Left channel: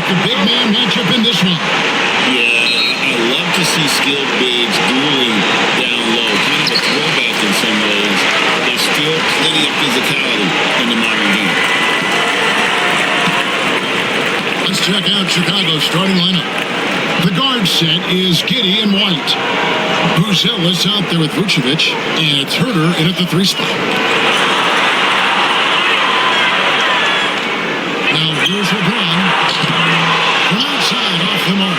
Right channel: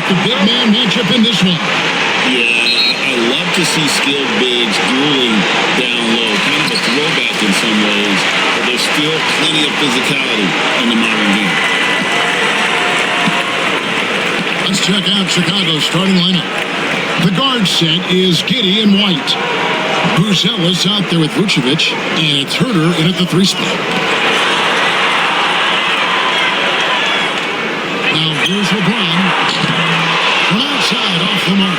with the big man matchup in this one. Yeah, I love to see skilled bigs dueling down low. Kind of a throwback in some ways, but there's still plenty of physicality in the modern game. Let's check out Chicago's starting lineup. The guard set is Giddey and White. Buzelis out there with Vucevic, and it's Herter in at the 3 spot. Now here's LeBron from outside off the mark.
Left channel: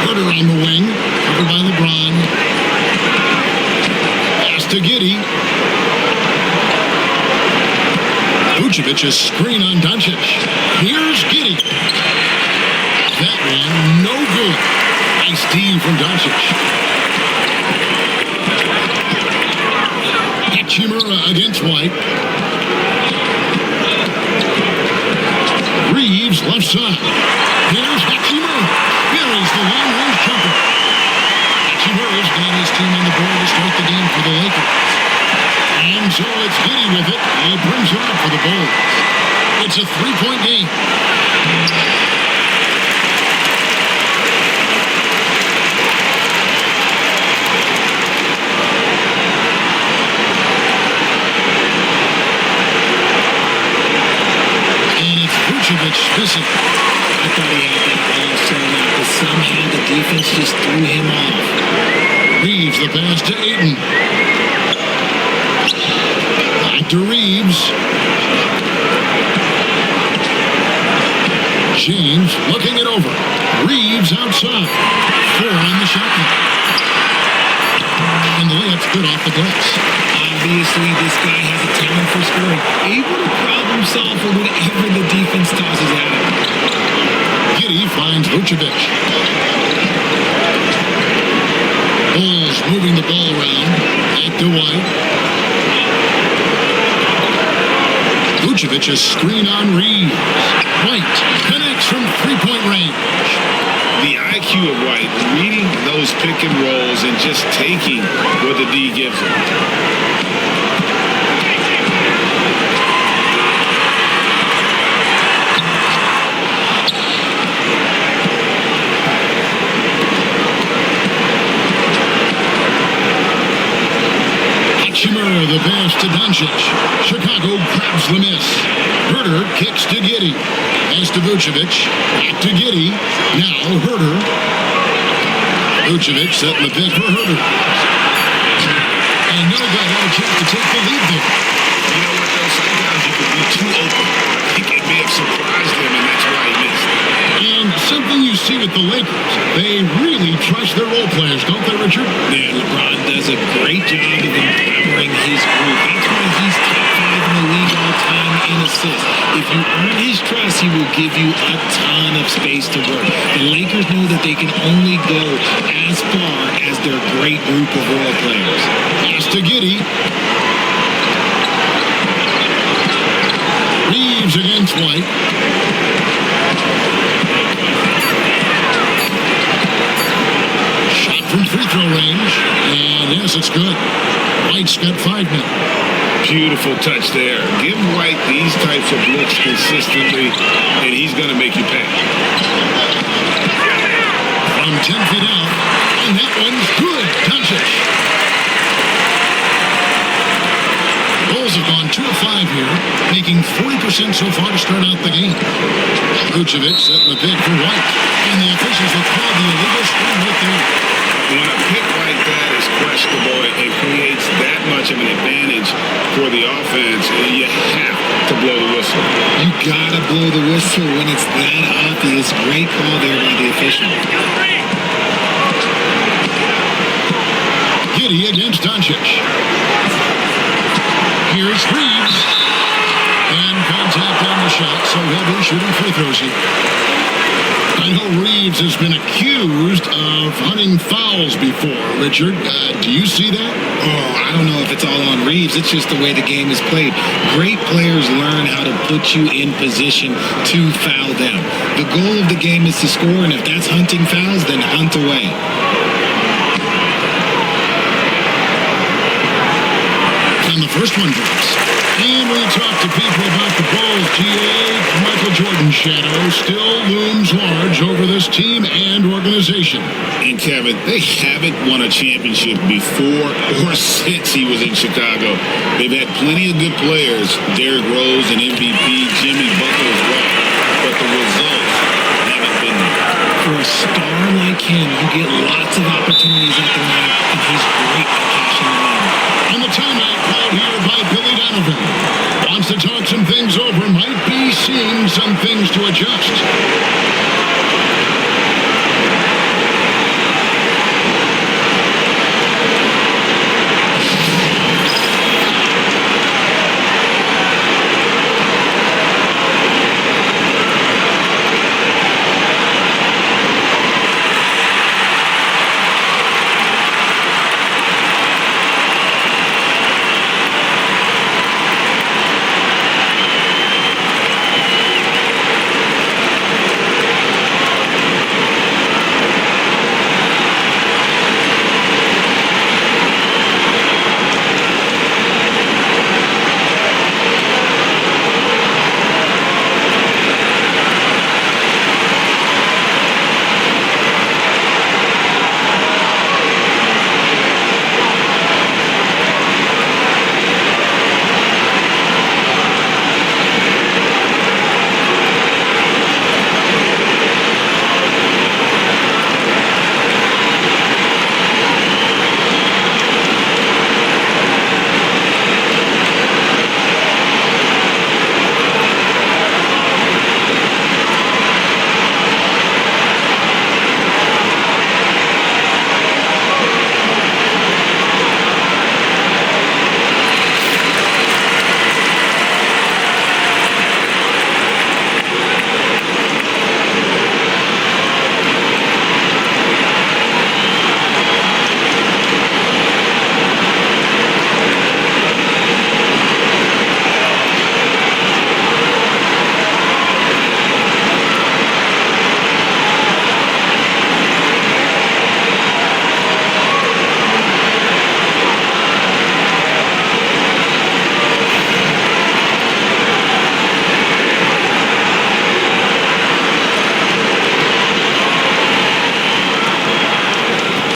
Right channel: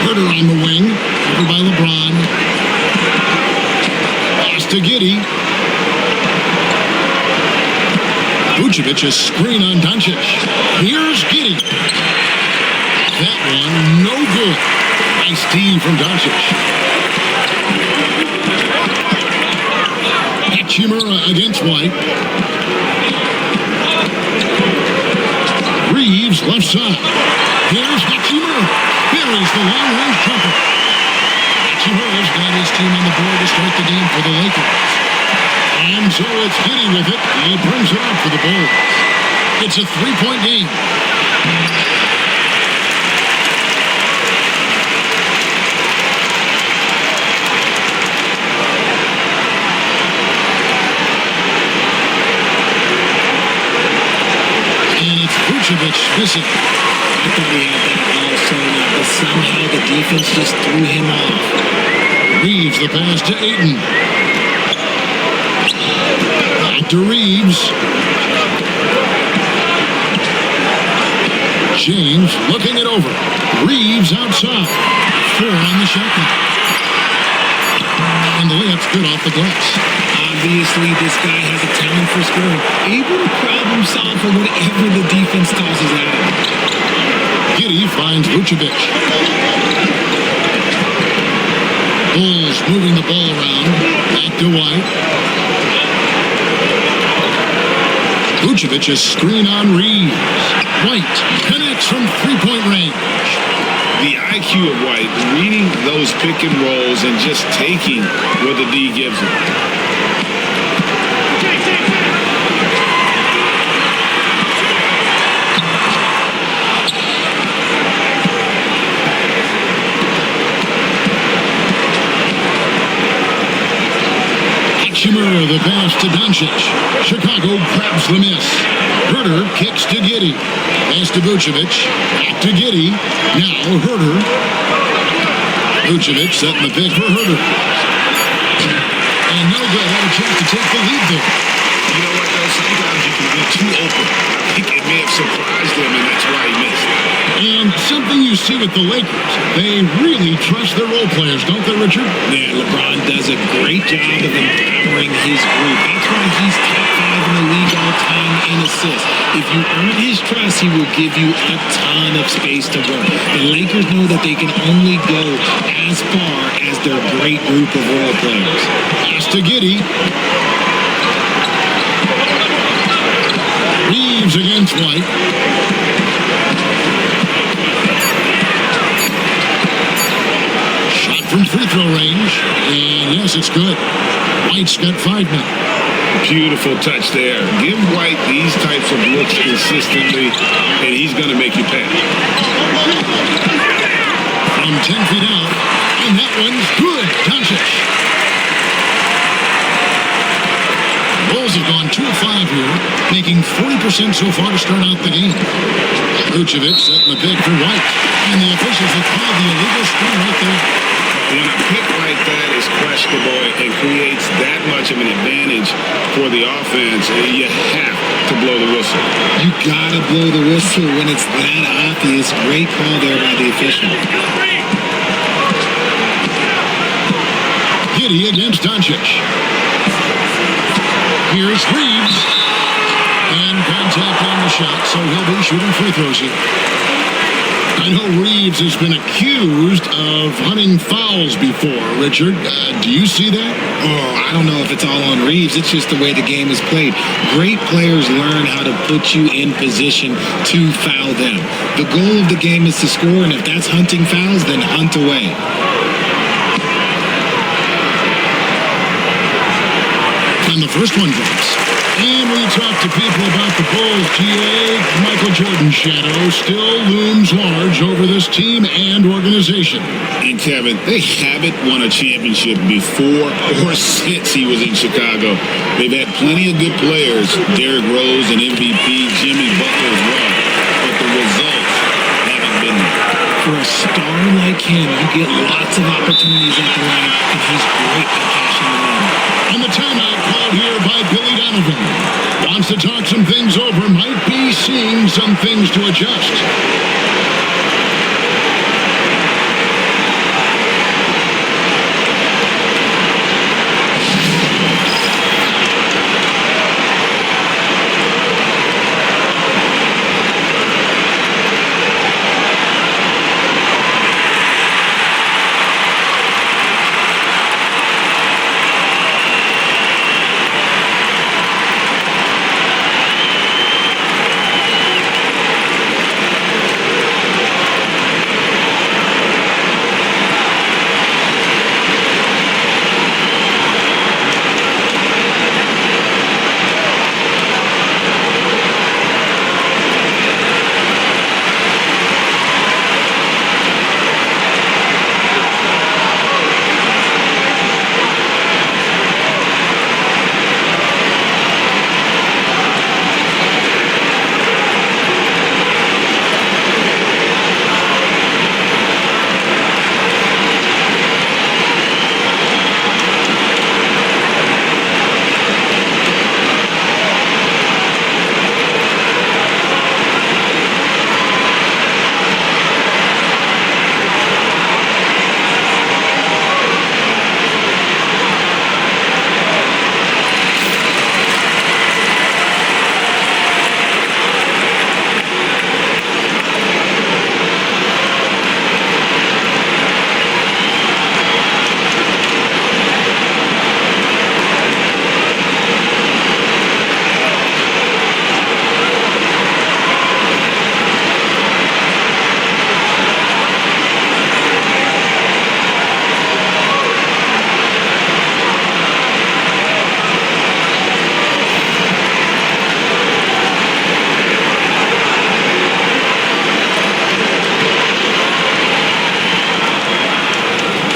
Herter on the wing, covered by LeBron. Pass to Giddey. Vucevic, a screen on Doncic. Here's Giddey. That one, no good. Nice D from Doncic. Hachimura against White. Reeves left side. Here's Hachimura. Buries the long-range jumper. Hachimura's got his team on the board to start the game for the Lakers. And so it's Giddey with it. He brings it up for the Bulls. It's a 3-point game. And it's Vucevic missing. I thought he had that all sewn up, but somehow the defense just threw him off. Reeves the pass to Ayton. Back to Reeves. James looking it over. Reeves outside. 4 on the shot clock. And the layup's good off the glass. Obviously, this guy has a talent for scoring. Able to problem solve for whatever the defense tosses at him. Giddey finds Vucevic. Bulls moving the ball around. Back to White. Vucevic, a screen on Reeves. White connects from 3-point range. The IQ of White, reading those pick and rolls and just taking what the D gives him. Hachimura the pass to Doncic. Chicago grabs the miss. Herter kicks to Giddey. Pass to Vucevic. Back to Giddey. Now Herter. Vucevic setting the pick for Herter. And no good. Had a chance to take the lead there. You know what, though? Sometimes you can be too open. I think it may have surprised him, and that's why he missed. And something you see with the Lakers, they really trust their role players, don't they, Richard? Yeah, LeBron does a great job of empowering his group. That's why he's top 5 in the league all time in assists. If you earn his trust, he will give you a ton of space to work. The Lakers know that they can only go as far as their great group of role players. Pass to Giddey. Reeves against White. Shot from free throw range. And yes, it's good. White's got 5 now. Beautiful touch there. Give White these types of looks consistently, and he's going to make you pay. From 10 feet out. And that one's good. Doncic. The Bulls have gone 2 of 5 here, making 40% so far to start out the game. Vucevic setting the pick for White, and the officials will call the illegal screen right there. When a pick like that is questionable and creates that much of an advantage for the offense, you have to blow the whistle. You gotta blow the whistle when it's that obvious. Great call there by the official. Giddey against Doncic. Here's Reeves. And contact on the shot, so he'll be shooting free throws here. I know Reeves has been accused of hunting fouls before, Richard. Do you see that? Oh, I don't know if it's all on Reeves. It's just the way the game is played. Great players learn how to put you in position to foul them. The goal of the game is to score, and if that's hunting fouls, then hunt away. And the first one drops. And when you talk to people about the Bulls, GA, Michael Jordan's shadow still looms large over this team and organization. And Kevin, they haven't won a championship before or since he was in Chicago. They've had plenty of good players, Derrick Rose and MVP, Jimmy Butler as well, but the results haven't been there. For a star like him, you get lots of opportunities at the line, and he's great at cashing them in. And the timeout called here by Billy Donovan. Wants to talk some things over, might be seeing some things to adjust.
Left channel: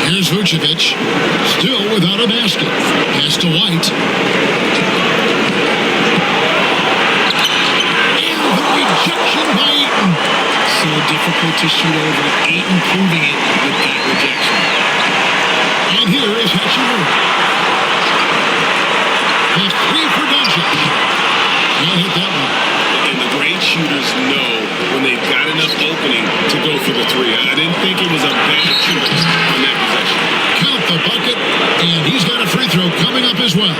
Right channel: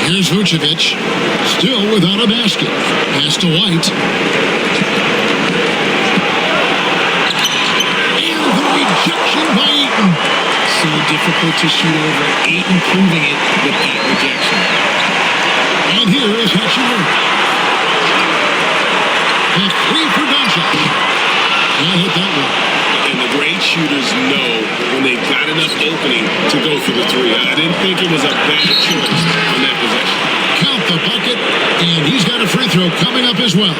Here's Vucevic, still without a basket. Pass to White. And the rejection by Ayton. So difficult to shoot over. Ayton proving it with that rejection. And here is Hachimura. The three for Doncic. Can't hit that one. And the great shooters know when they've got enough opening to go for the three. I didn't think it was a bad choice on that possession. Count the bucket, and he's got a free throw coming up as well.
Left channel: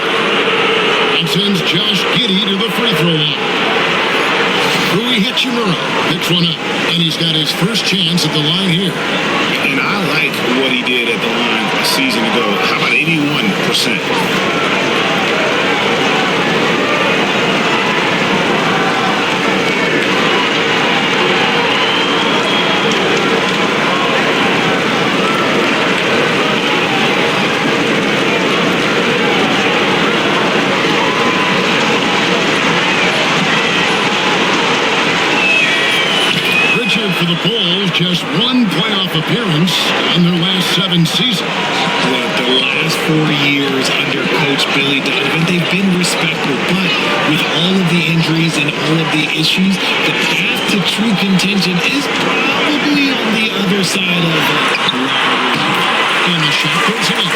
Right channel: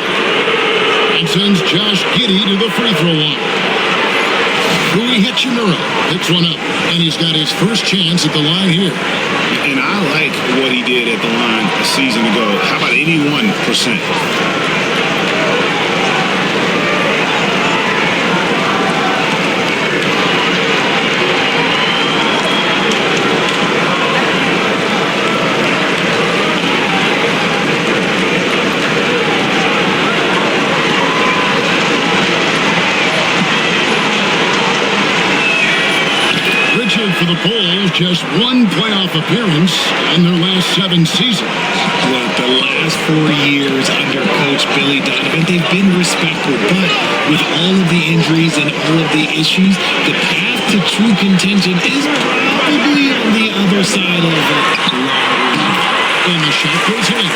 And sends Josh Giddey to the free throw line. Rui Hachimura picks one up, and he's got his first chance at the line here. And I like what he did at the line a season ago. How about 81%? For the Bulls, just one playoff appearance in their last 7 seasons. Look, the last 4 years under Coach Billy Donovan, they've been respectable, but with all of the injuries and all of the issues, the path to true contention is probably on the other side of a long road. And the shot goes in.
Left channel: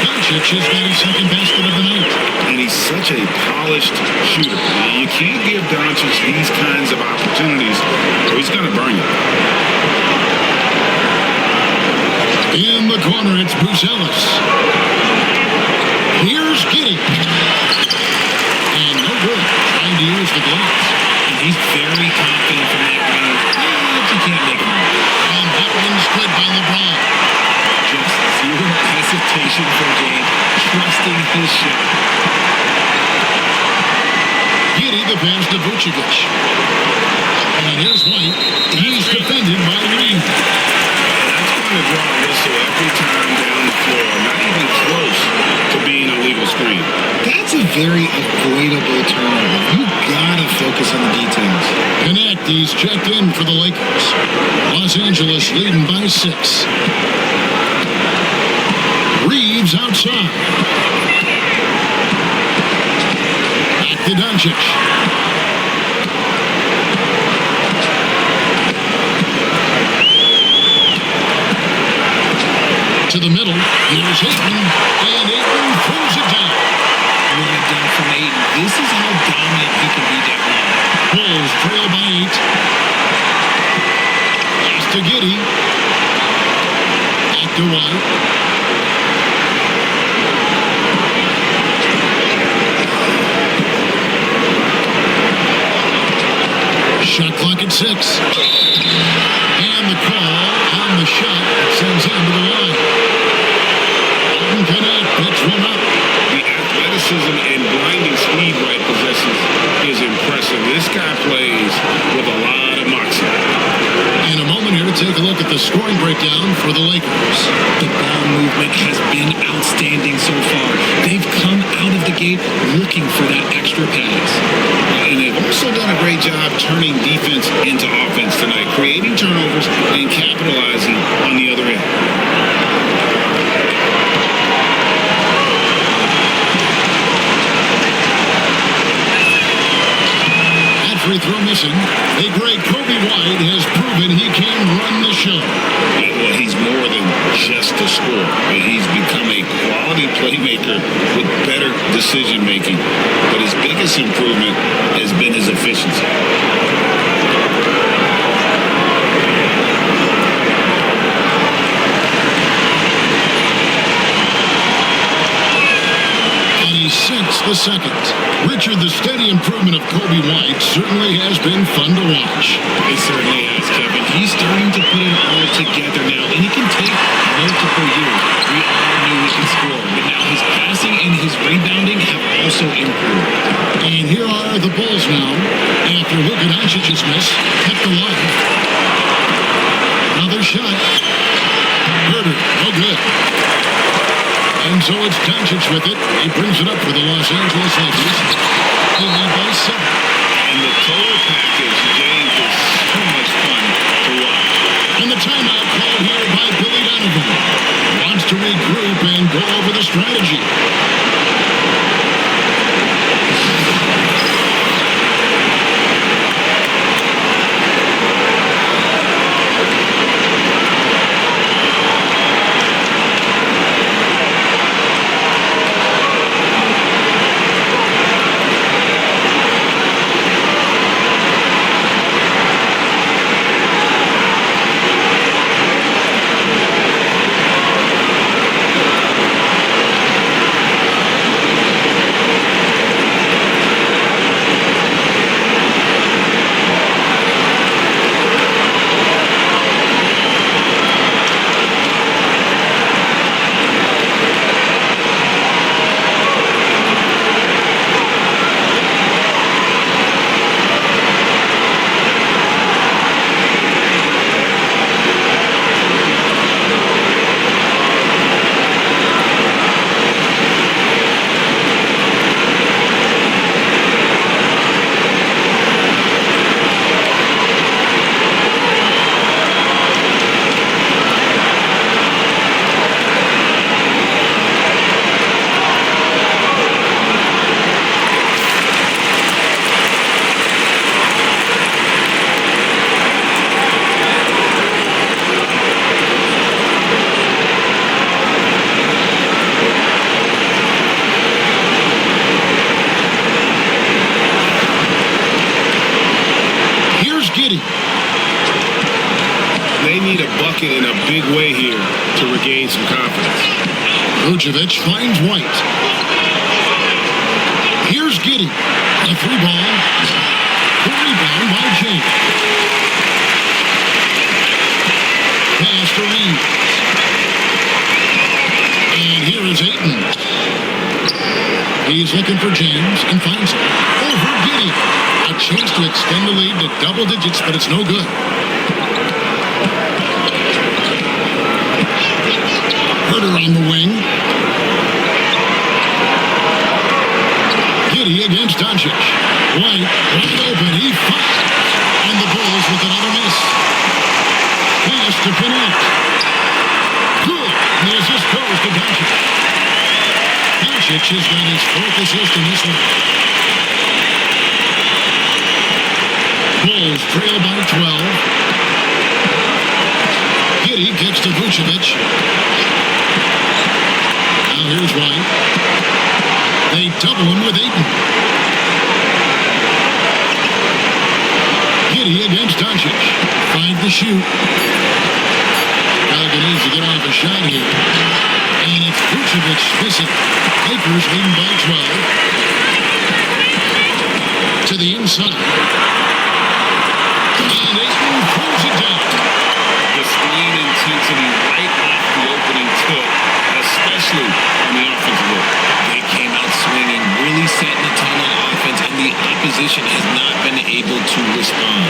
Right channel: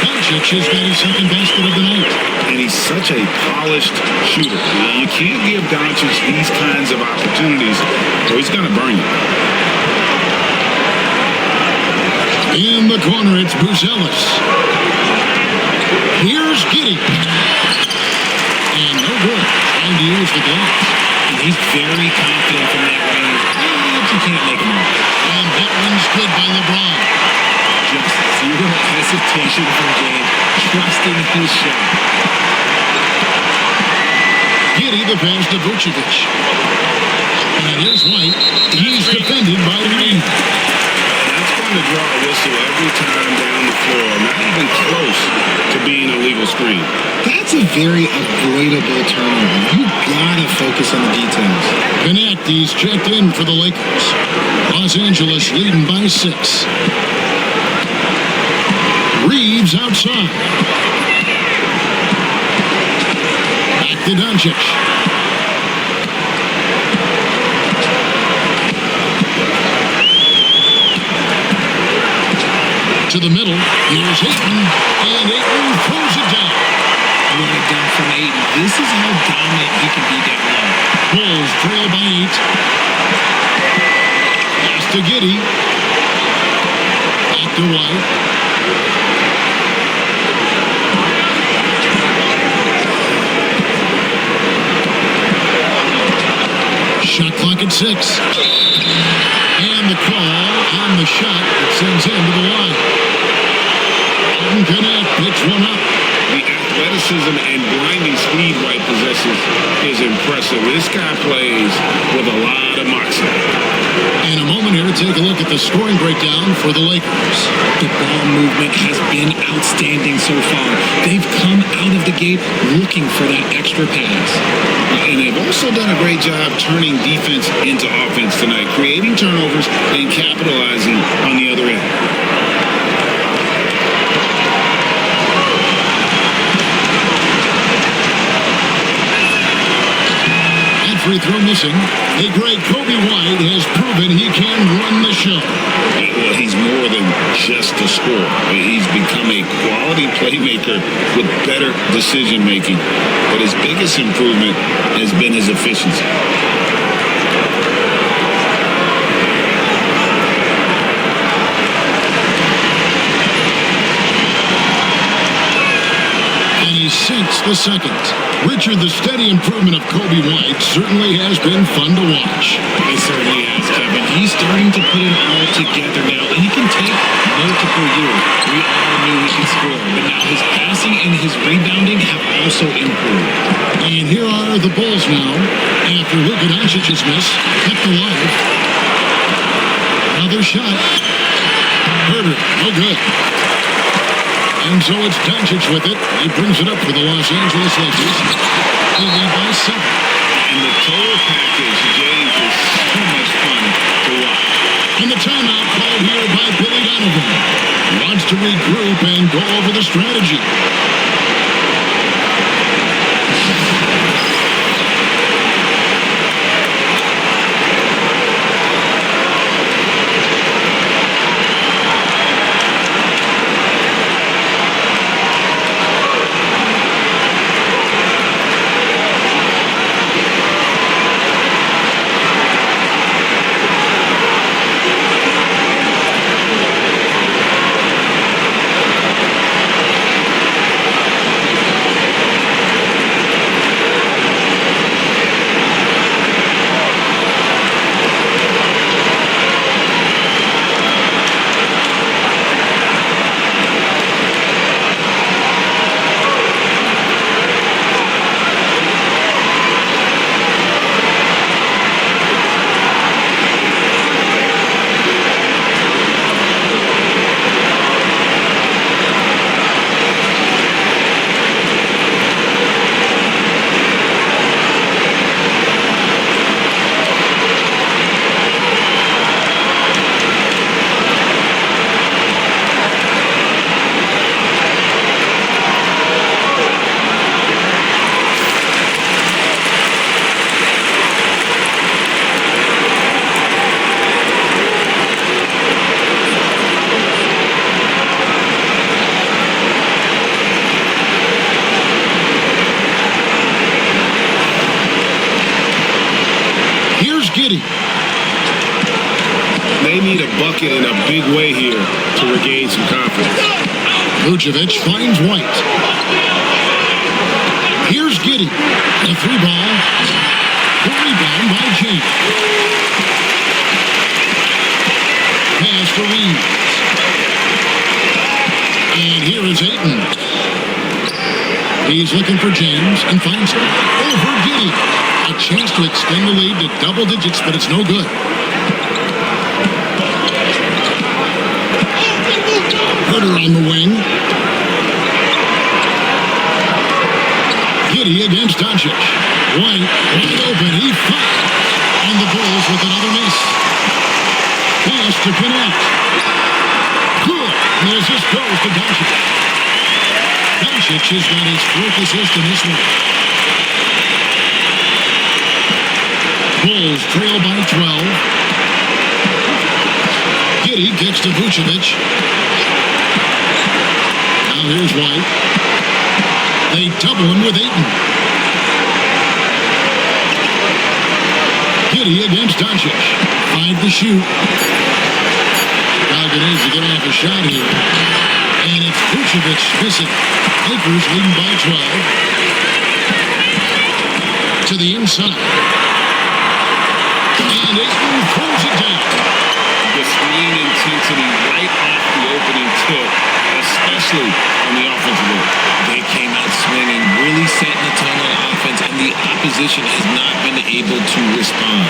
Doncic has got his second basket of the night. And he's such a polished shooter. You can't give Doncic these kinds of opportunities or he's going to burn you. In the corner, it's Buzelis. Here's Giddey. And no good. Trying to use the glass. And he's very confident from that range, but you can't make him out. And that one's good by LeBron. Just zero hesitation from James, trusting his shot. Giddey the pass to And here's White. He's defended by Reed. That's going to draw a whistle every time down the floor, not even close to being a legal screen. That's a very avoidable turnover. You gotta focus on the details. Connect, he's checked in for the Lakers. Los Angeles leading by 6. Reeves outside. Back to Doncic. To the middle. Here's Ayton. And Ayton throws it down. What a dunk from Ayton. This is how dominant he can be down low. Bulls trail by 8. Pass to Giddey. Back to White. Shot clock at 6. And the call on the shot that sends him to the line. Alton Connect picks one up. The athleticism and blinding speed White possesses is impressive. This guy plays with a lot of moxie. In a moment here to take a look at the scoring breakdown for the Lakers. The ball movement has been outstanding so far. They've come out of the gate looking for that extra pass. And they've also done a great job turning defense into offense tonight, creating turnovers and capitalizing on the other end. That free throw missing. A great Kobe White has proven he can run the show. Well, he's more than just a scorer. He's become a quality playmaker with better decision making. But his biggest improvement has been his efficiency. And he sinks the second. Richard, the steady improvement of Kobe White certainly has been fun to watch. It certainly has, Kevin. He's starting to put it all together now, and it can take multiple years. We all knew he could score, but now his passing and his rebounding have also improved. And here are the Bulls now, after Luka Doncic's miss, kept alive. Another shot. Herder, no good. And so it's Doncic with it. He brings it up for the Los Angeles Lakers. They lead by 7. And the total package, James, is so much fun to watch. And the timeout called here by Billy Donovan. He wants to regroup and go over the strategy. Here's Giddey. They need a bucket in a big way here to regain some confidence. Vucevic finds White. Here's Giddey. The 3-ball. The rebound by James. Pass to Reeves. And here is Ayton. He's looking for James and finds him. Over Giddey. A chance to extend the lead to double digits, but it's no good. Herter on the wing. Giddey against Doncic. White wide open. He fires. And the Bulls with another miss. Pass to connect. Good. And the assist goes to Doncic. Doncic has got his 4th assist in this one. Bulls trail by 12. Giddey kicks to Vucevic. Now here's White. They double him with Ayton. Giddey against Doncic. 5 to shoot. Chicago needs to get off a shot here. And it's Vucevic missing. Lakers leading by 12. To the inside. And Ayton throws it down. The screen intensity right off the opening tip, especially on the offensive end. They came out swinging, really setting the tone on offense, and the opposition has not been able to respond.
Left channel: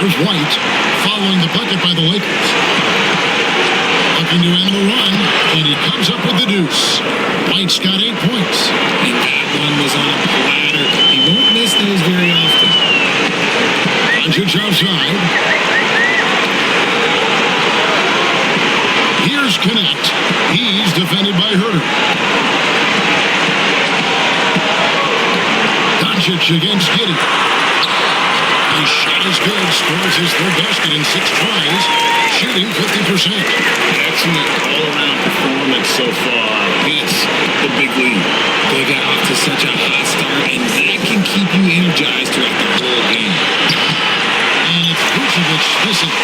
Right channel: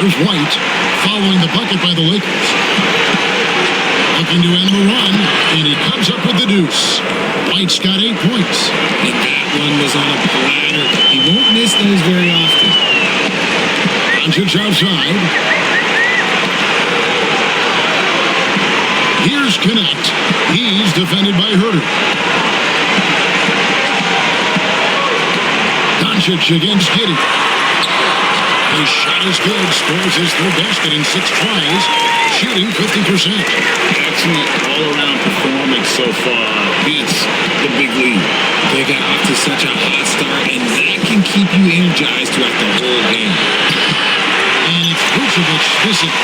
Here's White following the bucket by the Lakers. Looking to end the run, and he comes up with the deuce. White's got 8 points. And that one was on a platter. He won't miss those very often. Doncic outside. Here's Connect. He's defended by Herter. Doncic against Giddey. His shot is good. Scores his 3rd basket in 6 tries. Shooting 50%. Excellent all-around performance so far. Hence the big lead. They got off to such a hot start, and that can keep you energized throughout the whole game. And it's Vucevic missing.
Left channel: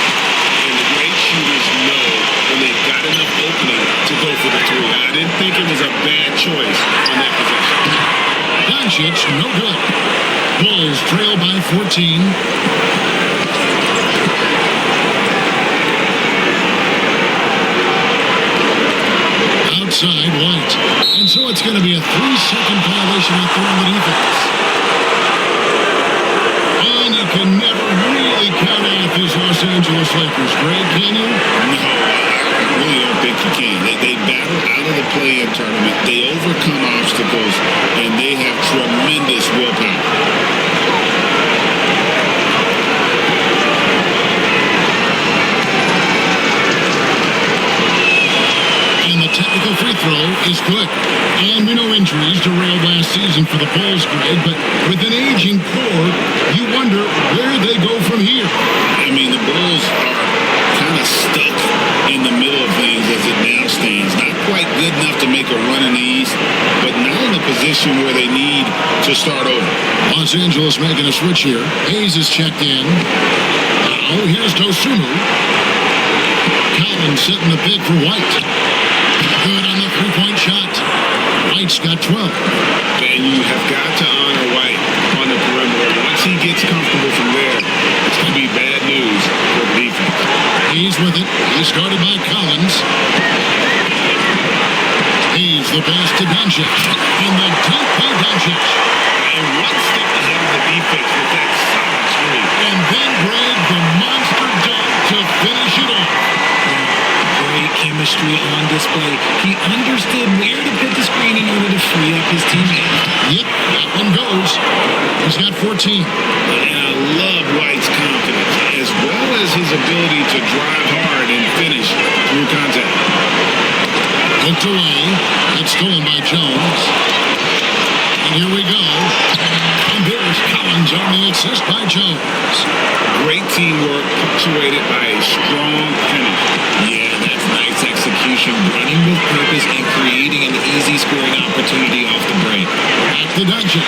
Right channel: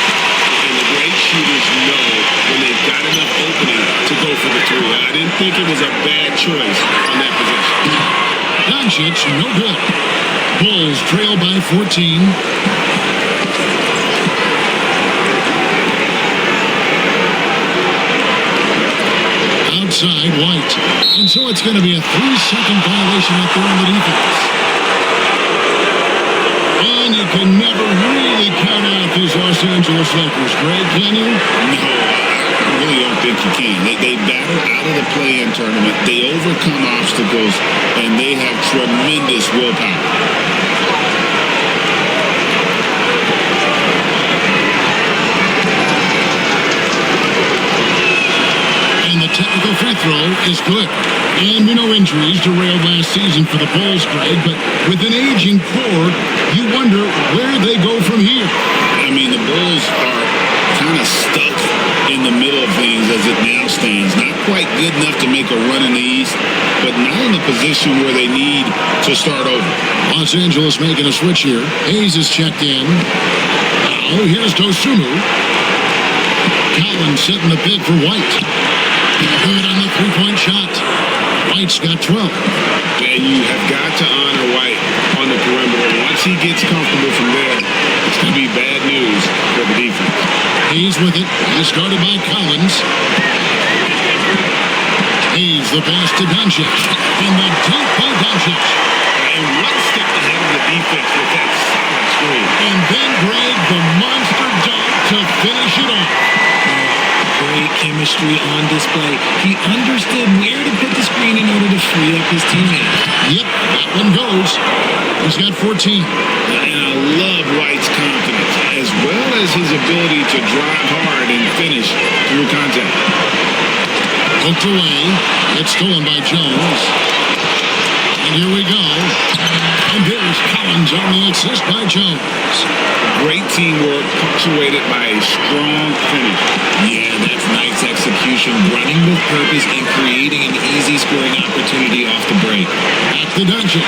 And the great shooters know when they've got enough opening to go for the 3. I didn't think it was a bad choice on that possession. Doncic, no good. Bulls trail by 14. Outside, White. And so it's going to be a 3-second violation out there on the defense. And you can never really count out these Los Angeles Lakers, Greg, can you? No, I really don't think you can. They battle out of the play-in tournament. They overcome obstacles, and they have tremendous willpower. And the technical free throw is good. And we know injuries derailed last season for the Bulls, Greg, but with an aging core, you wonder where they go from here. I mean, the Bulls are kind of stuck in the middle of things as it now stands. Not quite good enough to make a run in the East, but not in a position where they need to start over. Los Angeles making a switch here. Hayes is checked in. Now, here's Dosunmu. Collins setting the big for White. Good on the 3-point shot. White's got 12. And you have got to honor White on the perimeter. Once he gets comfortable from there, it's going to be bad news for the defense. Hayes with it. He's guarded by Collins. Hayes the pass to Doncic. And the dunk by Doncic. And one step ahead of the defense with that solid screen. And then Greg, the monster dunk to finish it off. Great chemistry on display. He understood where to put the screen in order to free up his teammate. Yep, that one goes. He's got 14. And I love White's confidence, as well as his ability to drive hard and finish through contact. Poked away. It's stolen by Jones. And here we go. And there's Collins on the assist by Jones. Great teamwork, punctuated by a strong finish. Yeah, that's nice execution, running with purpose and creating an easy scoring opportunity off the break. Back to Doncic.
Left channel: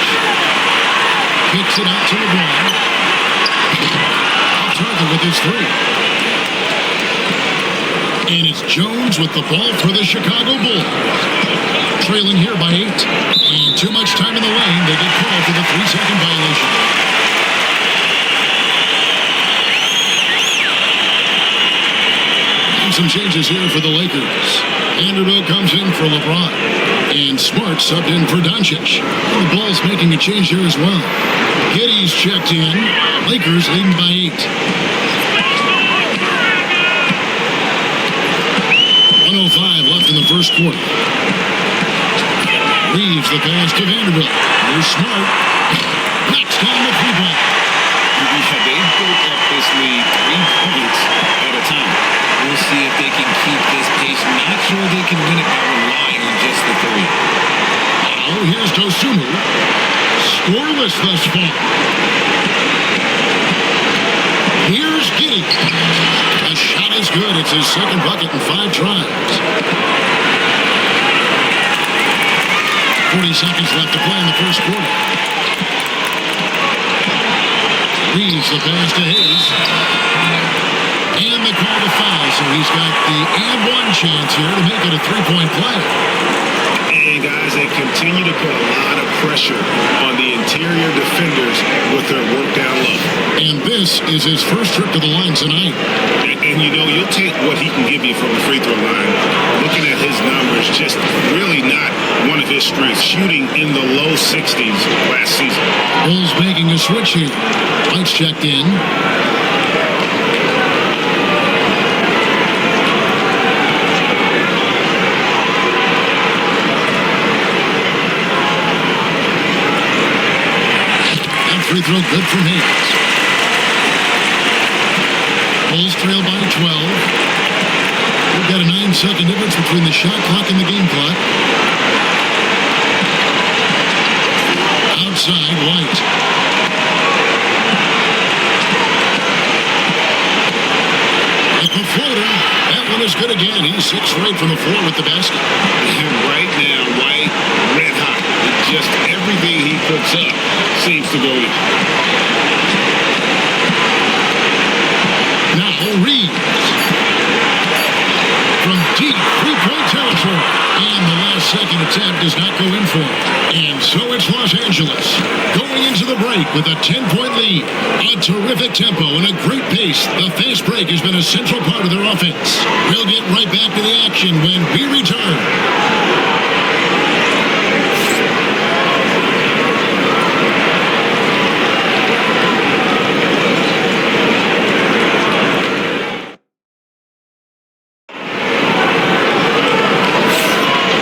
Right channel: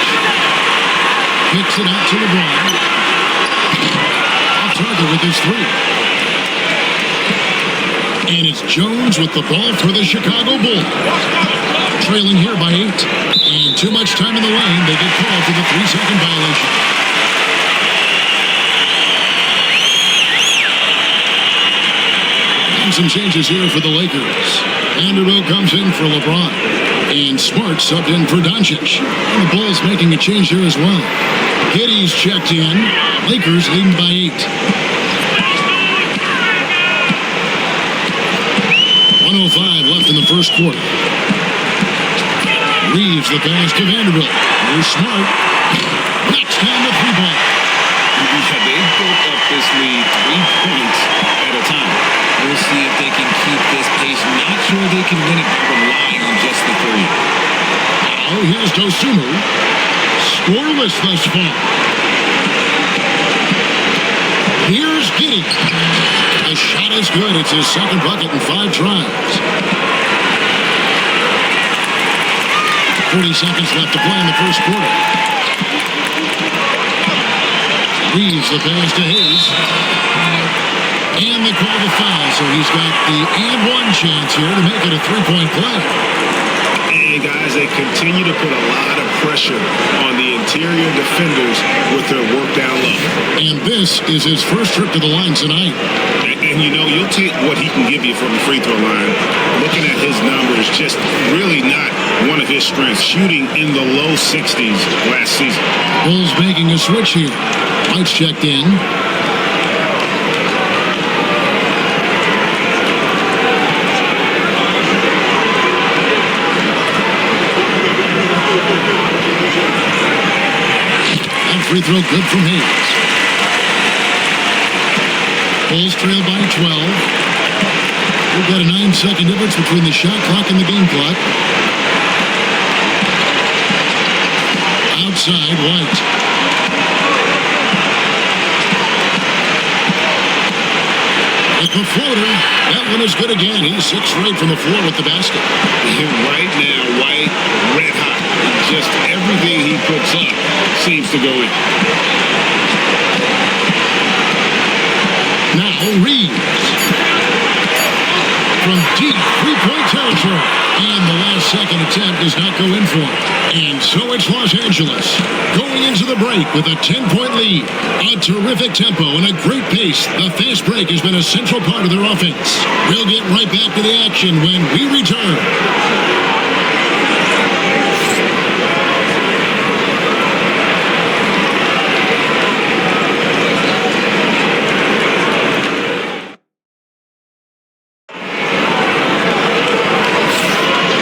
Kicks it out to LeBron. Off target with his 3. And it's Jones with the ball for the Chicago Bulls. Trailing here by 8. And too much time in the lane. They get called for the 3-second violation. And some changes here for the Lakers. Vanderbilt comes in for LeBron. And Smart subbed in for Doncic. And the Bulls making a change here as well. Giddey's checked in. Lakers leading by 8. 1:05 left in the first quarter. Reeves the pass to Vanderbilt. Here's Smart. Knocks down the three ball. Yeah, they built up this lead 3 points at a time. We'll see if they can keep this pace. Not sure they can win it by relying on just the three. Now, here's Dosunmu. Scoreless thus far. Here's Giddey. The shot is good. It's his second bucket in 5 tries. 40 seconds left to play in the first quarter. Reeves the pass to Hayes. And they call the foul, so he's got the and one chance here to make it a 3-point play. And guys, they continue to put a lot of pressure on the interior defenders with their work down low. And this is his first trip to the line tonight. And you know, you'll take what he can give you from the free throw line. Looking at his numbers, just really not one of his strengths. Shooting in the low 60s last season. Bulls making a switch here. White's checked in. That free throw good from Hayes. Bulls trail by 12. We've got a 9-second difference between the shot clock and the game clock. Outside, White. With the floater, that one is good again. He's 6 for 8 from the floor with the basket. And right now, White, red hot. Just everything he puts up seems to go in. Now Reeves. From deep 3-point territory. And the last second attempt does not go in for him. And so it's Los Angeles going into the break with a 10-point lead. A terrific tempo and a great pace. The fast break has been a central part of their offense. We'll get right back to the action when we return.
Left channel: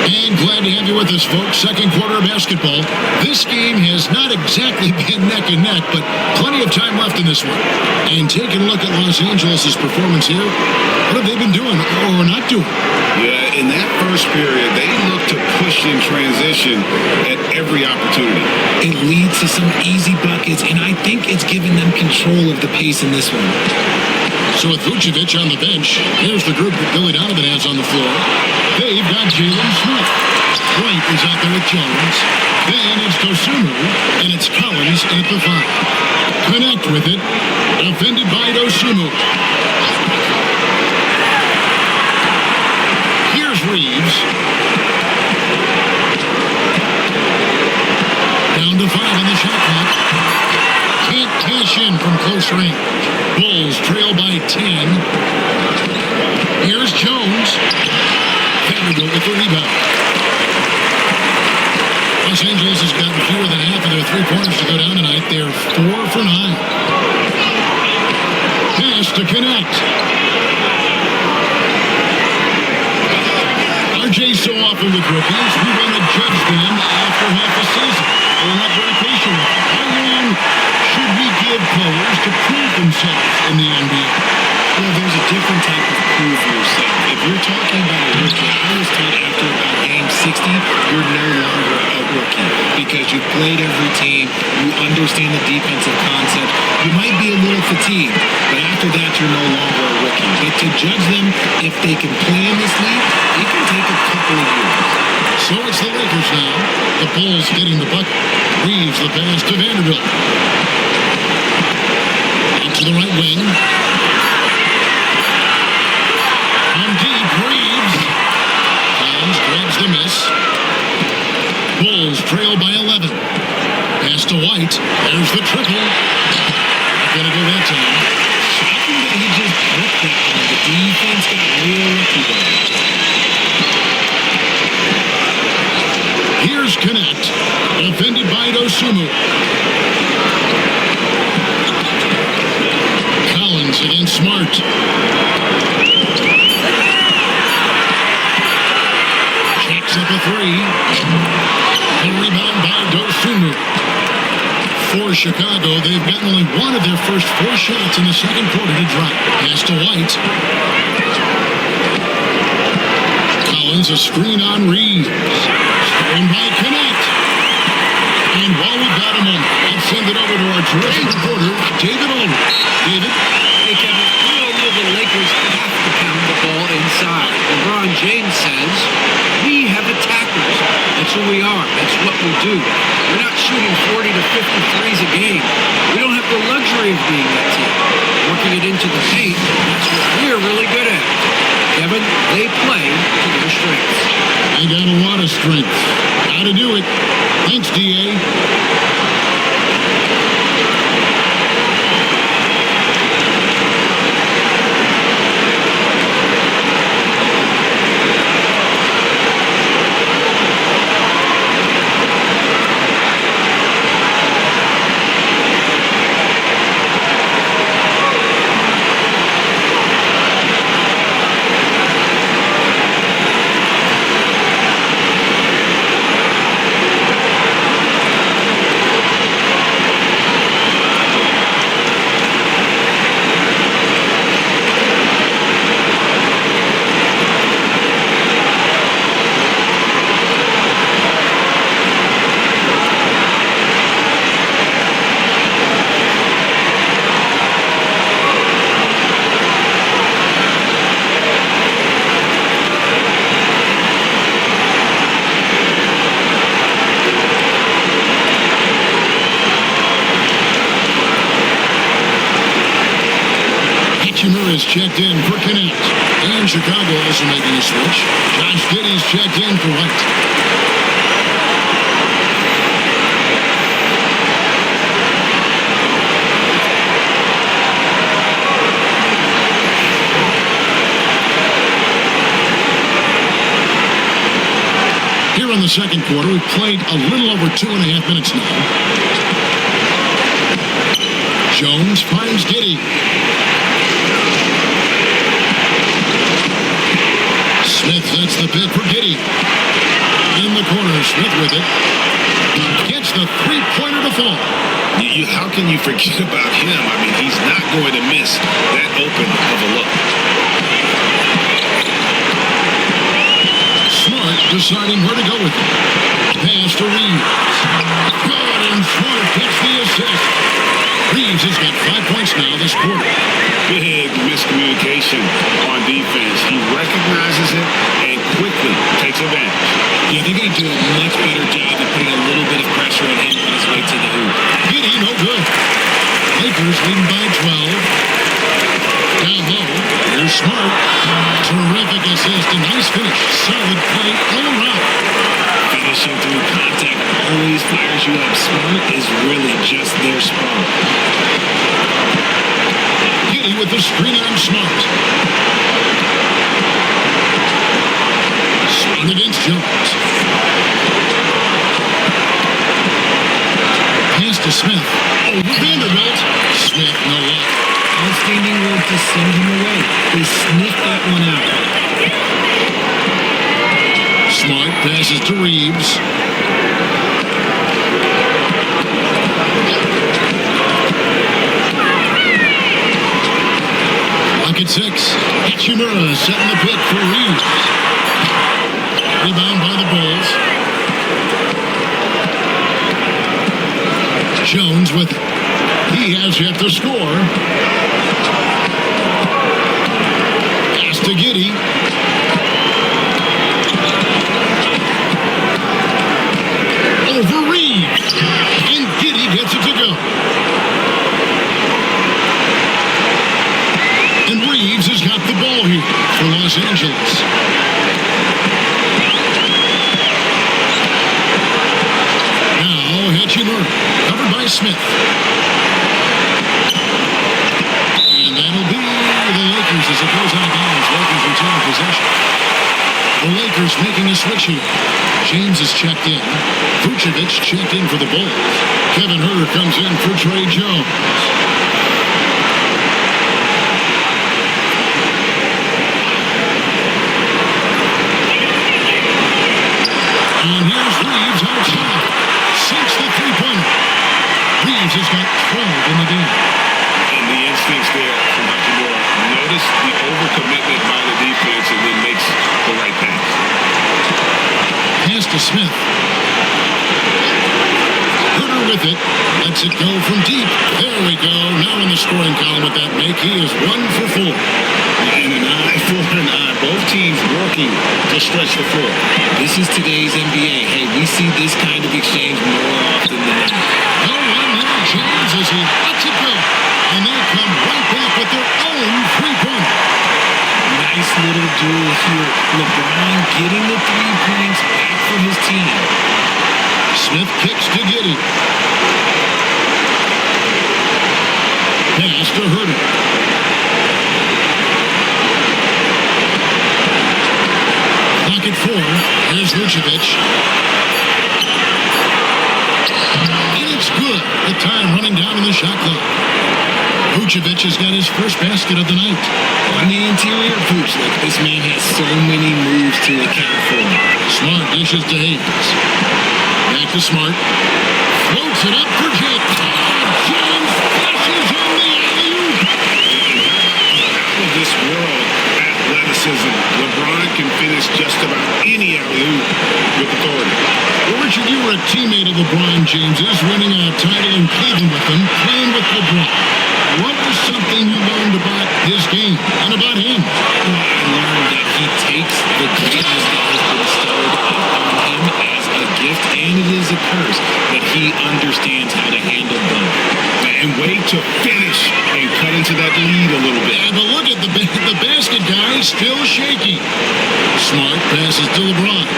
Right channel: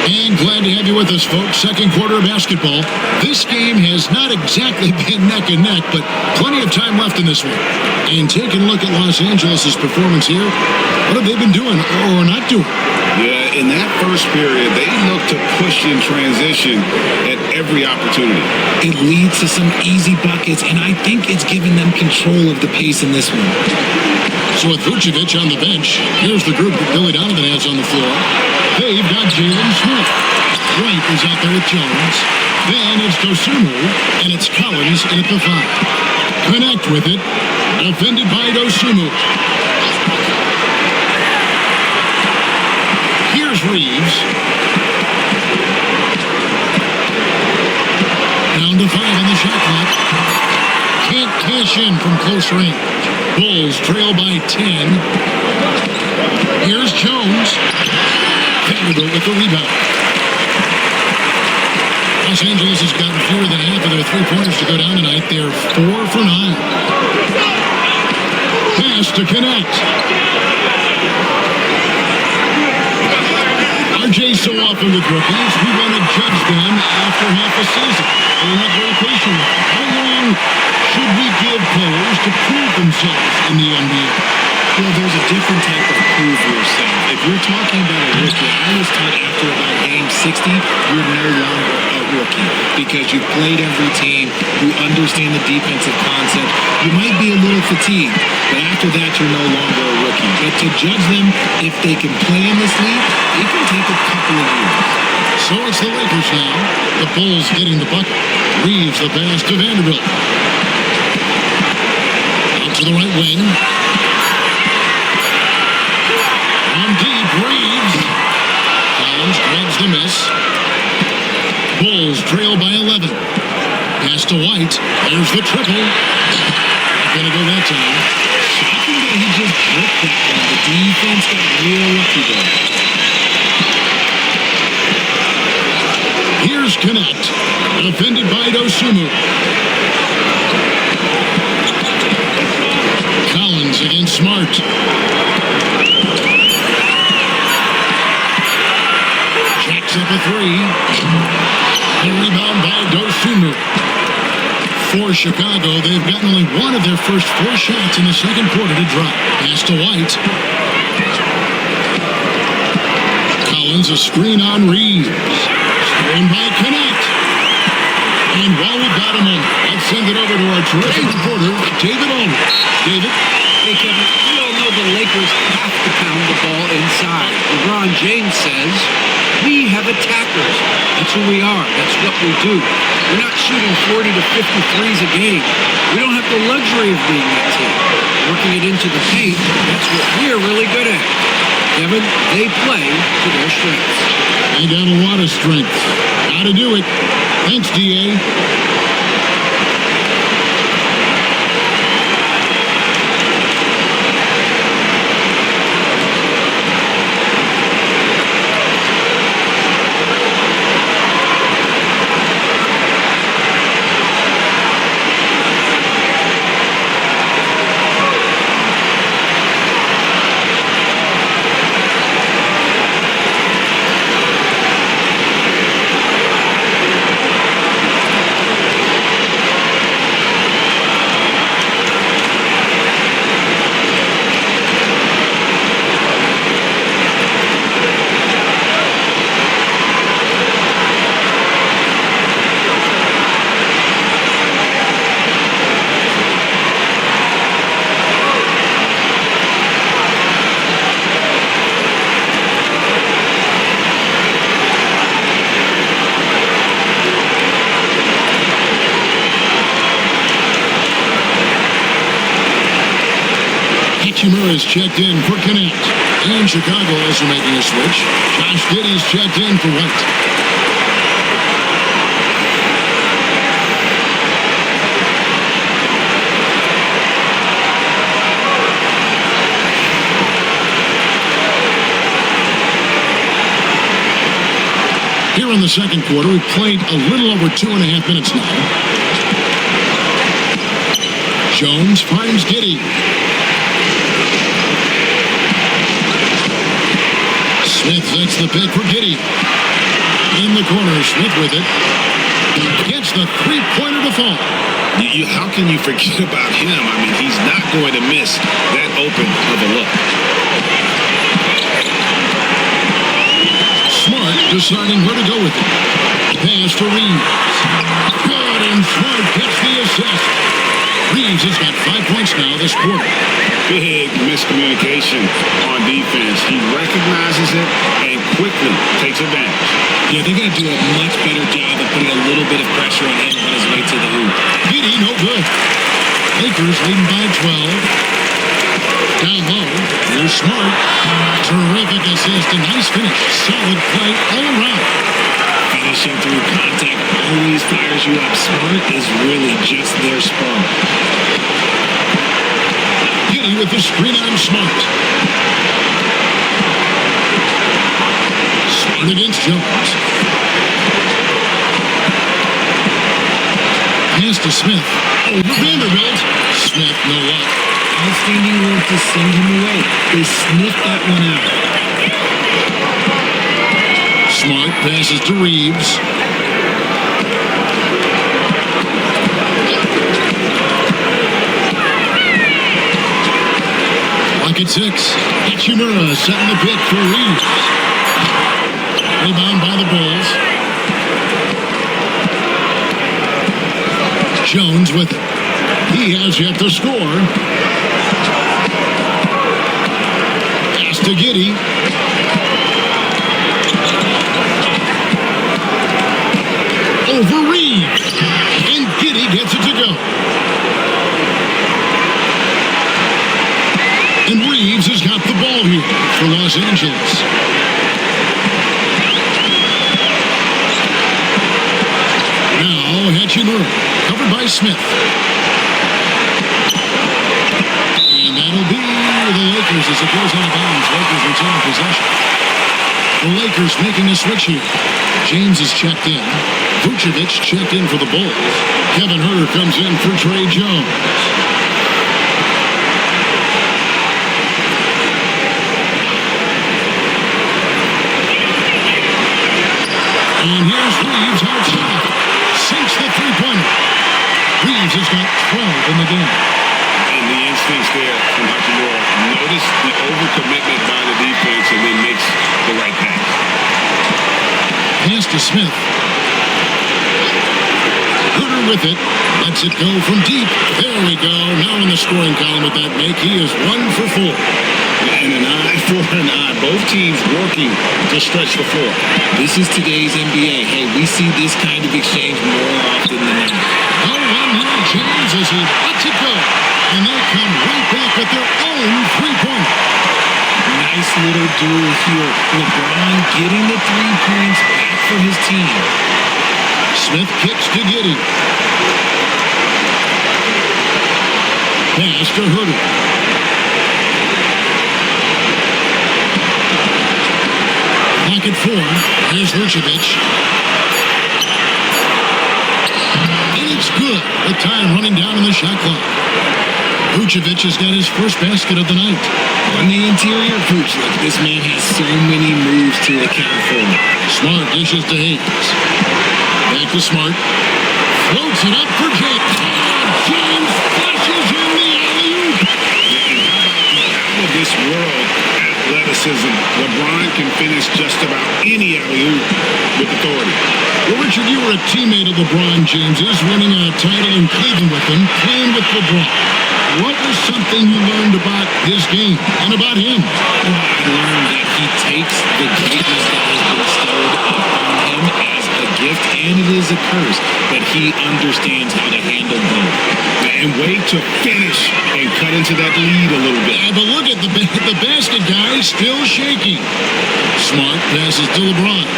And glad to have you with us, folks. Second quarter of basketball. This game has not exactly been neck and neck, but plenty of time left in this one. And taking a look at Los Angeles' performance here, what have they been doing or not doing? Yeah, in that first period, they looked to push in transition at every opportunity. It leads to some easy buckets, and I think it's given them control of the pace in this one. So with Vucevic on the bench, here's the group that Billy Donovan has on the floor. They've got Jalen Smith. White is out there with Jones. Then it's Dosunmu, and it's Collins in at the 5. Connect with it. Defended by Dosunmu. Here's Reeves. Down to 5 on the shot clock. Can't cash in from close range. Bulls trail by 10. Here's Jones. Vanderbilt with the rebound. Los Angeles has gotten fewer than half of their three-pointers to go down tonight. They're 4 for 9. Pass to connect. RJ, so often with rookies, we want to judge them after half a season. We're not very patient with them. How long should we give players to prove themselves in the NBA? Well, there's a different type of prove yourself. If you're talking about a rookie, I was taught after about game 60, you're no longer a rookie because you've played every team, you understand the defensive concept, you might be a little fatigued, but after that, you're no longer a rookie. But to judge them, if they can play in this league, it can take a couple of years. So it's the Lakers now. The Bulls getting the bucket. Reeves the pass to Vanderbilt. Out to the right wing. From deep, Reeves. Collins grabs the miss. Bulls trail by 11. Pass to White. There's the triple. Not going to go that time. Shocking that he just bricked that one. The defense got real lucky there. Here's Connect. Defended by Dosunmu. Collins against Smart. Puts up a three. A rebound by Dosunmu. For Chicago, they've gotten only one of their first 4 shots in the second quarter to drop. Pass to White. Collins, a screen on Reeves. Stolen by Connect. And while we've got a moment, let's send it over to our terrific reporter, David Aldridge. David? Hey, Kevin, we all know the Lakers have to pound the ball inside. LeBron James says, we have attackers. That's who we are. That's what we do. We're not shooting 40 to 50 threes a game. We don't have the luxury of being that team. Working it into the paint, that's what we're really good at. Kevin, they play to their strengths. They got a lot of strength. Got to do it. Thanks, D.A. Hachimura is checked in for Connect. And Chicago also making a switch. Josh Giddey's checked in for White. Here in the second quarter, we've played a little over 2.5 minutes now. Jones finds Giddey. Smith sets the pick for Giddey. In the corner, Smith with it. Gets the three-pointer to fall. How can you forget about him? I mean, he's not going to miss that open of a look. Smart deciding where to go with it. Pass to Reeves. Good, and Smart gets the assist. Reeves has got 5 points now this quarter. Big miscommunication on defense. He recognizes it and quickly takes advantage. Yeah, they're going to do a much better job of putting a little bit of pressure on him on his way to the hoop. Giddey, no good. Lakers leading by 12. Down low, here's Smart. Terrific assist, a nice finish. Solid play all around. Finishing through contact always fires you up. Smart is really just their spark. Giddey with the screen on Smart. Smart against Jones. Pass to Smith. Over Vanderbilt. Smith, no luck. Outstanding work to send him away. They sniffed that one out. Smart passes to Reeves. Clock at 6. Hachimura setting the pick for Reeves. Rebound by the Bulls. Jones with it. He has yet to score. Pass to Giddey. Over Reeves. And Giddey gets it to go. And Reeves has got the ball here for Los Angeles. Now Hachimura, covered by Smith. And that'll be the Lakers as it goes out of bounds. Lakers retain possession. The Lakers making a switch here. James is checked in. Vucevic checked in for the Bulls. Kevin Huerter comes in for Trey Jones. And here's Reeves outside. Sinks the three-pointer. Reeves has got 12 in the game. And the instincts there from Hachimura. Notice the overcommitment by the defense and then makes the right pass. Pass to Smith. Herter with it. Lets it go from deep. There we go. Now in the scoring column with that make, he is 1 for 4. And an eye for an eye. Both teams working to stretch the floor. This is today's NBA. Hey, we see this kind of exchange more often than not. No one near James as he lets it go. And they come right back with their own three-pointer. Nice little duel here. LeBron getting the 3 points back for his team. Smith kicks to Giddey. Pass to Herter. Clock at 4. Here's Vucevic. And it's good with time running down on the shot clock. Vucevic has got his first basket of the night. On the interior, Vooch, look, this man has so many moves to account for. Smart dishes to Hayes. Back to Smart. Floats it up for James. Oh, James flushes in the alley-oop. And how about the out-of-this-world athleticism? LeBron can finish just about any alley-oop with authority. Well, Richard, you were a teammate of LeBron James's, winning a title in Cleveland with him, playing with LeBron. What was something you learned about his game and about him? Well, I learned that he takes the greatness that has been bestowed upon him as a gift, and it is a curse, but he understands how to handle both. And wait to finish and cut into that lead a little bit. Yeah, but look at the basket guy still shaking. Smart passes to LeBron.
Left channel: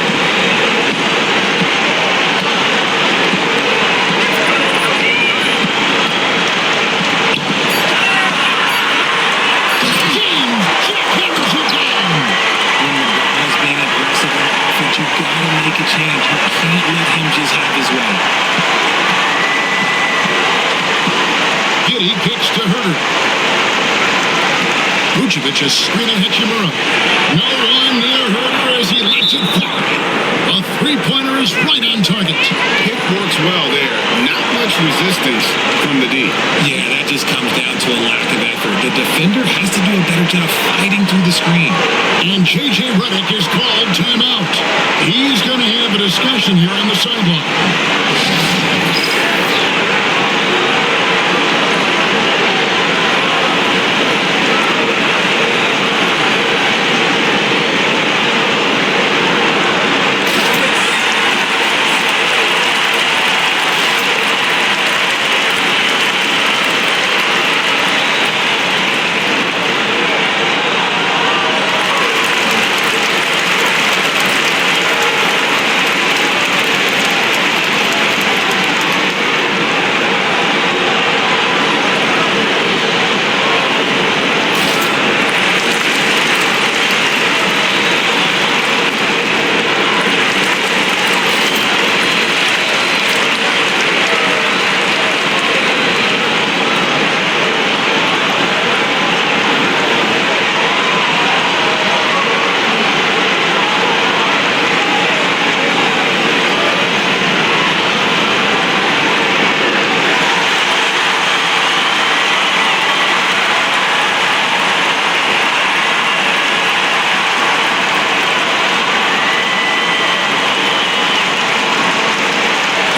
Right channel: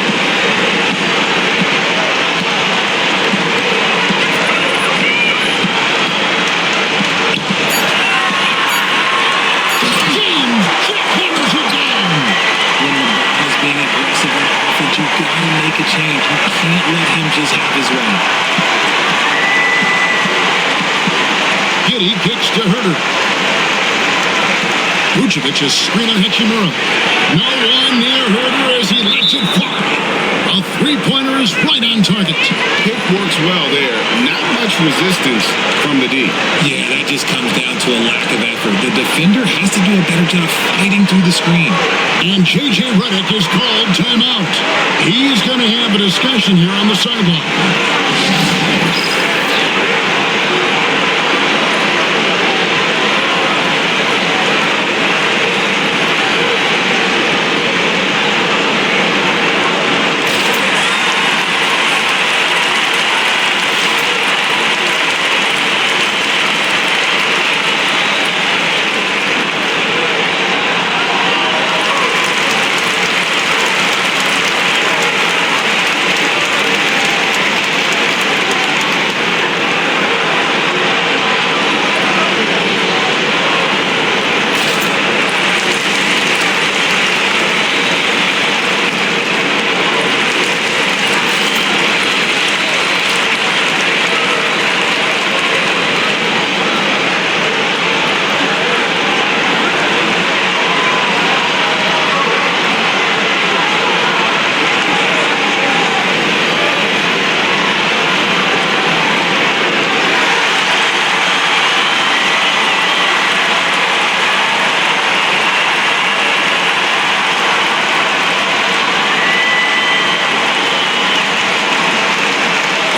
Jackhammers it down. When LeBron is being aggressive on offense, you've got to make a change. You can't let him just have his way. Giddey kicks to Herter. Vucevic a screen on Hachimura. No one near Herter as he lets it fly. A three-pointer is right on target. Pick works well there. Not much resistance from the D. Yeah, that just comes down to a lack of effort. The defender has to do a better job fighting through the screen. And J.J. Redick is called timeout. He's going to have a discussion here on the sideline.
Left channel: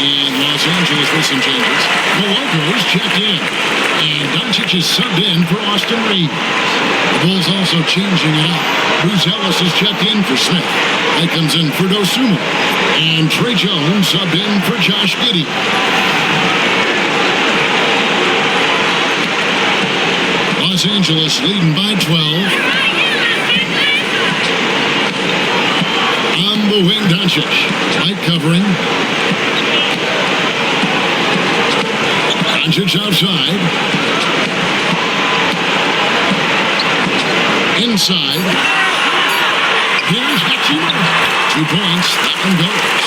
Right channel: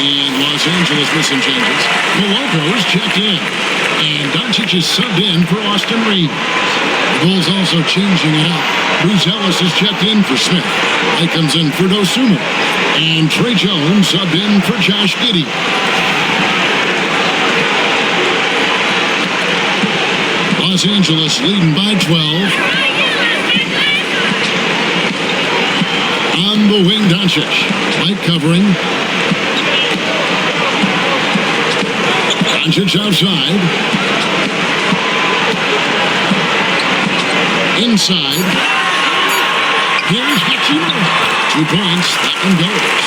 And Los Angeles with some changes. Coloco's checked in. And Doncic is subbed in for Austin Reeves. The Bulls also changing it up. Bruce Ellis is checked in for Smith. That comes in for Dosunmu. And Trey Jones subbed in for Josh Giddey. Los Angeles leading by 12. On the wing, Doncic. White covering. Doncic outside. Inside. Here's Hachimura. 2 points. That one goes.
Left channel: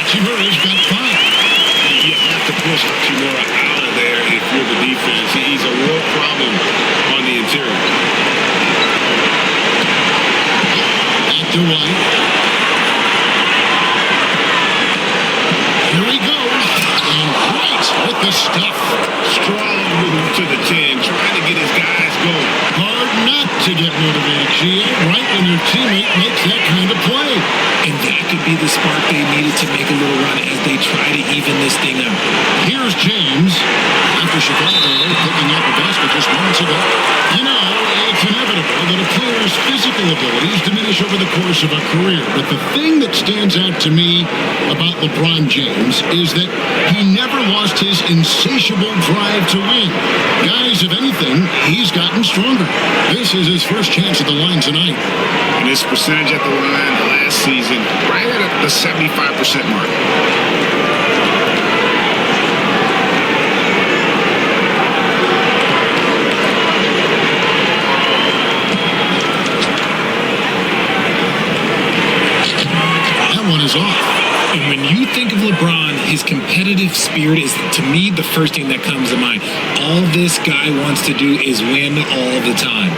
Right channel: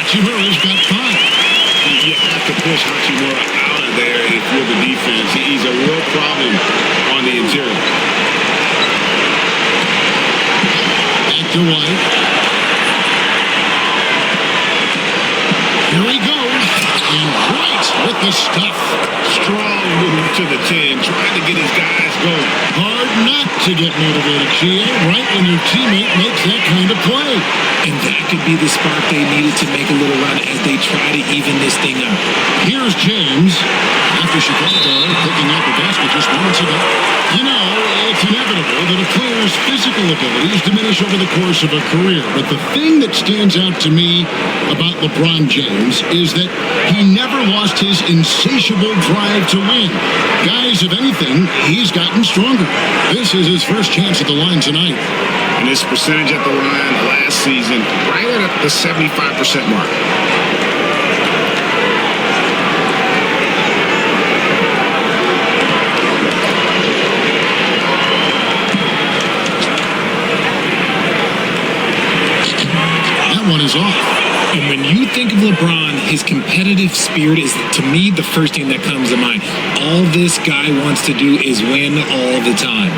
Hachimura's got 5. You have to push Hachimura out of there if you're the defense. He's a real problem on the interior. Back to White. Here he goes. And White with the stuff. Strong move to the 10, trying to get his guys going. Hard not to get motivated, GA, right when your teammate makes that kind of play. And that could be the spark they needed to make a little run as they try to even this thing up. Here's James. After Chicago picking up a basket just moments ago. You know, it's inevitable that a player's physical abilities diminish over the course of a career. But the thing that stands out to me about LeBron James is that he never lost his insatiable drive to win. Guys, if anything, he's gotten stronger. This is his first chance at the line tonight. And his percentage at the line last season, right at the 75% mark. One is off. And when you think of LeBron, his competitive spirit is, to me, the first thing that comes to mind. All this guy wants to do is win all the time.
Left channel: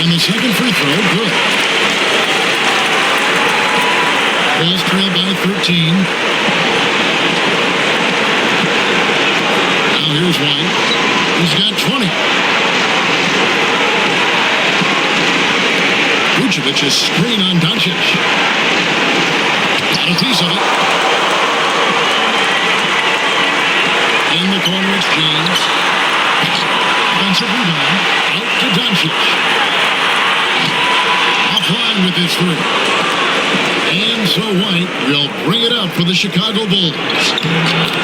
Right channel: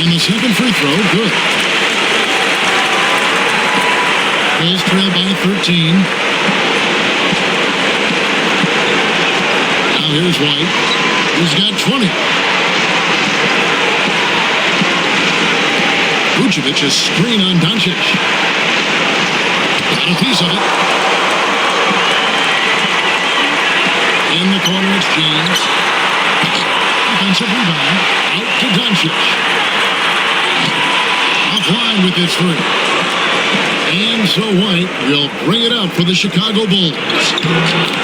And the second free throw, good. Bulls trail by 13. Now here's White. He's got 20. Vucevic, a screen on Doncic. Got a piece of it. In the corner, it's James. Offensive rebound. Out to Doncic. Offline with his three. And so White will bring it up for the Chicago Bulls.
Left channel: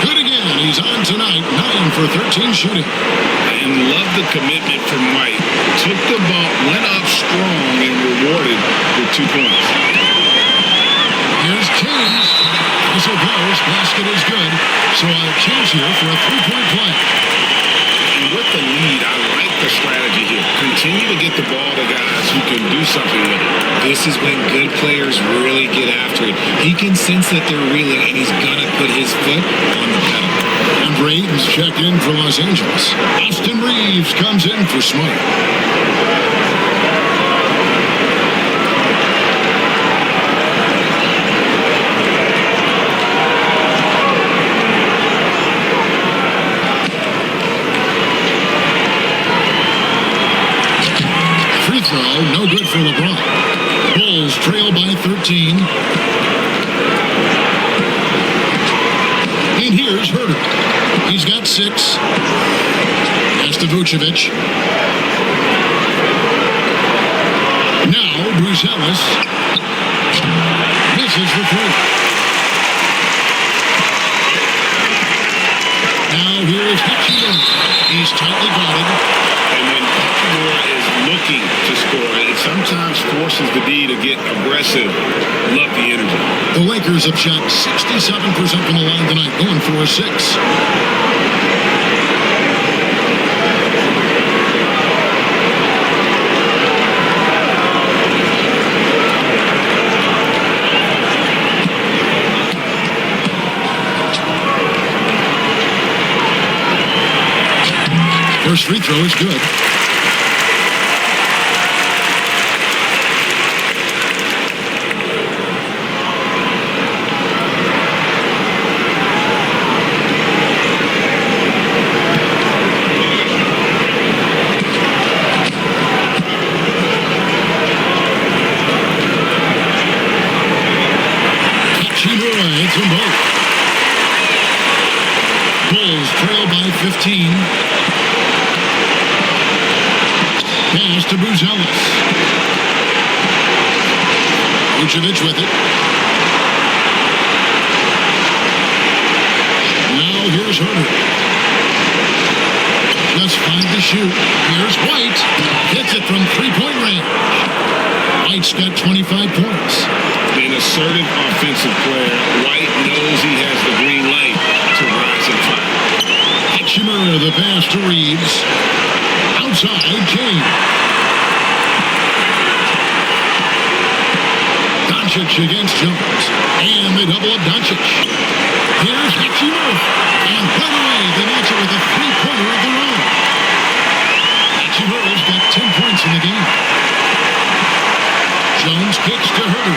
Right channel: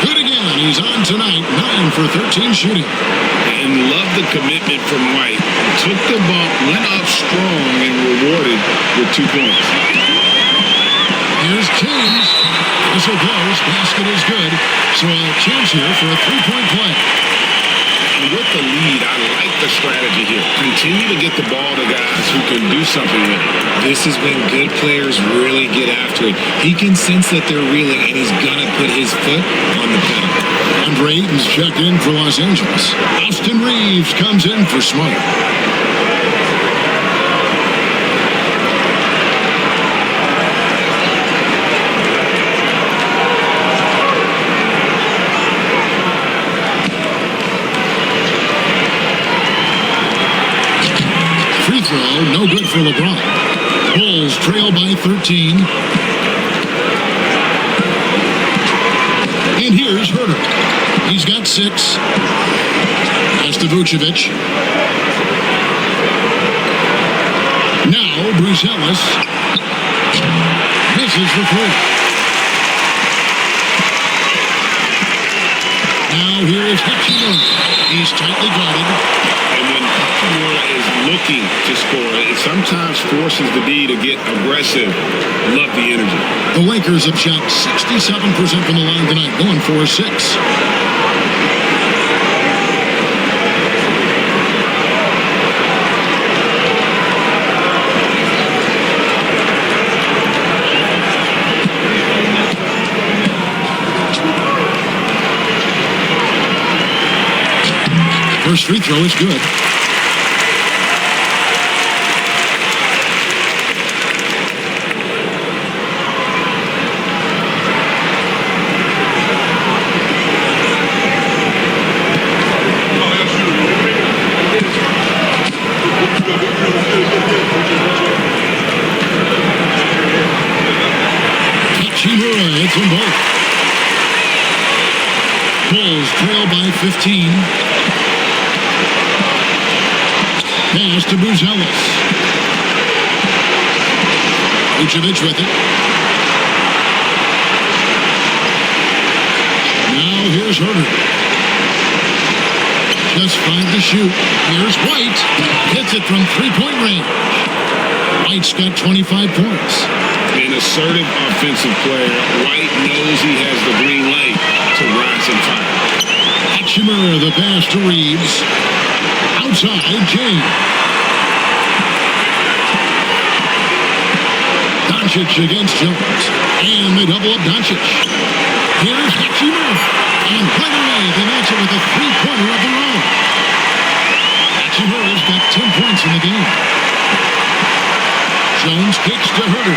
Good again. He's on tonight. 9 for 13 shooting. And love the commitment from White. Took the bump, went up strong, and rewarded with 2 points. Here's James. Whistle blows. Basket is good. So a chance here for a three-point play. And with the lead, I like the strategy here. Continue to get the ball to guys who can do something with it. This is when good players really get after it. He can sense that they're reeling, and he's going to put his foot on the pedal. Andre Ayton's checked in for Los Angeles. Austin Reeves comes in for Smart. Free throw, no good for LeBron. Bulls trail by 13. And here's Herter. He's got 6. Pass to Vucevic. Now Brucelis misses the three. Now here is Hachimura. He's tightly guarded. And when Hachimura is looking to score, it sometimes forces the D to get aggressive. Love the energy. The Lakers have shot 67% from the line tonight, going 4-6. First free throw is good. Hachimura hits them both. Bulls trail by 15. Pass to Brucelis. Vucevic with it. Now here's Herter. Just 5 to shoot. Here's White. Hits it from three-point range. White's got 25 points. An assertive offensive player. White knows he has the green light to rise and fire. Hachimura, the pass to Reeves. Outside, James. Doncic against Jones. And they double up Doncic. Here's Hachimura. And right away, they match it with a three-pointer of their own. Hachimura's got 10 points in the game. Jones kicks to Herter.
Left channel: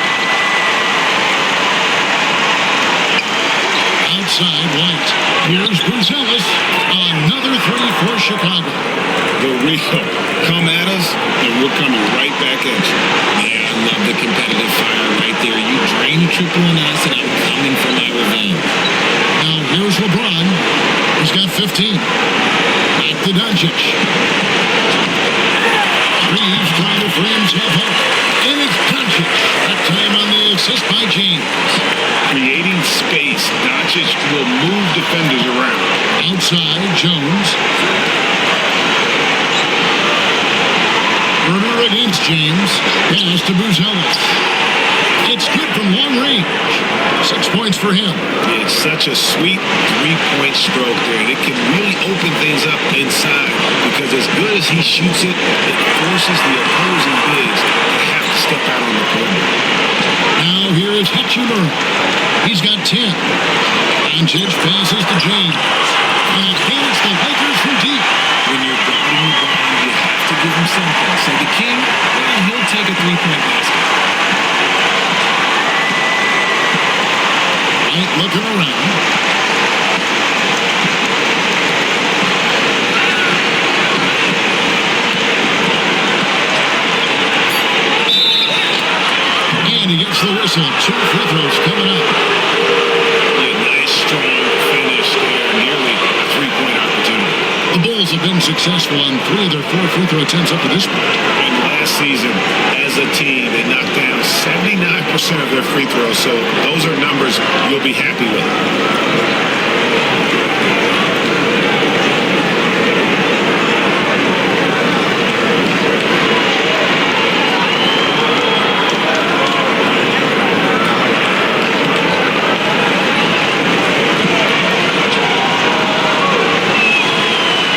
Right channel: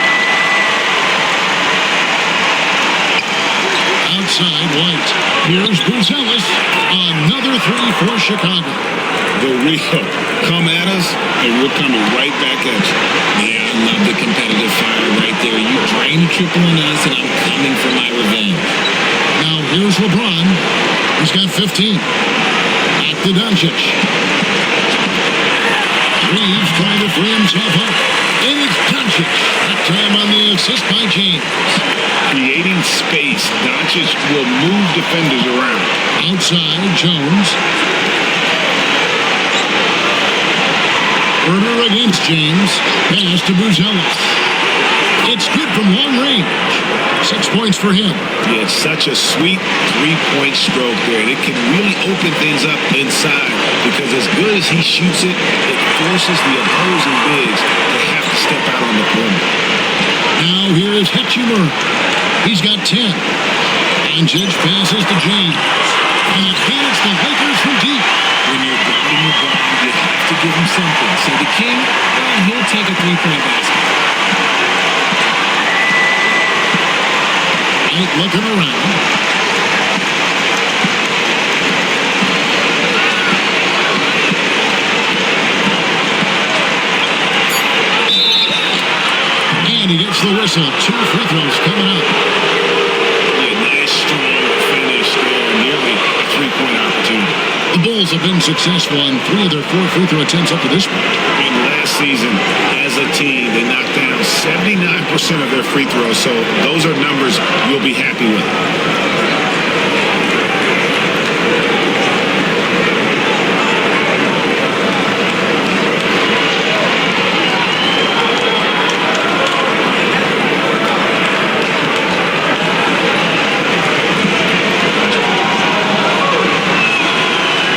Outside, White. Here's Buzelis. Another three for Chicago. The real. Come at us, and we're coming right back at you. Yeah, I love the competitive fire right there. You drain a triple on us, and I'm coming for my revenge. Now here's LeBron. He's got 15. Back to Doncic. Reeves trying to free himself up. And it's Doncic. That time on the assist by James. Creating space. Doncic will move defenders around. Outside, Jones. Herter against James. Pass to Buzelis. It's good from long range. 6 points for him. Yeah, it's such a sweet three-point stroke there, and it can really open things up inside because as good as he shoots it, it forces the opposing bigs to have to step out on the perimeter. Now here is Hachimura. He's got 10. Doncic passes to James. And again, it's the Lakers from deep. When you're guarding LeBron, you have to give him something. So the King, well, he'll take a three-point basket. White looking around. And he gets the whistle. 2 free throws coming up. Yeah, nice, strong finish there. Nearly a three-point opportunity. The Bulls have been successful on 3 of their 4 free throw attempts up to this point. And last season, as a team, they knocked down 79% of their free throws. So those are numbers you'll be happy with.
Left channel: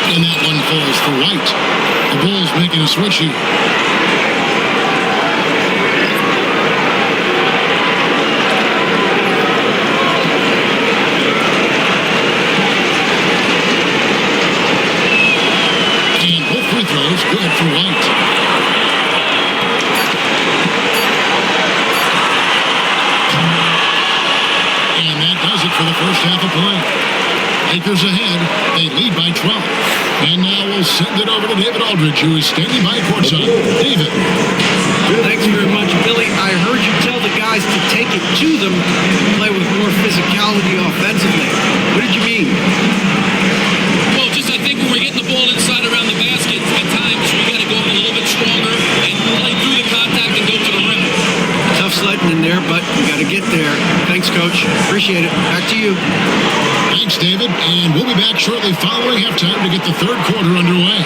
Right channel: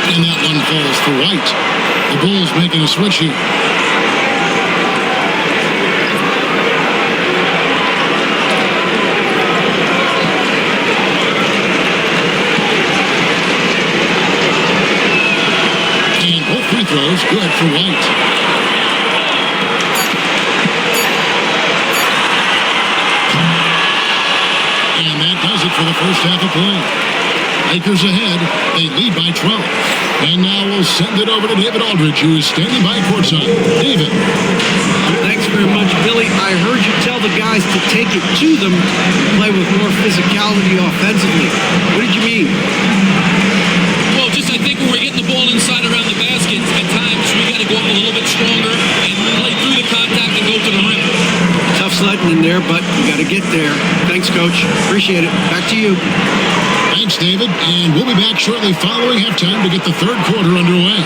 And that one falls for White. The Bulls making a switch here. And both free throws good for White. And that does it for the first half of play. Lakers ahead. They lead by 12. And now we'll send it over to David Aldridge, who is standing by courtside. David. Thanks very much, Billy. I heard you tell the guys to take it to them and play with more physicality offensively. What did you mean? Well, just I think when we're getting the ball inside around the basket, at times we got to go up a little bit stronger and play through the contact and go to the rim. Tough sledding in there, but you got to get there. Thanks, Coach. Appreciate it. Back to you. Thanks, David. And we'll be back shortly following halftime to get the third quarter underway.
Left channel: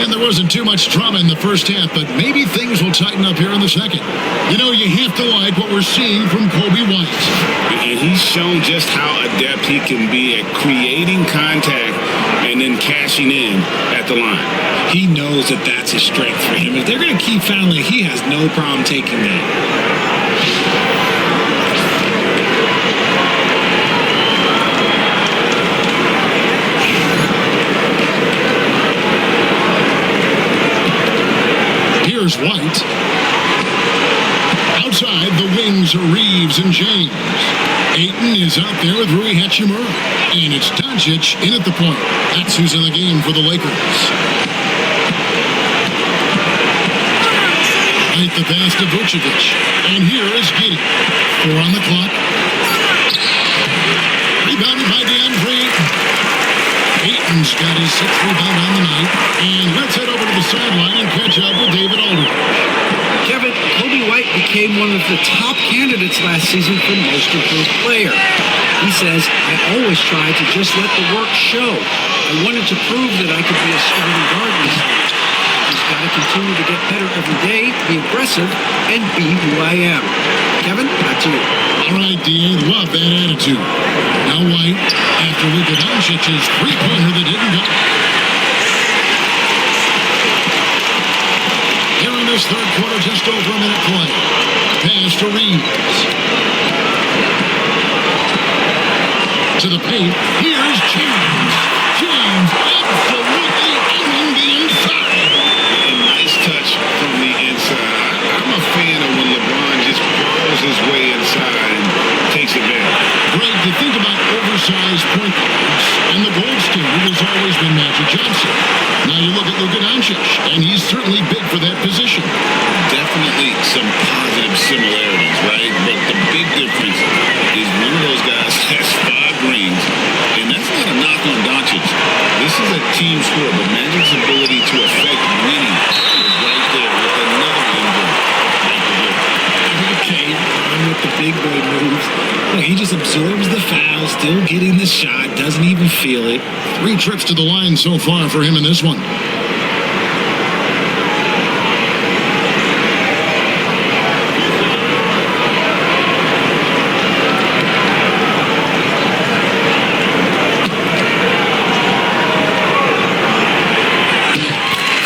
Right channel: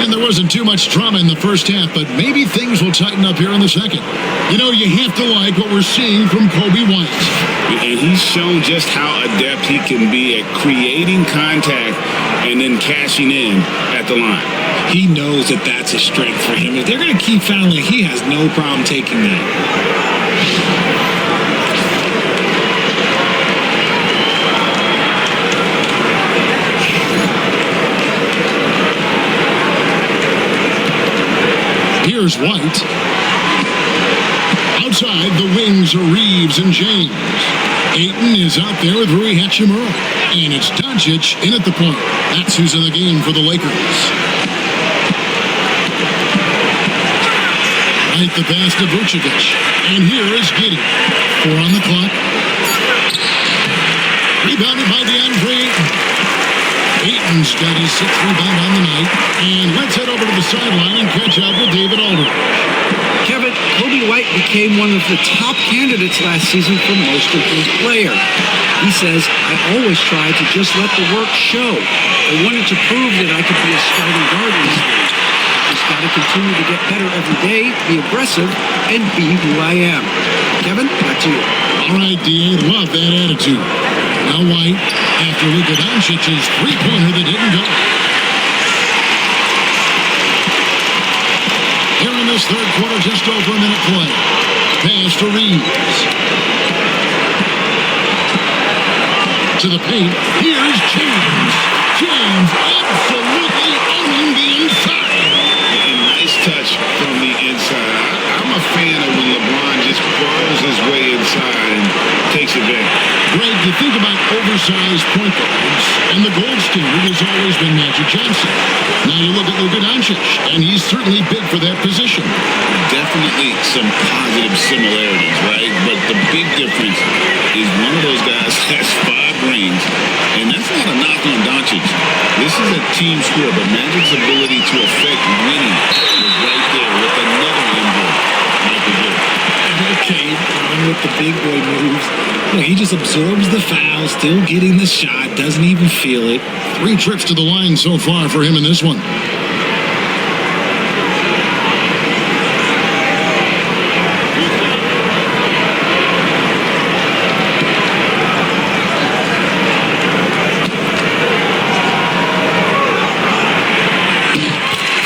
And there wasn't too much drama in the first half, but maybe things will tighten up here in the second. You know, you have to like what we're seeing from Kobe White. And he's shown just how adept he can be at creating contact and then cashing in at the line. He knows that that's a strength for him. If they're going to keep fouling, he has no problem taking that. Here's White. Outside, the wings are Reeves and James. Ayton is out there with Rui Hachimura. And it's Doncic in at the point. That's who's in the game for the Lakers. Right the pass to Vucevic. And here is Giddey. 4 on the clock. Rebounded by DeAndre Ayton. Ayton's got his 6th rebound on the night. And let's head over to the sideline and catch up with David Aldridge. Kevin, Kobe White became one of the top candidates last season for Most Improved Player. He says, I always try to just let the work show. I wanted to prove that I could be a starting guard in this league. I just got to continue to get better every day, be aggressive, and be who I am. Kevin, back to you. All right, D.A., love that attitude. Now White, after Luka Doncic's three-pointer that didn't go. Here in this third quarter, just over a minute play. Pass to Reeves. To the paint. Here's James. James absolutely owning the inside. And nice touch from the inside. I'm a fan of when LeBron just burrows his way inside and takes advantage. Greg, you think about oversized point guards, and the gold standard has always been Magic Johnson. Now you look at Luka Doncic, and he's certainly big for that position. Definitely some positive similarities, right? But the big difference is one of those guys has 5 rings, and that's not a knock on Doncic. This is a team sport, but Magic's ability to affect winning is right there with another MJ, Michael Jordan. Okay, Ron with the big boy moves. Look, he just absorbs the foul, still getting the shot, doesn't even feel it. 3 trips to the line so far for him in this one.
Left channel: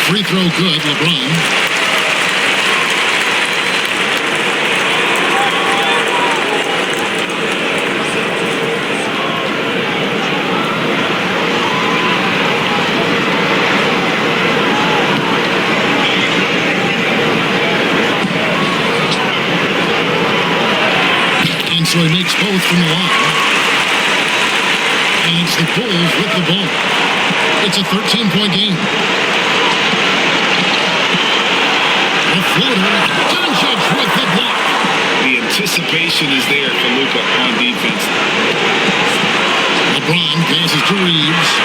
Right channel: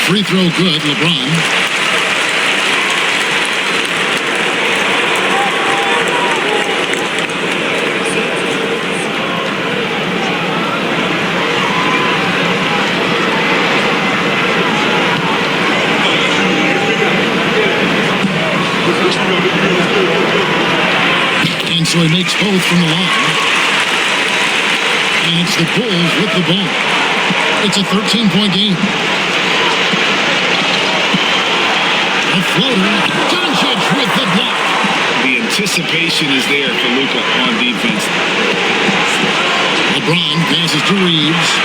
Free throw good, LeBron. And so he makes both from the line. And it's the Bulls with the ball. It's a 13-point game. A floater. Doncic with the block. The anticipation is there for Luka on defense. LeBron passes to Reeves.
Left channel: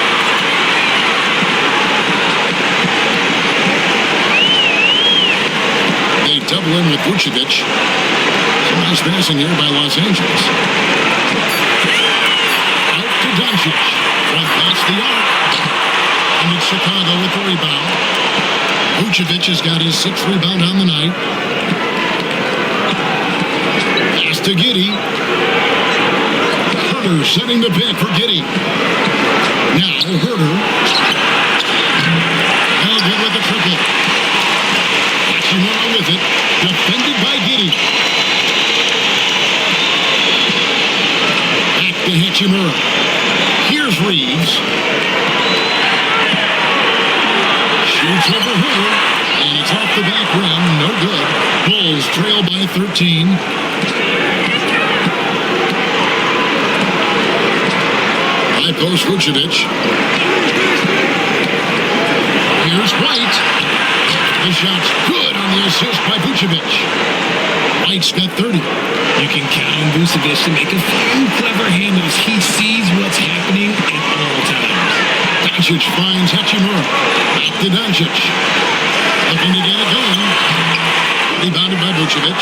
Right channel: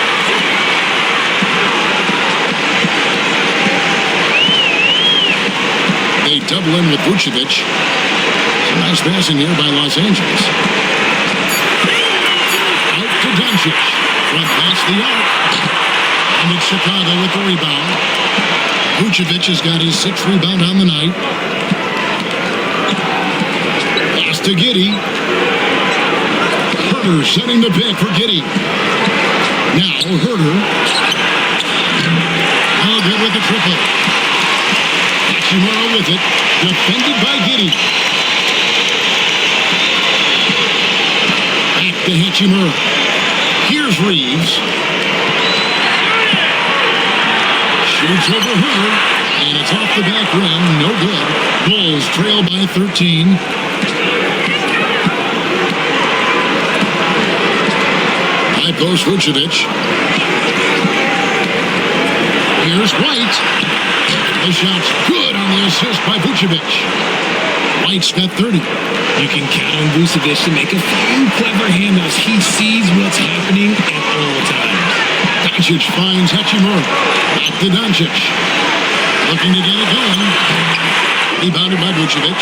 They double in with Vucevic. Some nice passing here by Los Angeles. Out to Doncic. From past the arc. And it's Chicago with the rebound. Vucevic has got his 6th rebound on the night. Pass to Giddey. Herter setting the pick for Giddey. Now Herter. No good with the triple. Hachimura with it. Defended by Giddey. Back to Hachimura. Here's Reeves. Shoots over Herter, and it's off the back rim. No good. Bulls trail by 13. High post Vucevic. Here's White. The shot's good on the assist by Vucevic. White's got 30. You can count on Vucevic to make a few clever handoffs. He sees what's happening at all times. Doncic finds Hachimura. Back to Doncic. Looking to get it going. Rebounded by Vucevic.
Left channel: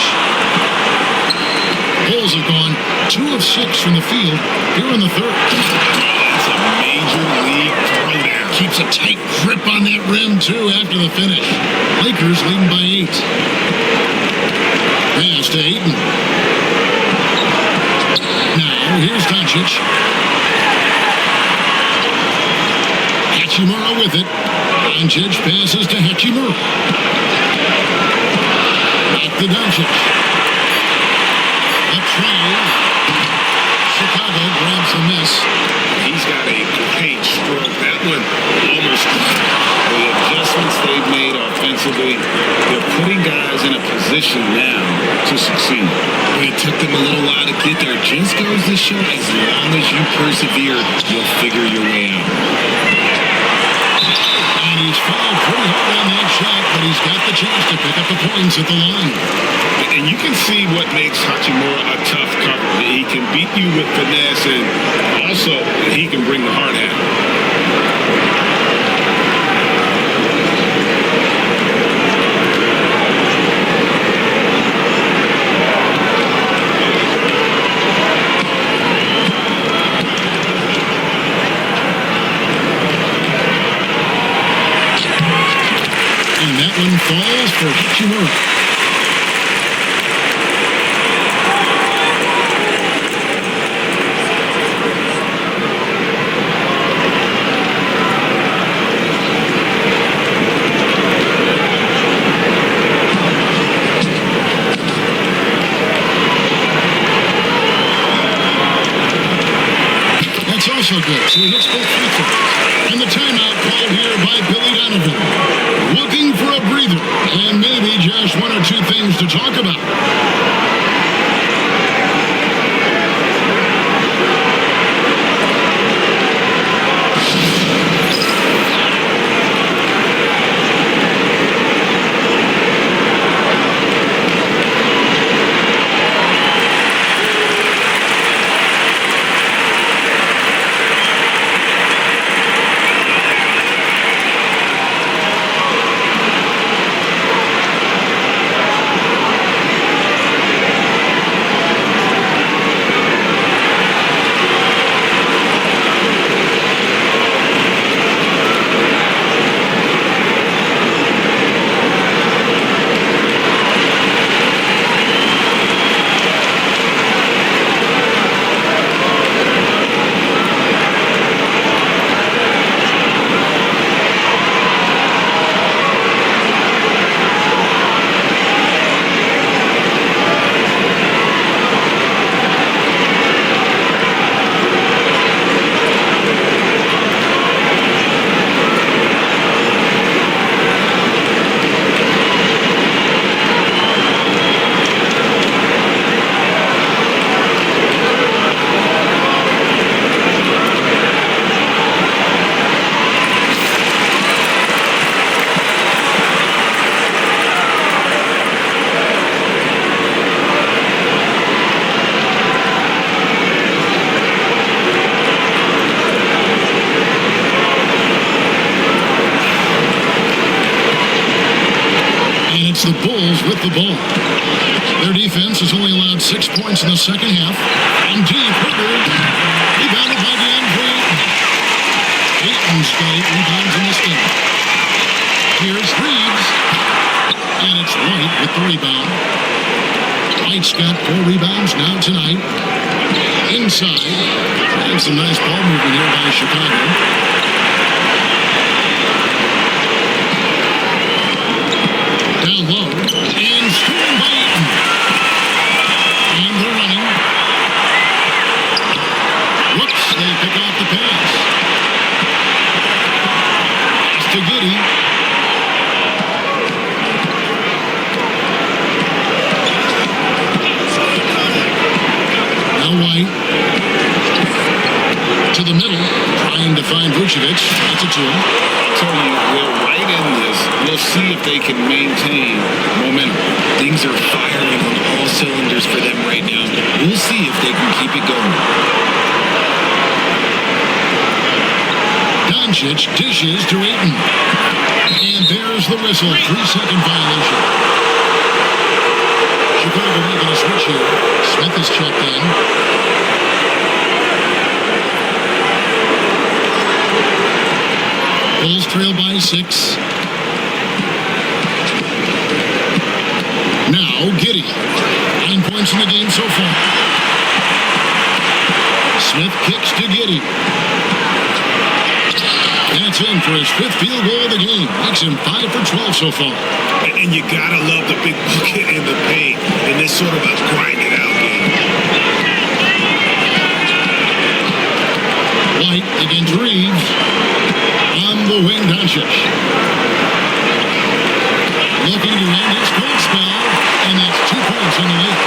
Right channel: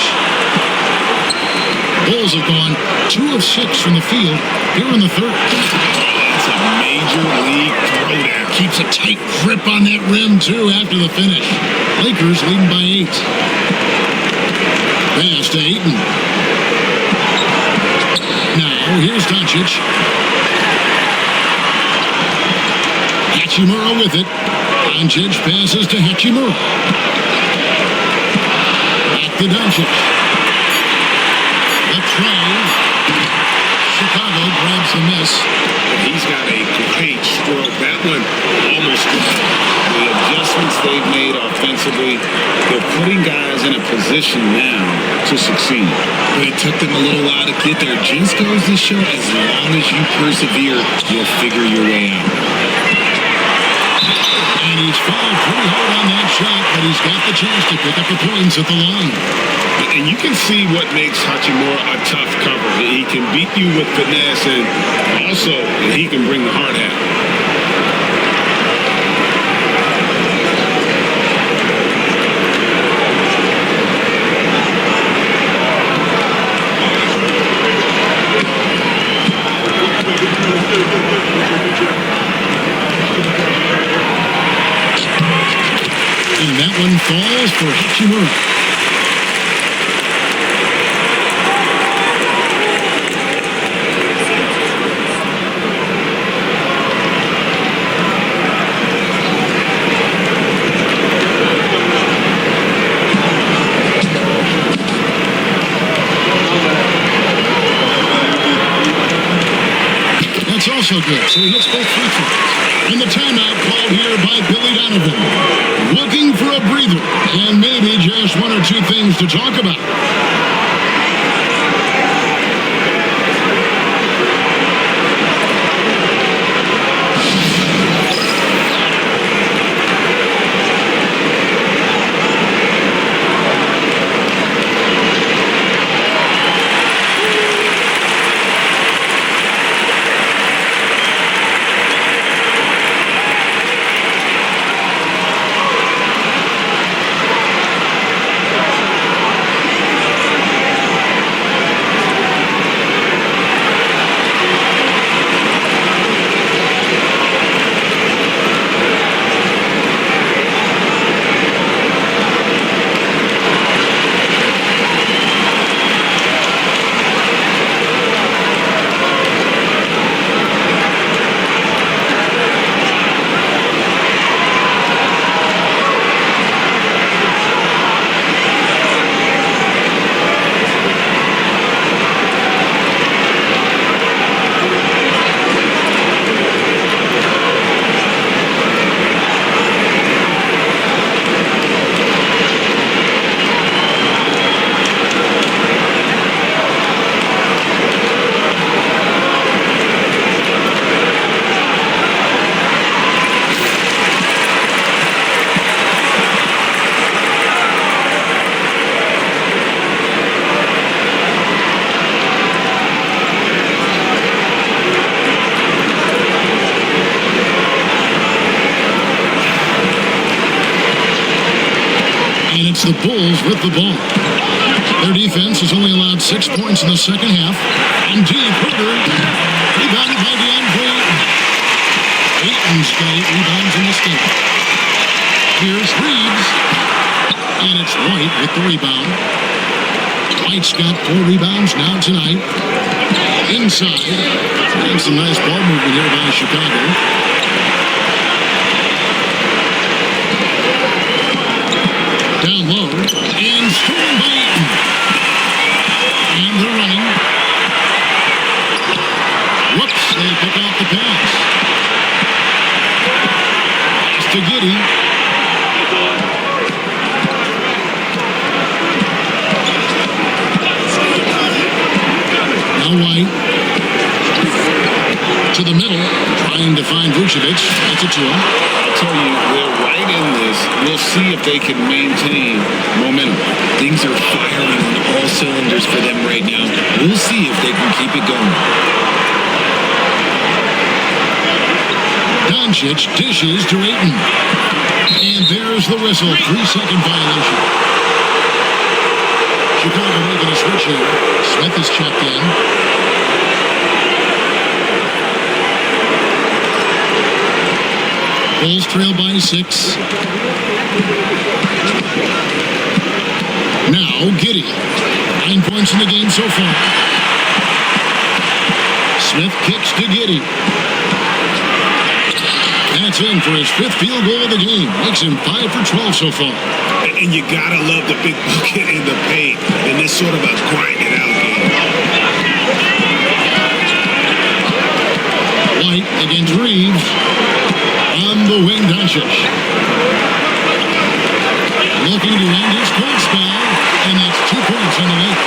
Bulls have gone 2 of 6 from the field here in the third. Oh, that's a major league throwdown. Keeps a tight grip on that rim, too, after the finish. Lakers leading by 8. Pass to Ayton. Now, here's Doncic. Hachimura with it. Doncic passes to Hachimura. Back to Doncic. The tray. Chicago grabs the miss. he's got a great stroke. That one almost the adjustments they've made offensively, they're putting guys in a position now to succeed. But it took them a little while to get there. Just goes to show, as long as you persevere, you'll figure your way out. And he's fouled pretty hard on that shot, but he's got the chance to pick up the points at the line. And you can see what makes Hachimura a tough cover. He can beat you with finesse, and also he can bring the hard hat. And that one falls for Hachimura. That's also good, so he hits both free throws. And the timeout called here by Billy Donovan. Looking for a breather and maybe just one or two things to talk about. And it's the Bulls with the ball. Their defense has only allowed 6 points in the second half. And deep, Herter, rebounded by DeAndre Ayton. Ayton's got 8 rebounds in this game. Here's Reeves. And it's White with the rebound. White's got 4 rebounds now tonight. Inside. And some nice ball movement here by Chicago. Down low, and stolen by Ayton. And they're running. Whoops, they pick off the pass. It's to Giddey. Now White. To the middle, trying to find Vucevic. Gets it to him. I'll tell you, they're right in this. We'll see if they can maintain momentum. Things are firing on all cylinders for them right now. We'll see if they can keep it going. Doncic dishes to Ayton. And there's the whistle. 3-second violation. Chicago making a switch here. Smith is checked in. Bulls trail by 6. Now Giddey. 9 points in the game so far. Smith kicks to Giddey. That's in for his 5th field goal of the game. Makes him 5 for 12 so far. And you gotta love the big bucket in the paint in this sort of a grind it out game. White against Reeves. On the wing, Doncic. Looking to end his cold spell, and that's 2 points on the layup.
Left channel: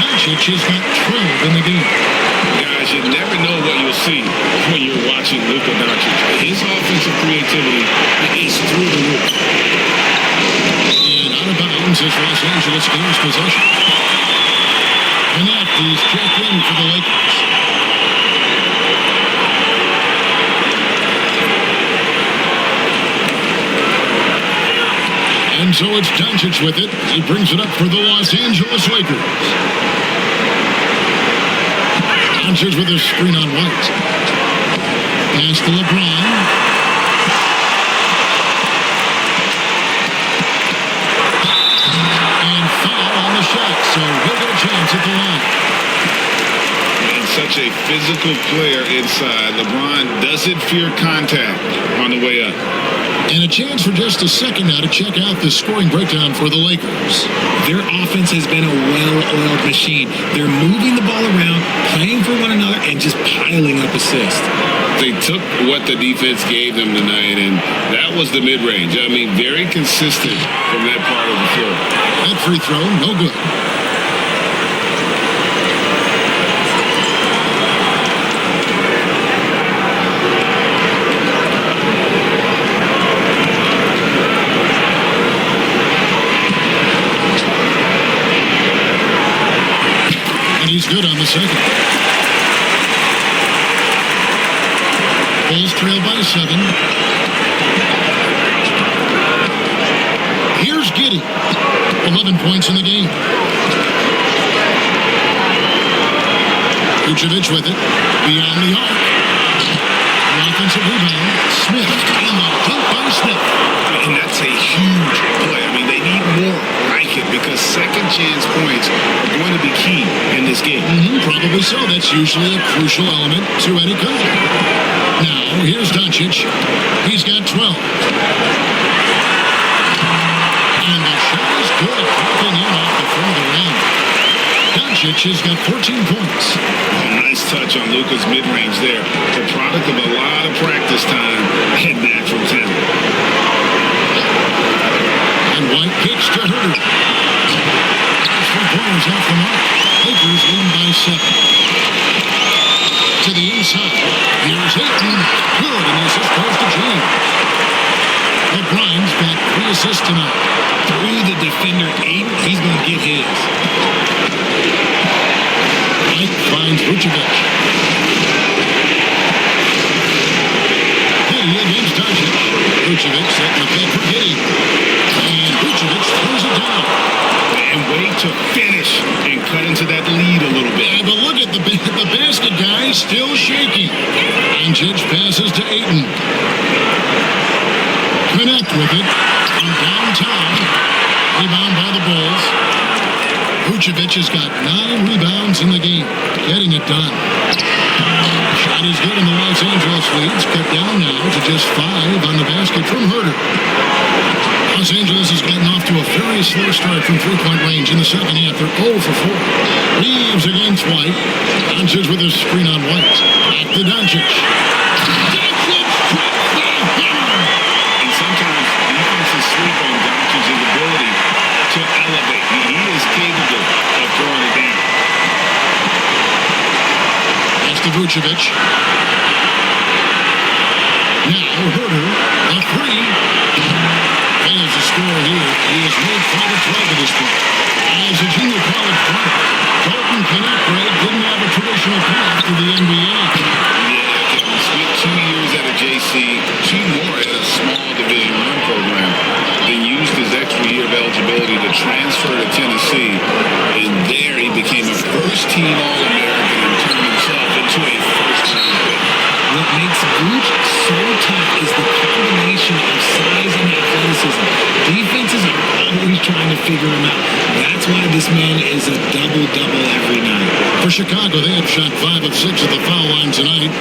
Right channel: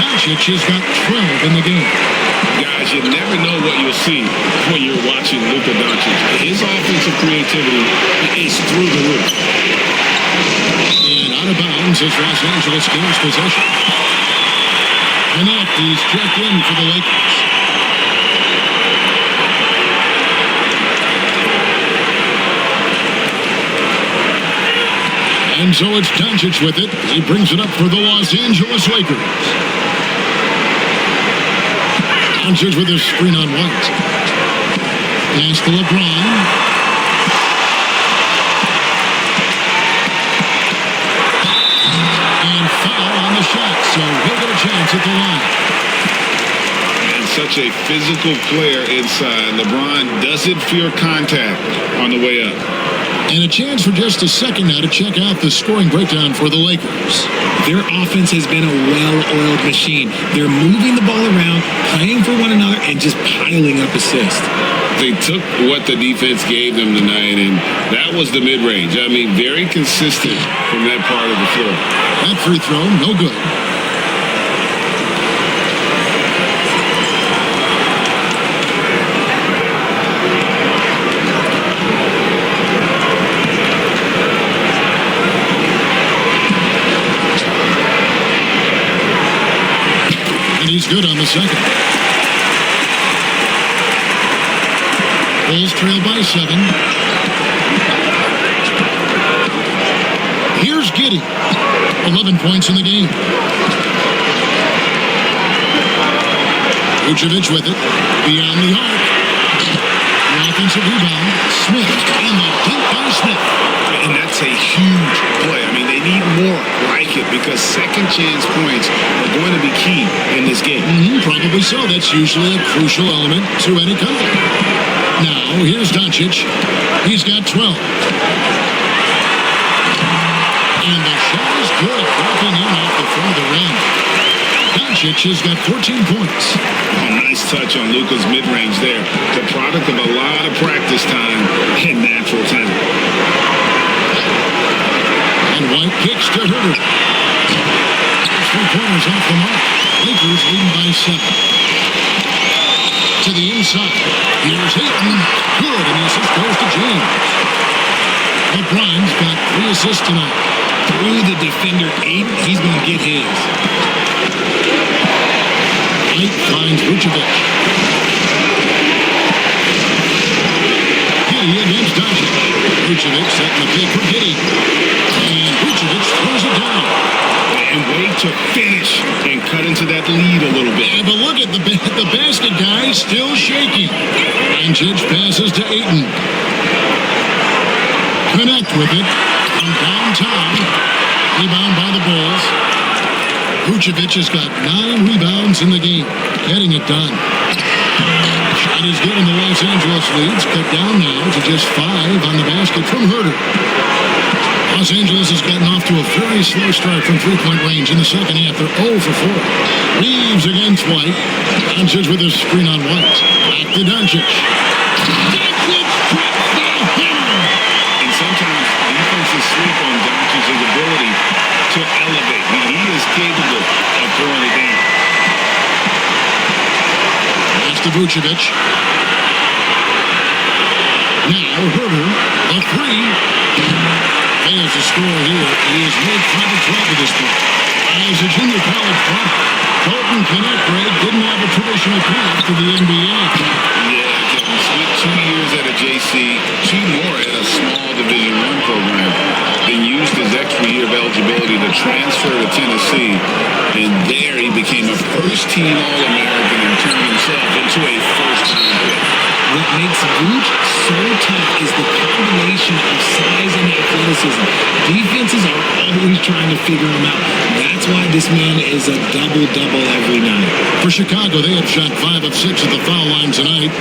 Doncic has got 12 in the game. Guys, you never know what you'll see when you're watching Luka Doncic. His offensive creativity is through the roof. And out of bounds as Los Angeles gains possession. Connect is checked in for the Lakers. And so it's Doncic with it. He brings it up for the Los Angeles Lakers. Doncic with his screen on White. Pass to LeBron. And foul on the shot, so he'll get a chance at the line. And such a physical player inside. LeBron doesn't fear contact on the way up. And a chance for just a second now to check out the scoring breakdown for the Lakers. Their offense has been a well-oiled machine. They're moving the ball around, playing for one another, and just piling up assists. They took what the defense gave them tonight, and that was the mid-range. I mean, very consistent from that part of the floor. That free throw, no good. He's good on the second. Bulls trail by 7. Here's Giddey. 11 points in the game. Vucevic with it. Beyond the arc. The offensive rebound. Smith. And the dunk by Smith. And that's a huge play. I mean, they need more like it because second chance points are going to be key in this game. Probably so. That's usually a crucial element to any comeback. Now, here's Doncic. He's got 12. And the shot is good, dropping in off the front of the rim. Doncic has got 14 points. Oh, nice touch on Luka's mid-range there. The product of a lot of practice time and natural talent. And White kicks to Herter. Those 3-pointers off the mark. Lakers leading by 7. To the inside. Here's Ayton. Good, and the assist goes to James. LeBron's got 3 assists tonight. Through the defender, Ayton, he's going to get his. White finds Vucevic. Giddey against Doncic. Vucevic setting the pick for Giddey. And Vucevic throws it down. And wait to finish and cut into that lead a little bit. Yeah, but look at the basket guy still shaking. Doncic passes to Ayton. Connect with it from downtown. Rebound by the Bulls. Vucevic has got 9 rebounds in the game. Getting it done. Shot is good, and the Los Angeles leads cut down now to just 5 on the basket from Herter. Los Angeles has gotten off to a very slow start from three-point range in the second half. They're 0 for 4. Reeves against White. Doncic with his screen on White. Back to Doncic. Doncic drops the hammer. And sometimes defenses sleep on Doncic's ability to elevate. He is capable of throwing it down. Pass to Vucevic. Now Herter, the 3. Fails to score here. He has made 5 of 12 to this point. As a junior college product, Dalton Connect, Greg, didn't have a traditional path to the NBA. Yeah, Kevin, spent 2 years at a JC, 2 more at a small Division I program, then used his extra year of eligibility to transfer to Tennessee. And there he became a first-team All-American and turned himself into a first-round pick. What makes Vooch so tough is the combination of size and athleticism. Defenses are always trying to figure him out. That's why this man is a double-double every night. For Chicago, they have shot 5 of 6 at the foul line tonight.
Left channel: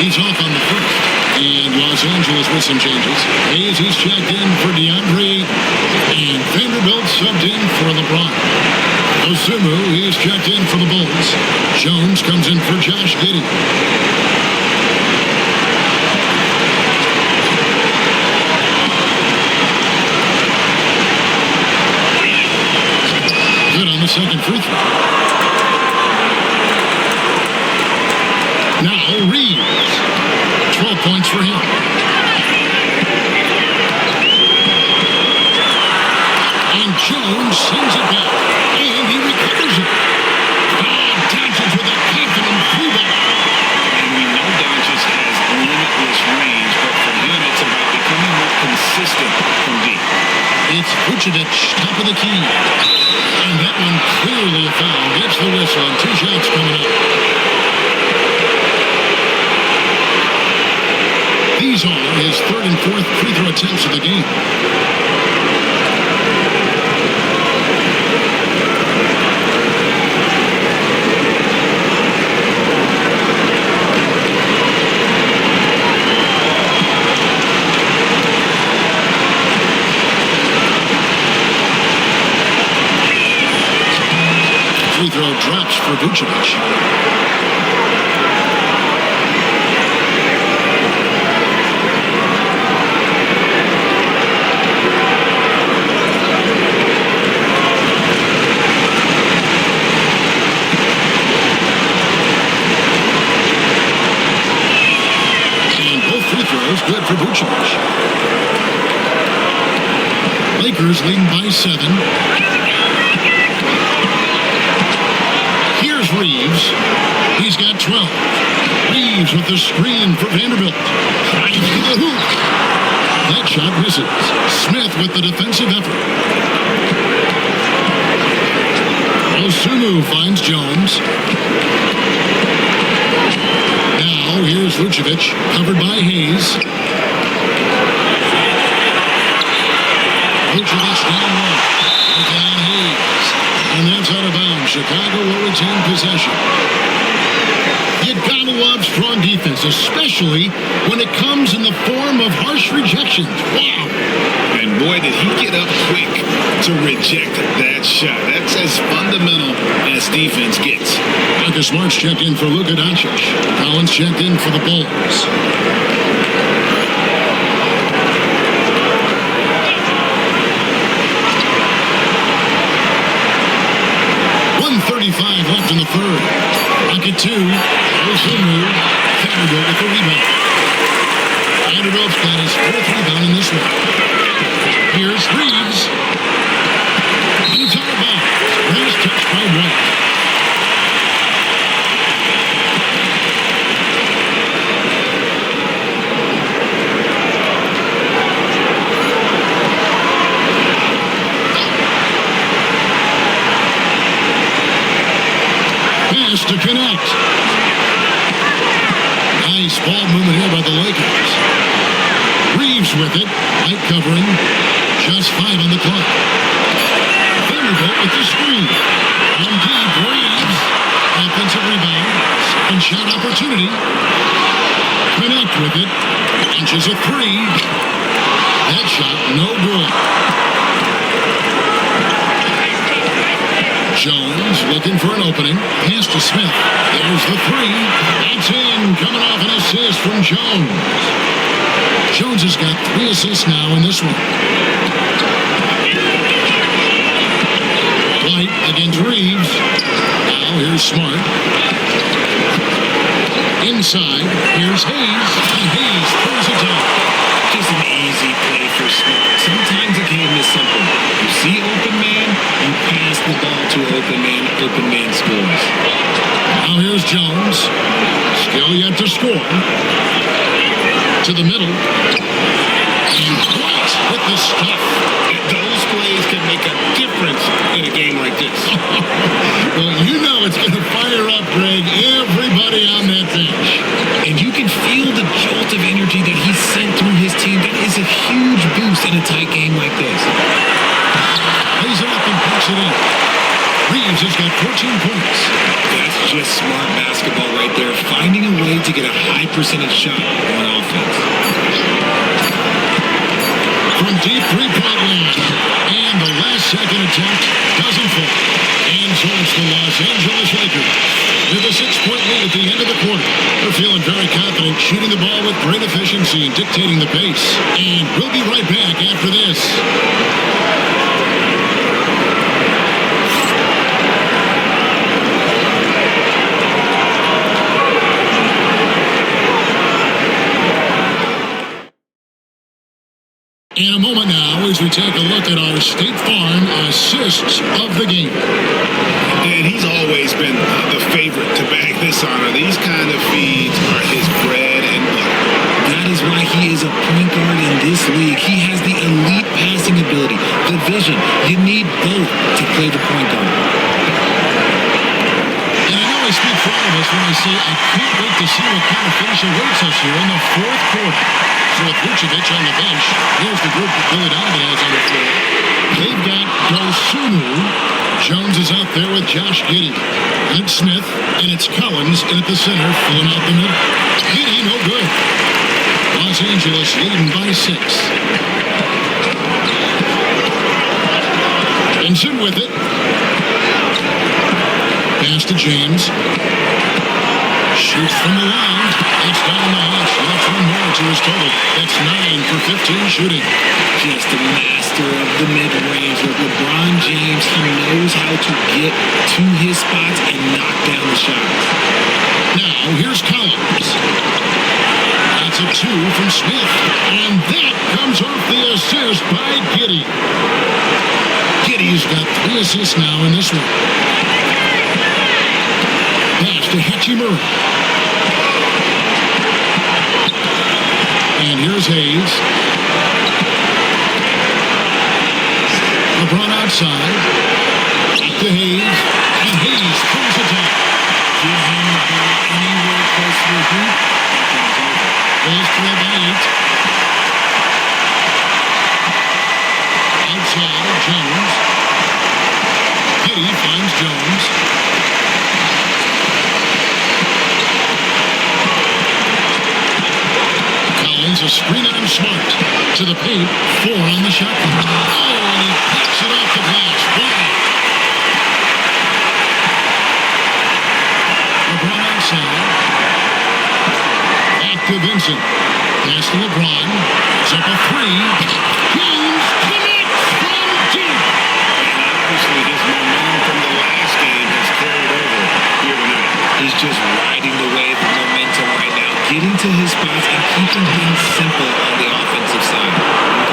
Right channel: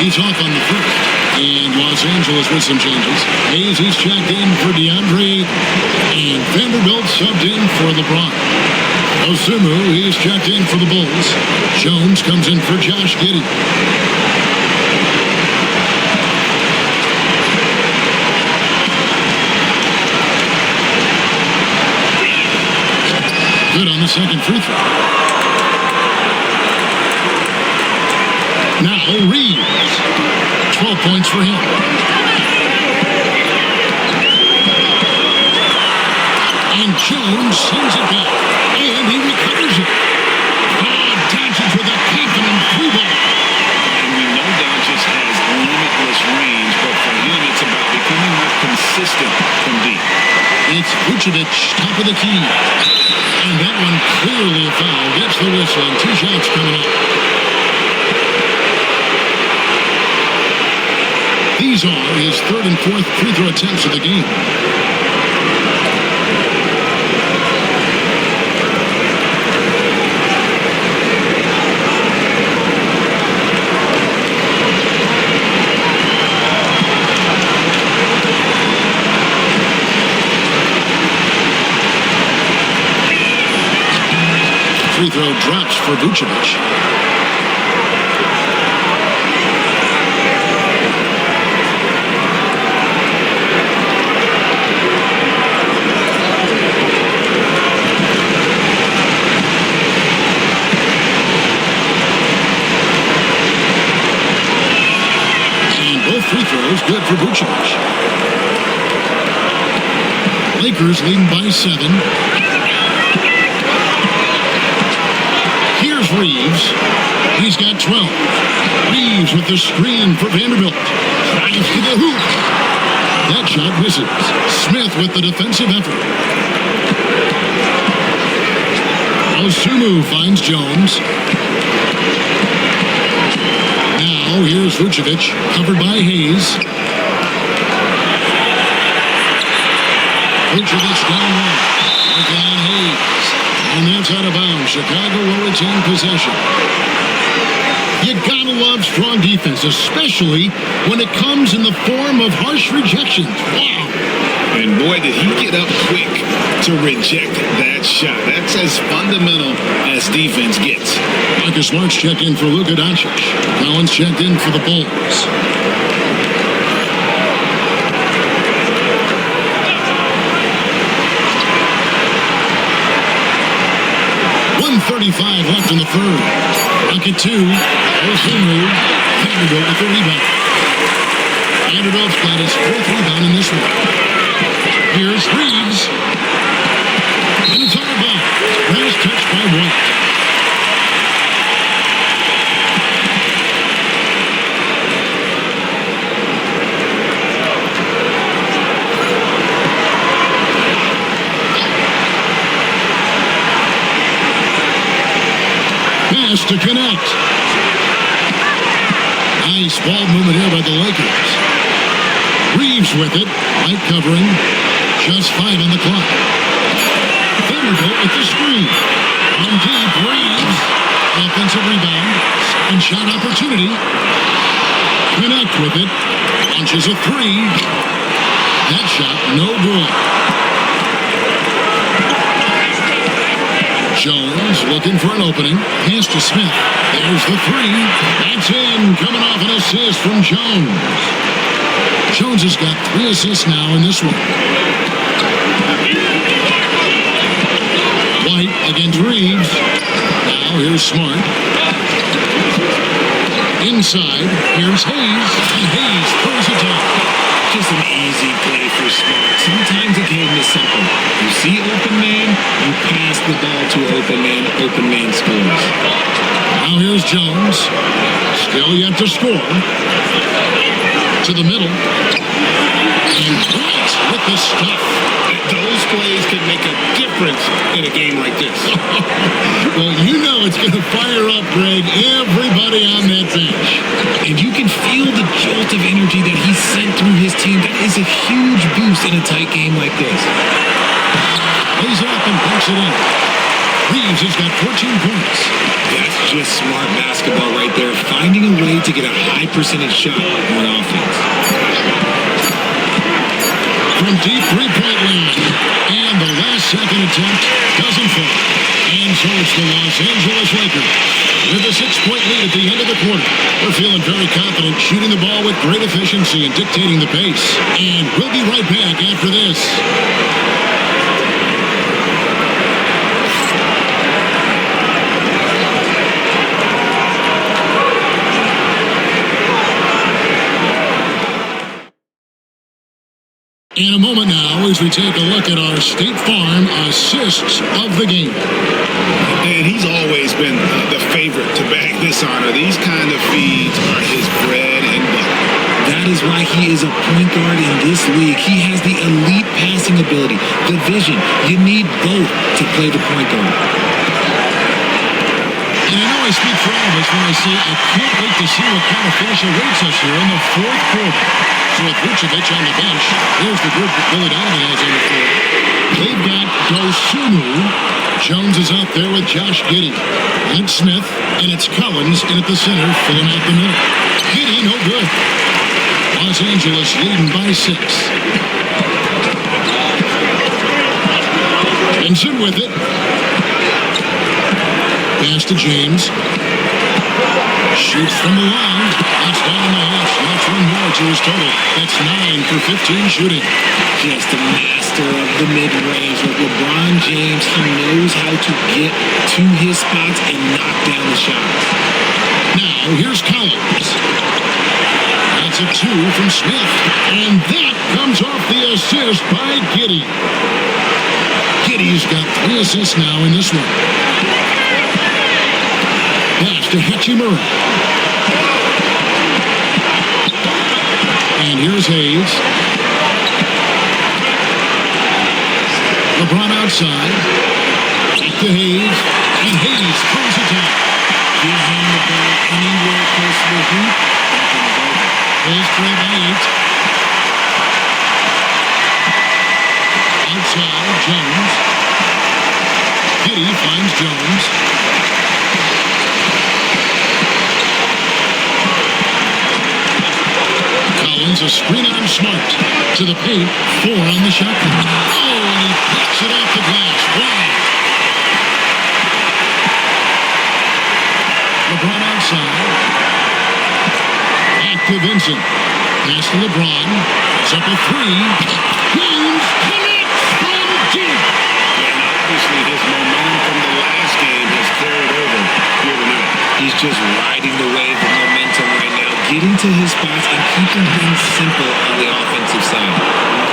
He's off on the first. And Los Angeles with some changes. Hayes, he's checked in for DeAndre Ayton. And Vanderbilt subbed in for LeBron. Osumu, he's checked in for the Bulls. Jones comes in for Josh Giddey. Good on the second free throw. Now Reeves. 12 points for him. And Jones sends it back. And he recovers it. Oh, Doncic with a confident through ball. And we know Doncic has limitless range, but for him, it's about becoming more consistent from deep. It's Vucevic, top of the key. And that one clearly a foul. Gets the whistle, and 2 shots coming up. These are his third and fourth free throw attempts of the game. Free throw drops for Vucevic. And both free throws good for Vucevic. Lakers leading by 7. Here's Reeves. He's got 12. Reeves with the screen for Vanderbilt. Drives to the hoop. That shot misses. Smith with the defensive effort. Osumu finds Jones. Now here's Vucevic, covered by Hayes. Vucevic down low. Working on Hayes. And that's out of bounds. Chicago will retain possession. You gotta love strong defense, especially when it comes in the form of harsh rejections. Wow. And boy, did he get up quick to reject that shot. That's as fundamental as defense gets. Marcus Smart's checked in for Luka Doncic. Collins checked in for the Bulls. .135 left in the third. Rocket 2. Osumu. Vanderbilt with the rebound. Vanderbilt's got his 4th rebound in this one. Here's Reeves. And it's out of bounds. Last touch by White. Pass to connect. Nice ball movement here by the Lakers. Reeves with it. White covering. Just 5 on the clock. Vanderbilt with the screen. On deep, Reeves. Offensive rebound. Second shot opportunity. Connect with it. Launches a 3. That shot no good. Jones looking for an opening. Pass to Smith. There's the 3. That's in. Coming off an assist from Jones. Jones has got 3 assists now in this one. White against Reeves. Now here's Smart. Inside. Here's Hayes. And Hayes throws it down. Just an easy play for Smart. Sometimes the game is simple. You see open man, you pass the ball to open man scores. Now here's Jones. Still yet to score. To the middle. And White with the stuff. Those plays can make a difference in a game like this. Well, you know it's going to fire up, Greg, everybody on that bench. And you can feel the jolt of energy that he sent through his team. That is a huge boost in a tight game like this. Lays it up and banks it in. Reeves has got 14 points. That's just smart basketball right there, finding a way to get a high percentage shot on offense. From deep three-point range. And the last second attempt doesn't fall. And so it's the Los Angeles Lakers with a 6-point lead at the end of the quarter. They're feeling very confident, shooting the ball with great efficiency and dictating the pace. And we'll be right back after this. In a moment now, as we take a look at our State Farm assists of the game. And he's always been the favorite to bag this honor. These kind of feeds are his bread and butter. That is why he is a point guard in this league. He has the elite passing ability, the vision. You need both to play the point guard. And I know I speak for all of us when I say I can't wait to see what kind of finish awaits us here in the fourth quarter. So with Vucevic on the bench, here's the group that Billy Donovan has on the floor. They've got Dosunmu. Jones is out there with Josh Giddey. And it's Smith, and it's Collins in at the center, filling out the middle. Giddey, no good. Los Angeles leading by 6. Vincent with it. Pass to James. Shoots from the line. That's down the hash. Knocks one more to his total. That's 9 for 15 shooting. Just a master of the mid-range. Like LeBron James, he knows how to get to his spots and knock down the shots. Now, here's Collins. That's a 2 from Smith. And that comes off the assist by Giddey. Giddey's got 3 assists now in this one. Pass to Hachimura. And here's Hayes. LeBron outside. Back to Hayes. And Hayes throws it down. Give him the ball anywhere close to the hoop. That thing is over. Bulls trail by 8. Outside, Jones. Giddey finds Jones. A screen on Smart to the paint. 4 on the shot clock. Oh, and he pops it off the glass. Wow. LeBron outside. Back to Vincent. Pass to LeBron. Puts up a 3. James connects from deep. And obviously his momentum from the last game has carried over here tonight. He's just riding the wave of momentum right now, getting to his spots and keeping things simple on the offensive side.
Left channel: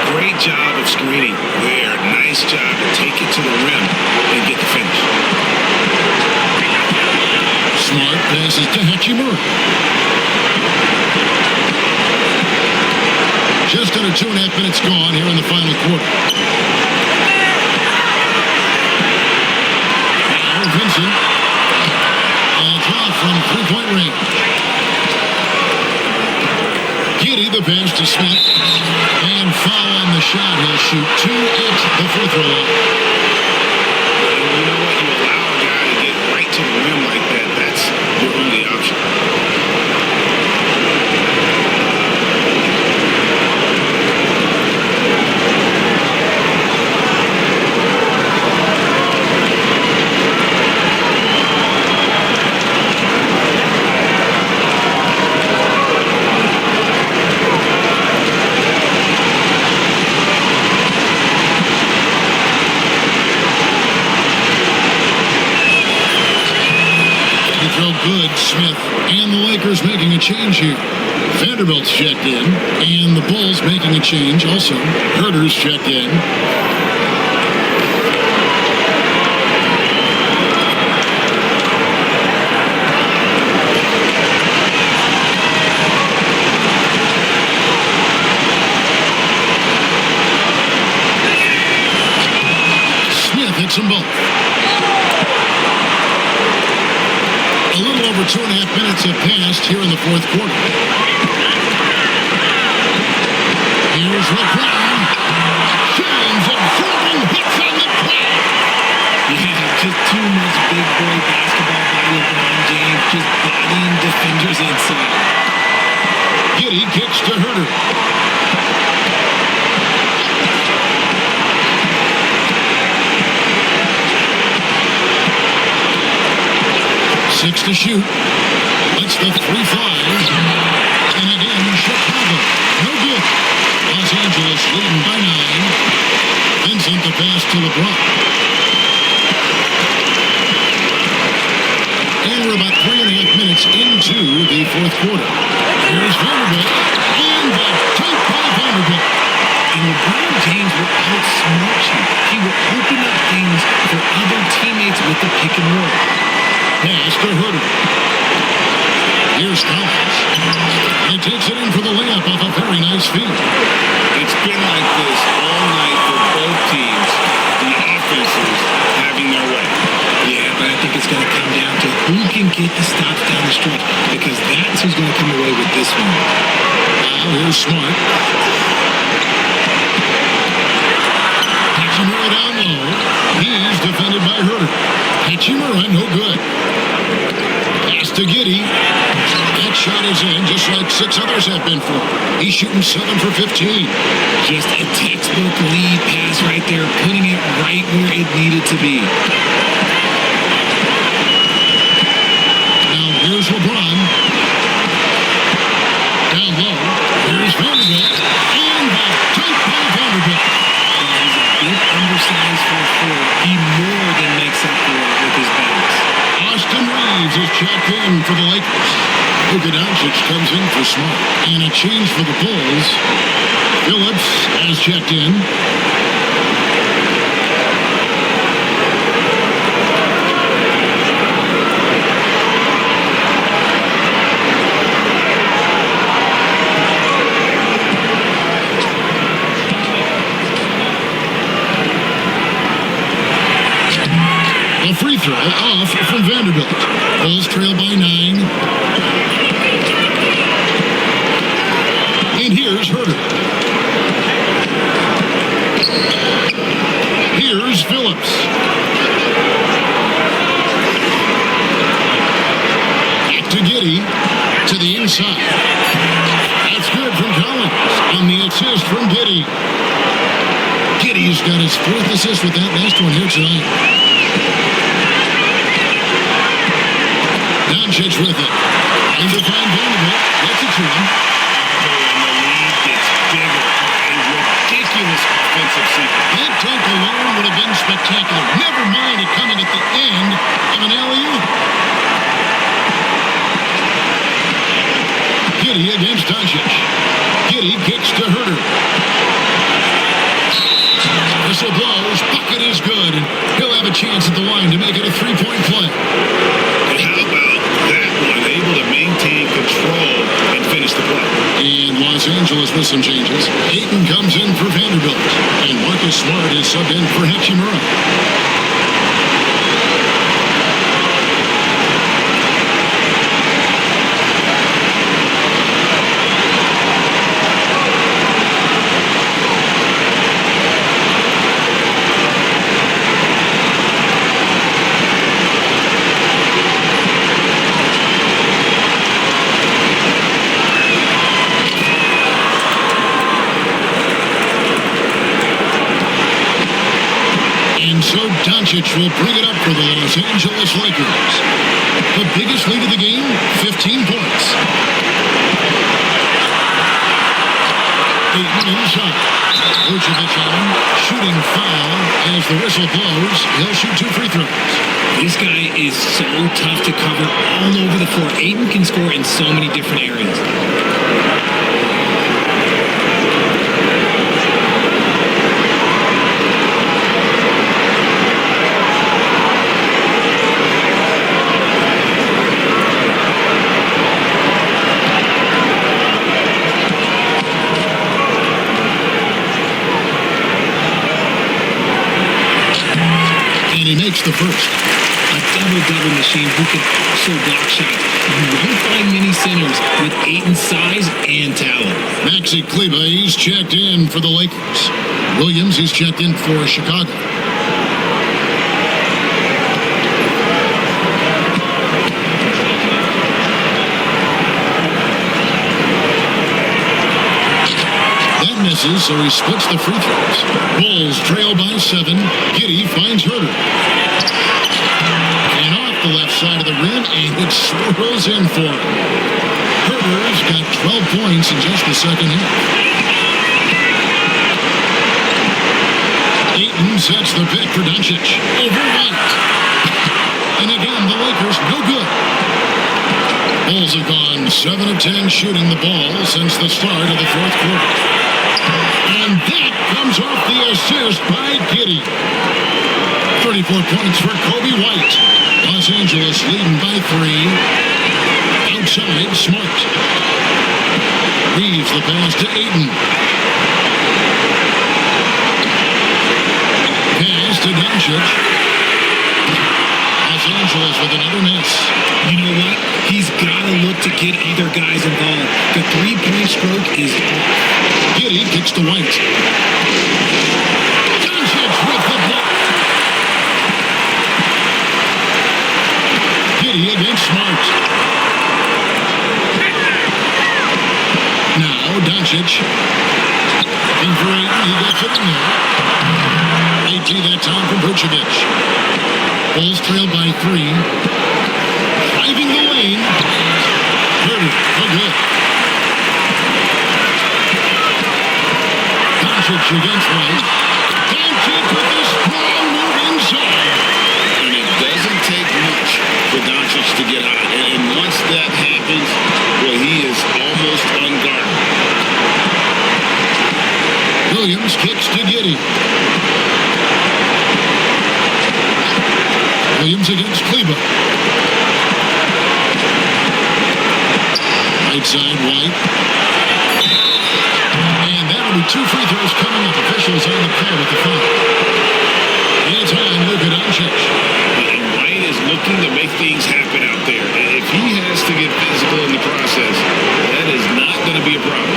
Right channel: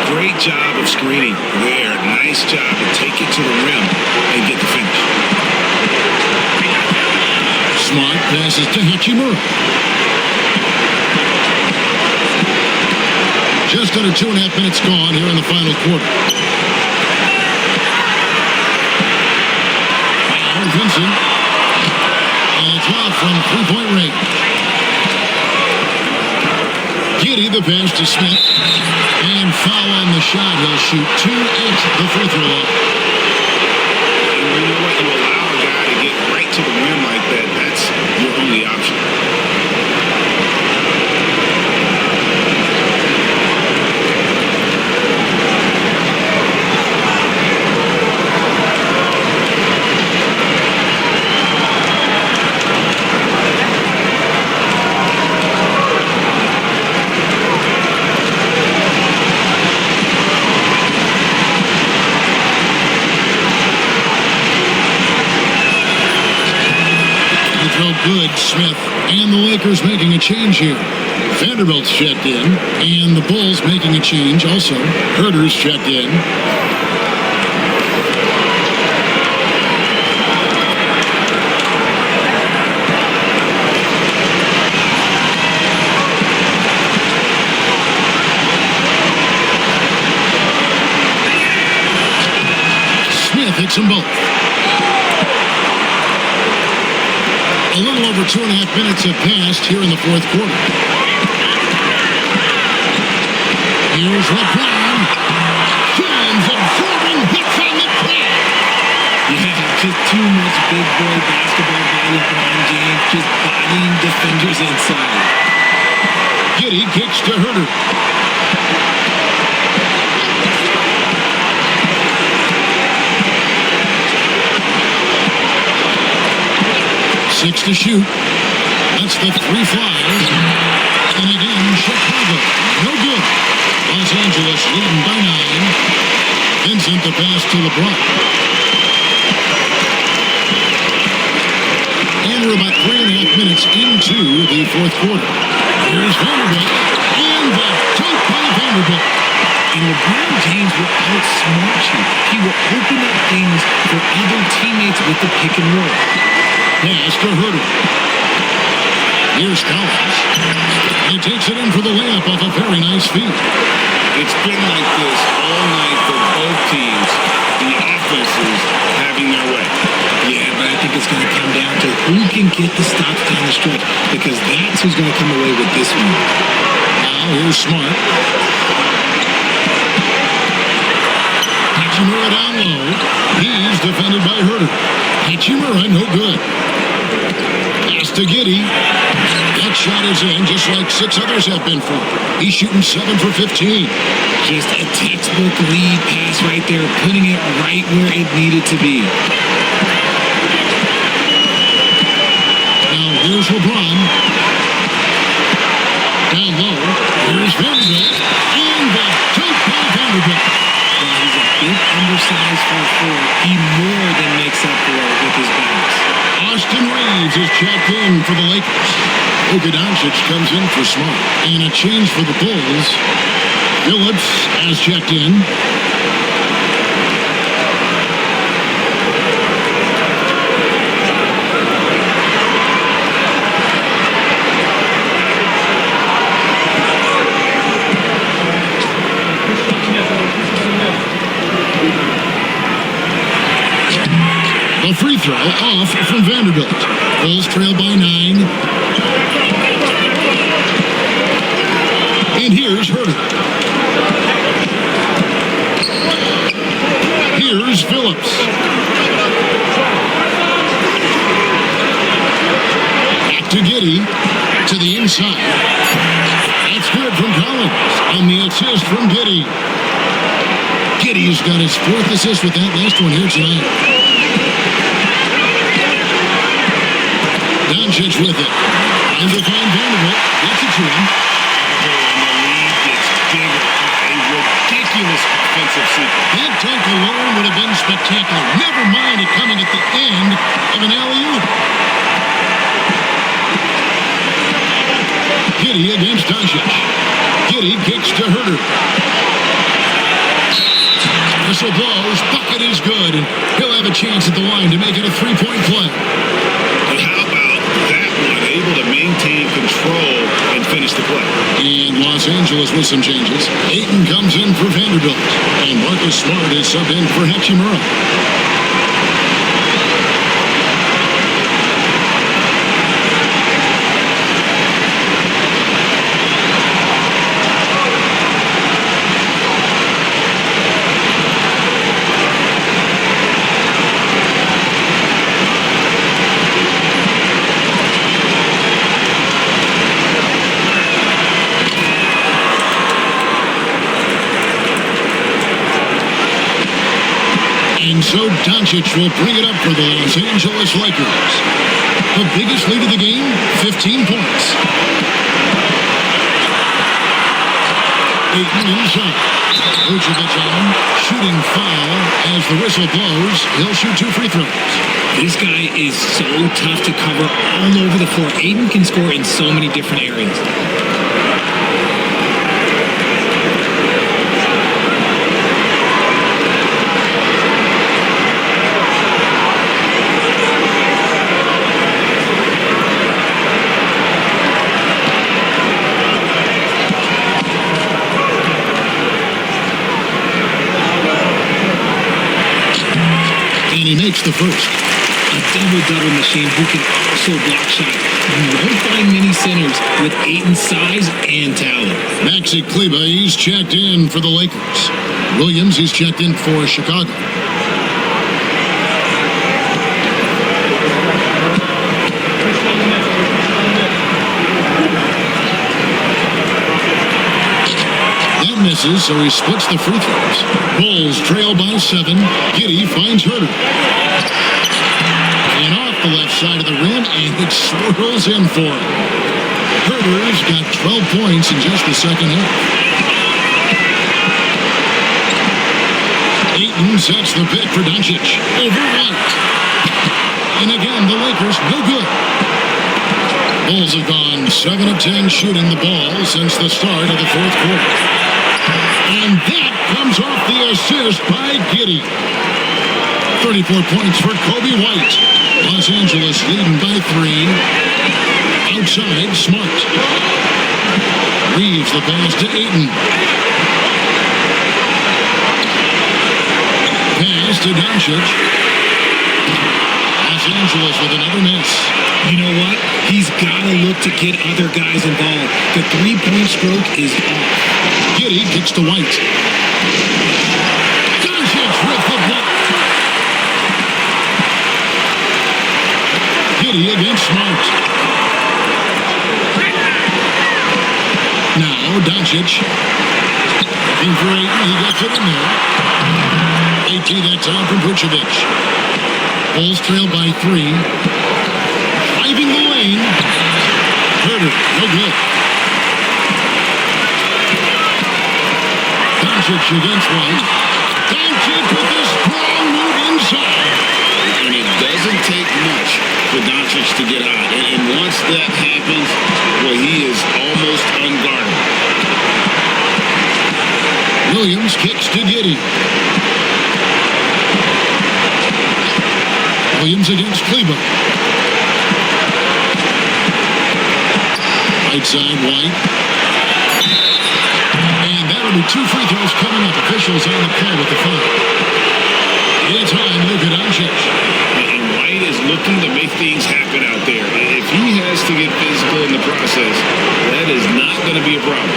Great job of screening there. Nice job to take it to the rim and get the finish. Smart passes to Hachimura. Just under 2.5 minutes gone here in the final quarter. Now Vincent. And it's off from 3-point range. Giddey the pass to Smith. And foul on the shot. He'll shoot 2 at the free throw line. And you know what? You allow a guy to get right to the rim like that. That's your only option. Throw good, Smith, and the Lakers making a change here. Vanderbilt's checked in, and the Bulls making a change also. Herter's checked in. Smith hits them both. A little over 2.5 minutes have passed here in the fourth quarter. Here's LeBron. James absorbing hits on the drive. Yeah, just too much big boy basketball by LeBron James, just bodying defenders inside. Giddey kicks to Herter. Six to shoot. Lets the three fly. And again, Chicago. No good. Los Angeles leading by 9. Vincent the pass to LeBron. And we're about 3.5 minutes into the fourth quarter. Here's Vanderbilt. And the dunk by Vanderbilt. And LeBron James will outsmart you. He will open up things for other teammates with the pick and roll. Pass to Herter. Here's Collins. And he takes it in for the layup off a very nice feed. It's been like this all night for both teams. The offenses having their way. Yeah, but I think it's going to come down to who can get the stops down the stretch, because that's who's going to come away with this one. Now here's Smart. Hachimura down low. He's defended by Herter. Hachimura, no good. Pass to Giddey. That shot is in, just like 6 others have been for him. He's shooting 7 for 15. Just a textbook lead pass right there, putting it right where it needed to be. Now here's LeBron. Down low. Here's Vanderbilt. And the dunk by Vanderbilt. While he's a bit undersized for a forward, he more than makes up for it with his bounce. Austin Reeves is checked in for the Lakers. Luka Doncic comes in for Smart. And a change for the Bulls. Phillips has checked in. A free throw off from Vanderbilt. Bulls trail by 9. And here's Herter. Here's Phillips. Back to Giddey. To the inside. That's good from Collins. On the assist from Giddey. Giddey's got his 4th assist with that last one here tonight. Doncic with it. Trying to find Vanderbilt. Gets it to him. Oh, and the lead gets bigger on a ridiculous offensive sequence. That dunk alone would have been spectacular. Never mind it coming at the end of an alley-oop. Giddey against Doncic. Giddey kicks to Herter. Whistle blows. Bucket is good. And he'll have a chance at the line to make it a 3-point play. How about that one? Able to maintain control and finish the play. And Los Angeles with some changes. Ayton comes in for Vanderbilt. And Marcus Smart is subbed in for Hachimura. And so Doncic will bring it up for the Los Angeles Lakers. The biggest lead of the game, 15 points. Ayton inside. Vucevic on him. Shooting foul as the whistle blows. He'll shoot 2 free throws. This guy is so tough to cover all over the floor. Ayton can score in so many different areas. And he makes the first. A double-double machine who can also block shots. You won't find many centers with Ayton's size and talent. Maxi Kleber, he's checked in for the Lakers. Williams, he's checked in for Chicago. misses, so he splits the free throws. Bulls trail by 7. Giddey finds Herter. And off the left side of the rim, and it swirls in for him. Herter's got 12 points in just the second half. Ayton sets the pick for Doncic. Over White. And again, the Lakers no good. Bulls have gone 7 of 10 shooting the ball since the start of the fourth quarter. And that comes off the assist by Giddey. 34 points for Kobe White. Los Angeles leading by 3. Outside, Smart. Reeves the pass to Ayton. Pass to Doncic. Los Angeles with another miss. You know what? He's got to look to get other guys involved. The three-point stroke is off. Giddey kicks to White. Doncic with the block. Giddey against Smart. Now Doncic looking for Ayton. He gets it in there. Late tee that time from Vucevic. Bulls trail by 3. Driving the lane. Herter, no good. Doncic against White. Doncic with a strong move inside. And it doesn't take much for Doncic to get hot. And once that happens, boy, he is almost unguardable. Williams kicks to Giddey. Williams against Kleber. Right side, White. And that'll be 2 free throws coming up. Officials on the call with the foul. It's on Luka Doncic. And White is looking to make things happen out there. If he has to get physical in the process, that is not going to be a problem.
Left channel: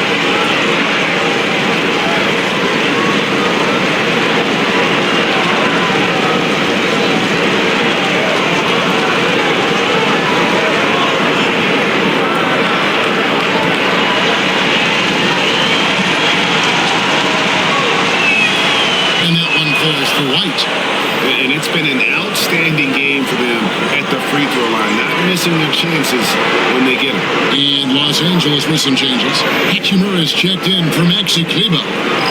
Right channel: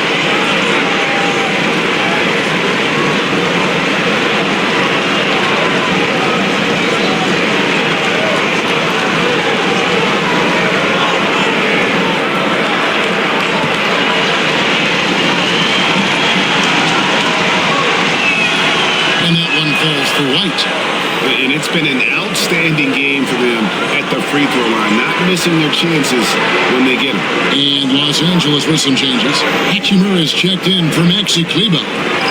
And that one falls for White. And it's been an outstanding game for them at the free throw line, not missing their chances when they get them. And Los Angeles with some changes. Hachimura is checked in for Maxi Kleber.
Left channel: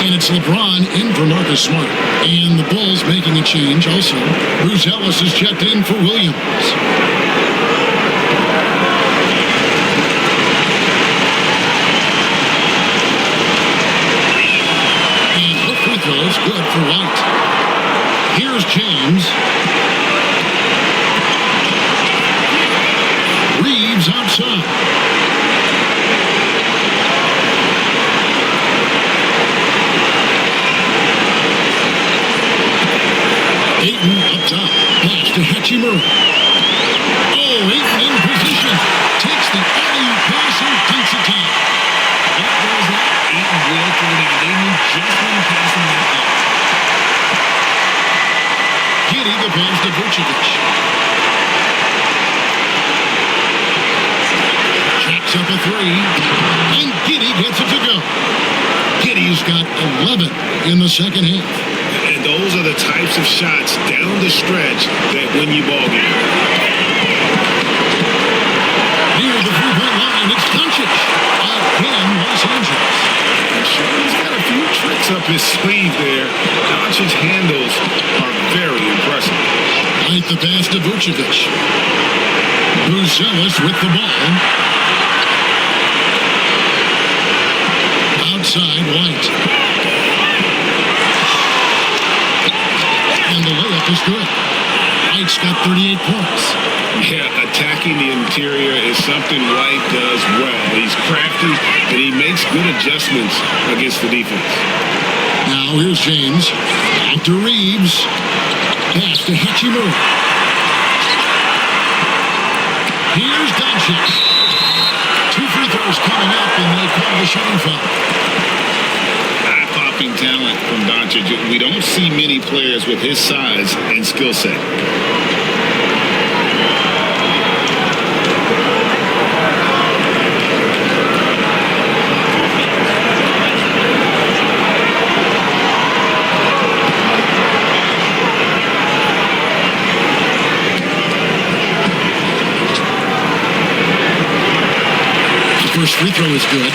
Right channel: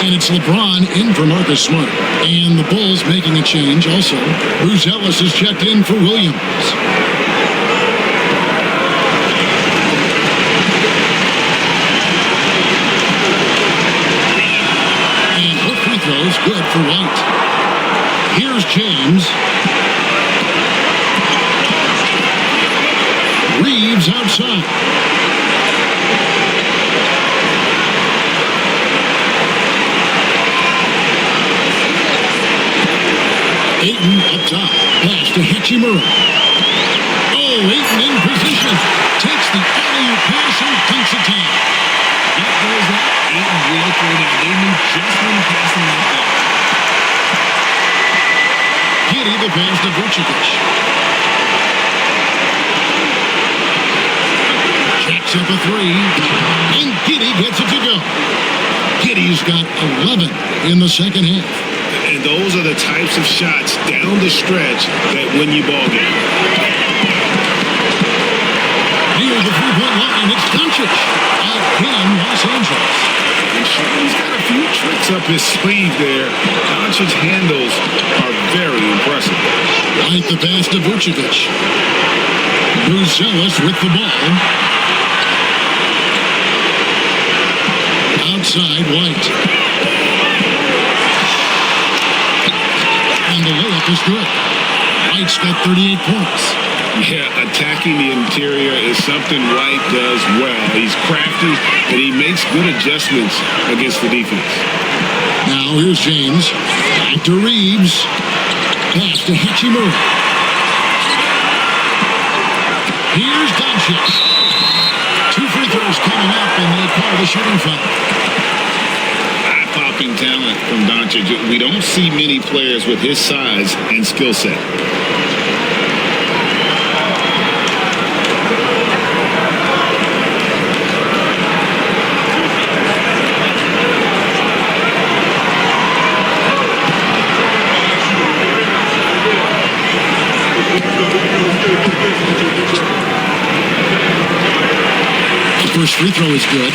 And it's LeBron in for Marcus Smart. And the Bulls making a change also. Bruce Ellis is checked in for Williams. And both free throws good for White. Here's James. Reeves outside. Ayton up top. Pass to Hachimura. Oh, Ayton in position. Takes the alley-oop pass and dunks it down. What goes up, Ayton will throw down. They knew just when to pass him that ball. Giddey the pass to Vucevic. Jacks up a 3. And Giddey gets it to go. Giddey's got 11 in the second half. And those are the types of shots down the stretch that win you ball game. Near the three-point line, it's Doncic. Again, Los Angeles. And Sean's got a few tricks up his sleeve there. Doncic's handles are very impressive. White the pass to Vucevic. Bruce Ellis with the ball. Outside, White. And the layup is good. White's got 38 points. Yeah, attacking the interior is something White does well. He's crafty, and he makes good adjustments against the defense. Now here's James. Back to Reeves. Pass to Hachimura. Here's Doncic. 2 free throws coming up, and they call the shooting foul. Eye-popping talent from Doncic. We don't see many players with his size and skill set. The first free throw is good.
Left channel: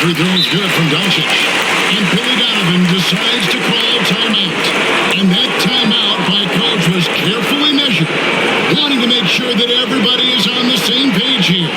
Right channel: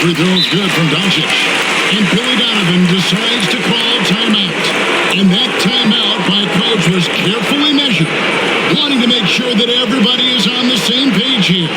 Free throw is good from Doncic. And Billy Donovan decides to call timeout. And that timeout by coach was carefully measured, wanting to make sure that everybody is on the same page here.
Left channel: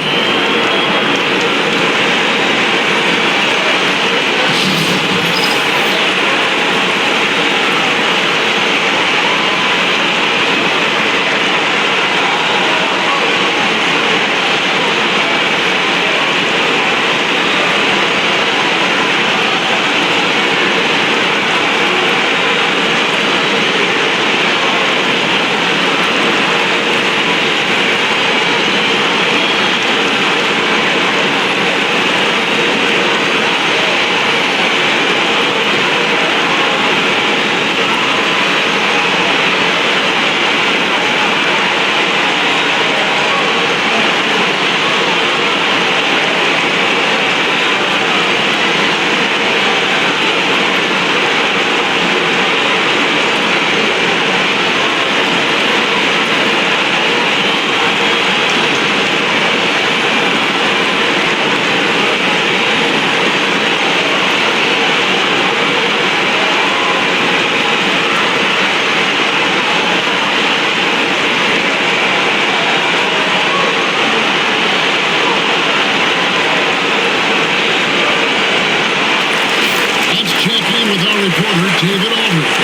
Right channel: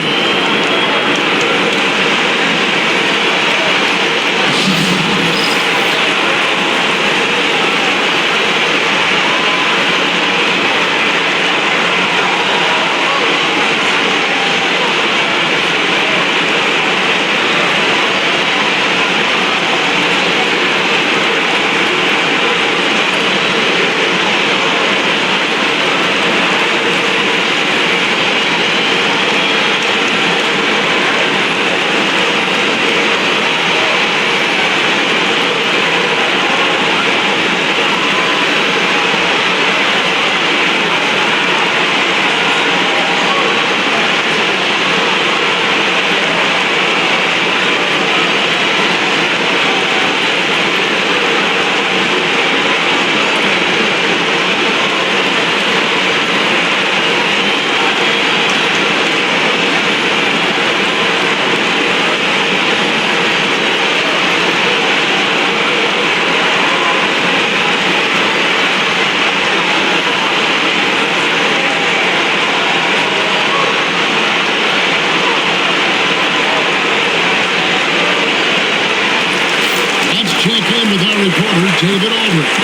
Check in with our reporter, David Aldridge.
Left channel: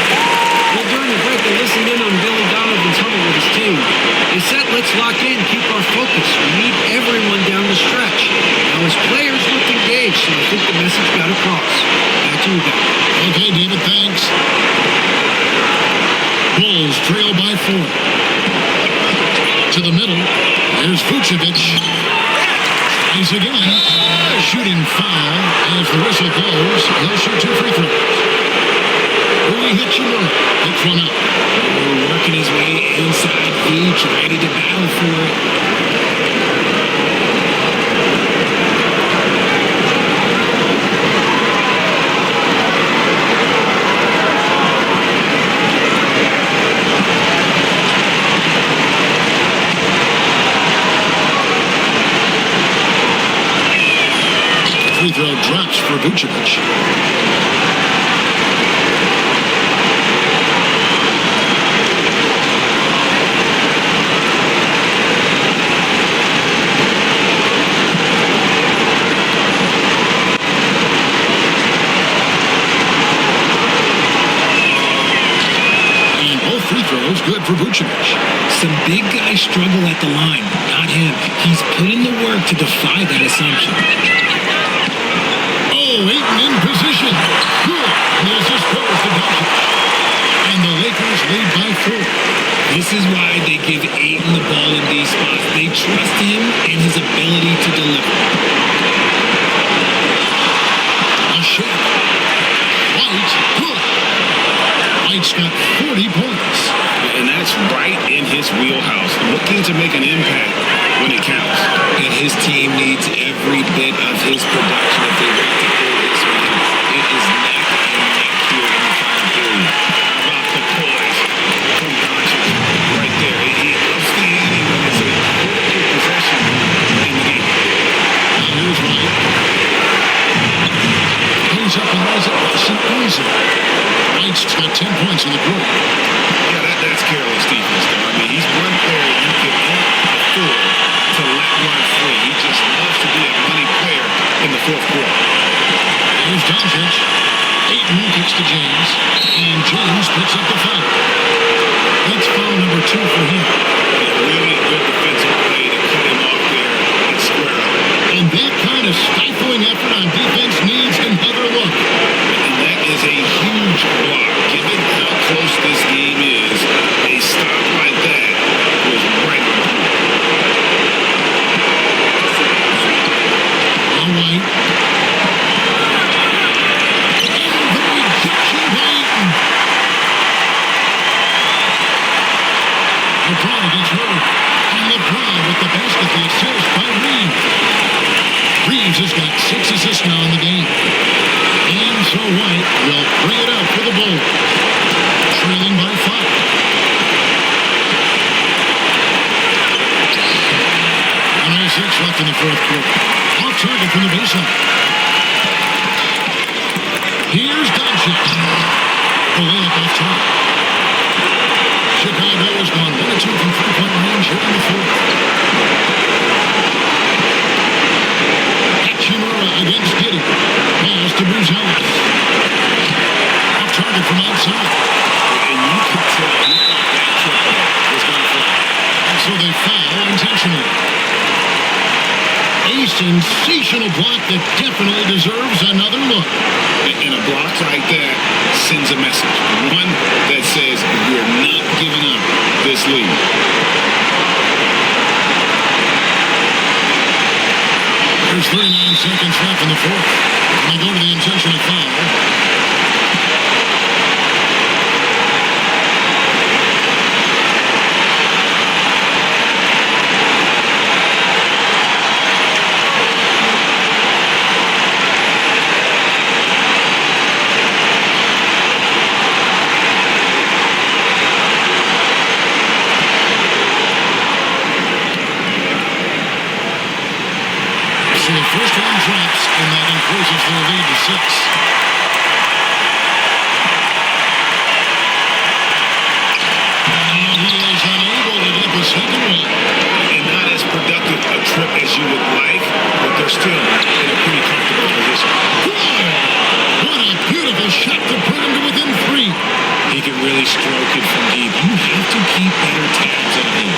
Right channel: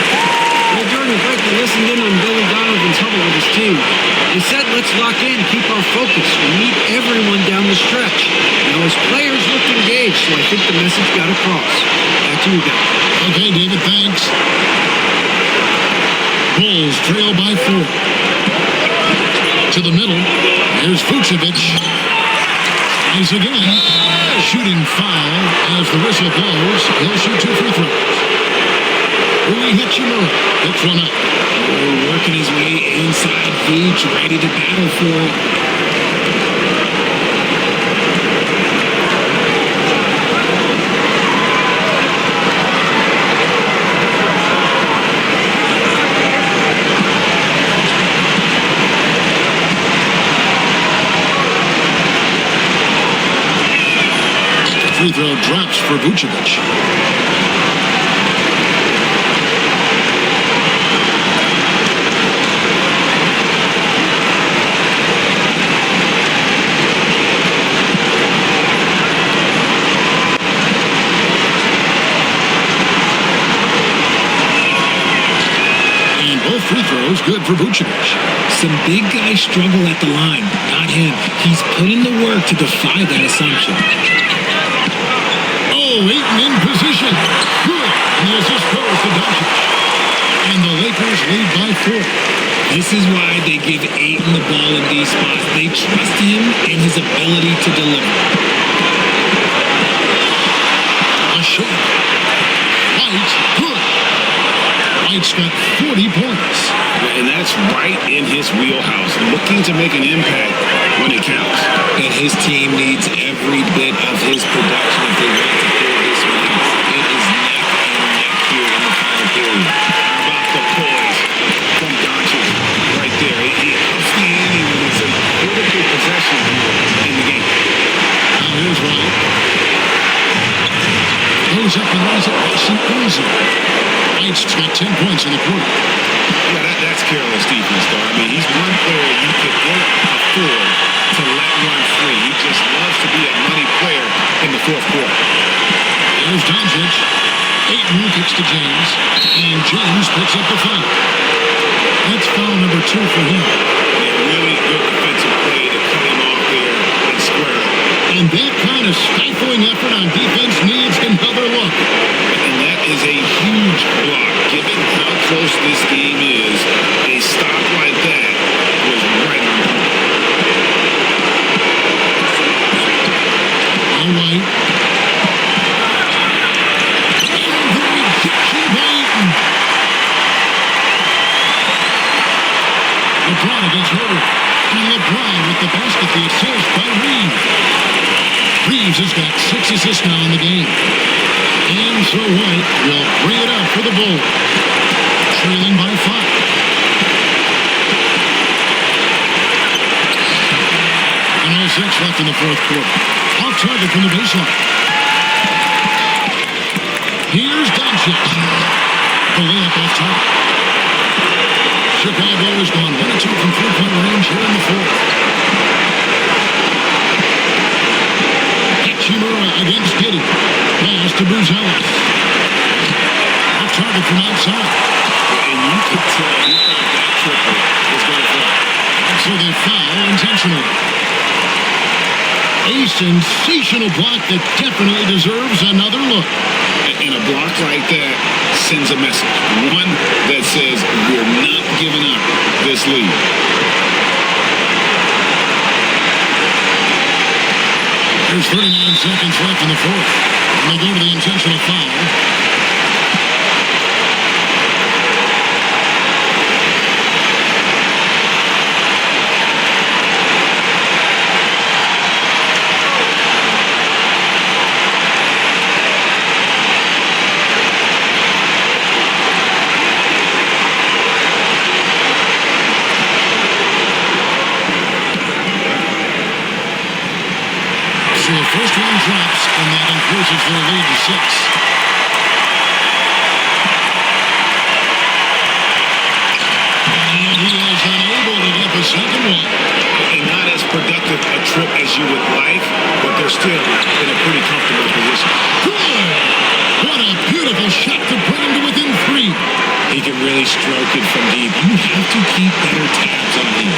Well, during the break, I listened in on Billy Donovan's huddle with his team. They said, let's lock in, keep our focus. We need everyone down the stretch. Now, his players looked engaged, so I think the message got across. Back to you guys. Okay, David, thanks. Bulls trail by 4. To the middle. There's Vucevic. Tries again. Shooting foul as the whistle blows. He'll shoot 2 free throws. Rui Hachimura picks one up. Oh, working his way inside Vooch, ready to battle for it. Free throw drops for Vucevic. And both free throws good for Vucevic. Some big guys struggle at the line, not him. He's put in the work to defy that assumption. Ayton in position. Good. And the assist goes to Doncic. And the Lakers lead by 4. This is why they give Ayton the ball in these spots. They trust him in his ability to deliver. A shake. White. Good. White's got 40 points. And that's right in his wheelhouse, looking to make an impact when it counts. And his team needs every bit of his production if they want to pull this one out. It is neck and neck here in the final period. How about the poise from Doncic right there? He ups the ante when it's a critical possession here in the game. Now here's White. Goes up and lays it nice and easy. White's got 10 points in the quarter. Yeah, that's careless defense, though. I mean, he's one player you could ill afford to let run free. He just loves to be a money player in the fourth quarter. Here's Doncic. Ayton kicks to James, and James picks up the foul. That's foul number 2 for him. Yeah, really good defensive play to cut him off there and square up. And that kind of stifling effort on defense needs another look. And that is a huge block. Given how close this game is, a stop like that was right on point. Now White LeBron against Herter. And LeBron with the basket, the assist by Reeves. Reeves has got 6 assists now in the game. And so White will bring it up for the Bulls. Trailing by 5. 1:06 left in the fourth quarter. Off target from the baseline. Here's Doncic. The layup off target. Chicago has gone 1 of 2 from three-point range here in the fourth. Hachimura against Giddey. Pass to Buzelis. Off target from outside. And you could tell he thought that triple was going to fall. And so they foul intentionally. A sensational block that definitely deserves another look. And a block like that sends a message. One that says we're not giving up this lead. There's 39 seconds left in the fourth. And they go to the intentional foul. So the first one drops, and that increases their lead to 6. And he is unable to get the second one. And not as productive a trip as you would like, but they're still in a pretty comfortable position. Good! What a beautiful shot to bring him to within 3. He can really stroke it from deep. You have to keep better tabs on him.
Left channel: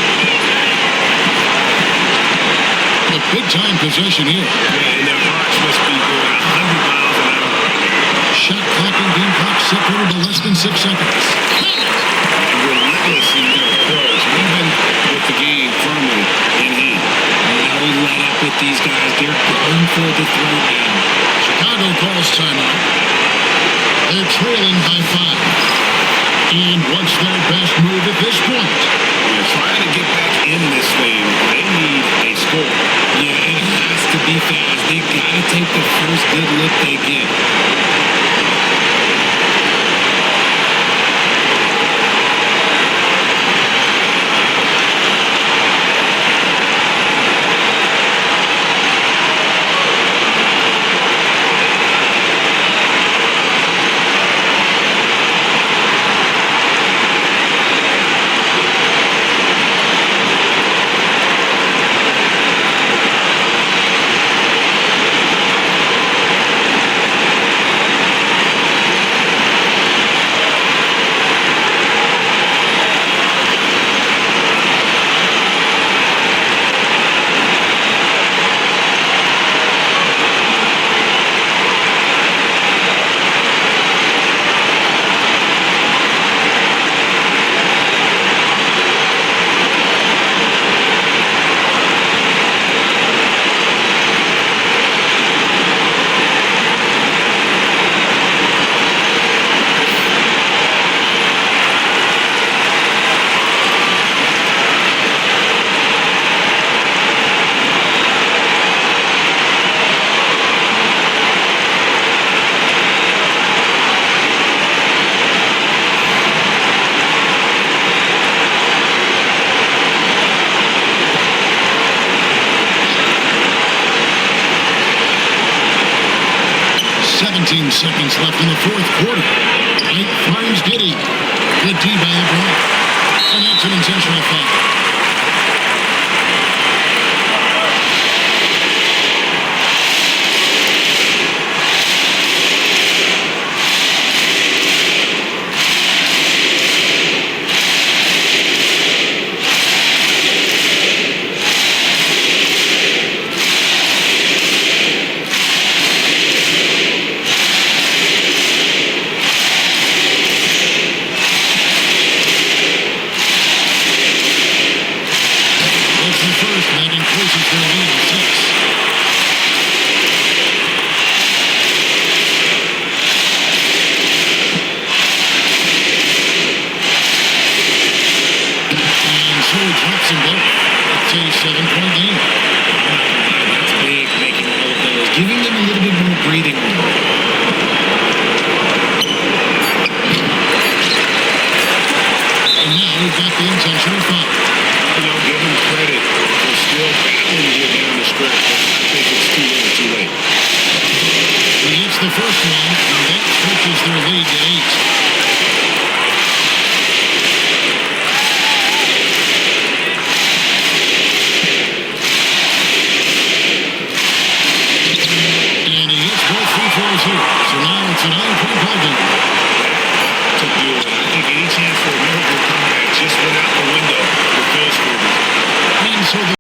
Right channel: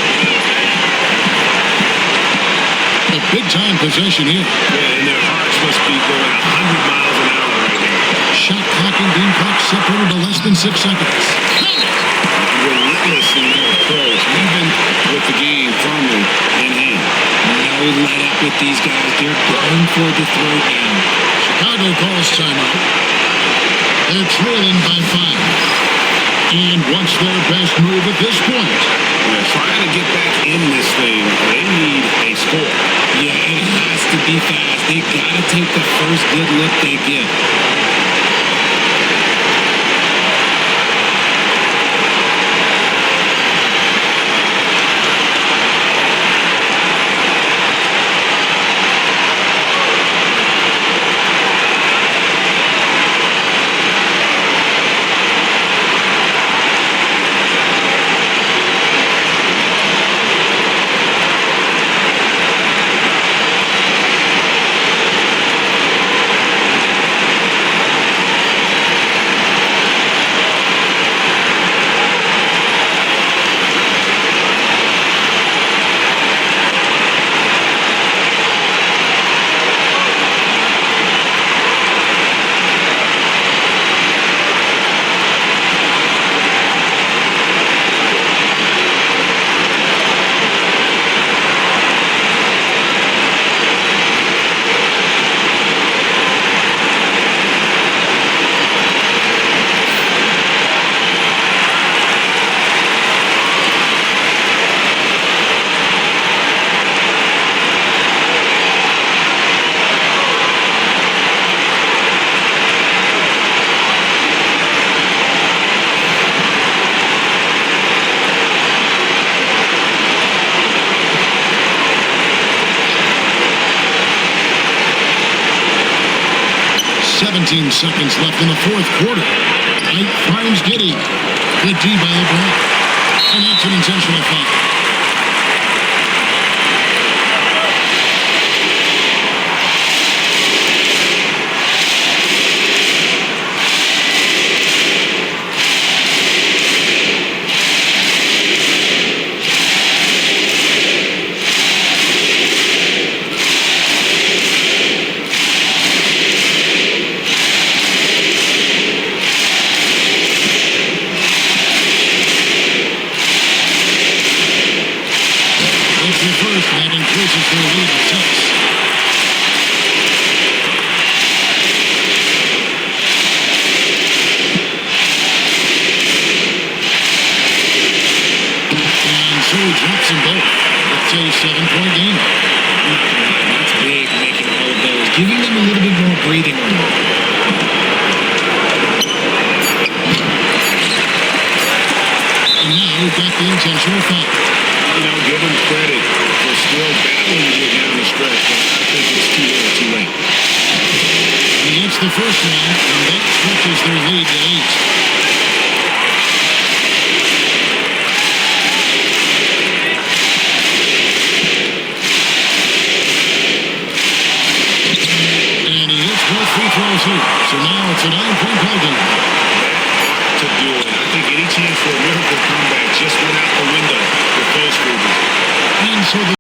A big-time possession here. Yeah, and their hearts must be going 100 miles an hour right now. Shot clock and game clock separated by less than 6 seconds. Count it! Relentless in their approach, even with the game firmly in hand. No let up with these guys. They're going for the throat now. Chicago calls timeout. They're trailing by 5. And what's their best move at this point? Yeah, trying to get back in this thing, they need a score. Yeah, it has to be fast. They got to take the first good look they get. Seventeen seconds left in the fourth quarter. White finds Giddey. Good D by LeBron. And that's an intentional foul. The first, and that increases their lead to 6. And so hits them both. It's a 7-point game. I'm not going to lie, that's big, making all of those, giving them a little bit more breathing room. And now we've got the intentional foul. You know, give them credit for still battling here down the stretch, but I think it's too little, too late. He hits the first one, and that stretches their lead to 8. Both free throws here. So now it's a 9-point ball game. That ought to do it. I think any chance for a miracle comeback just went out the window with those freebies. And so the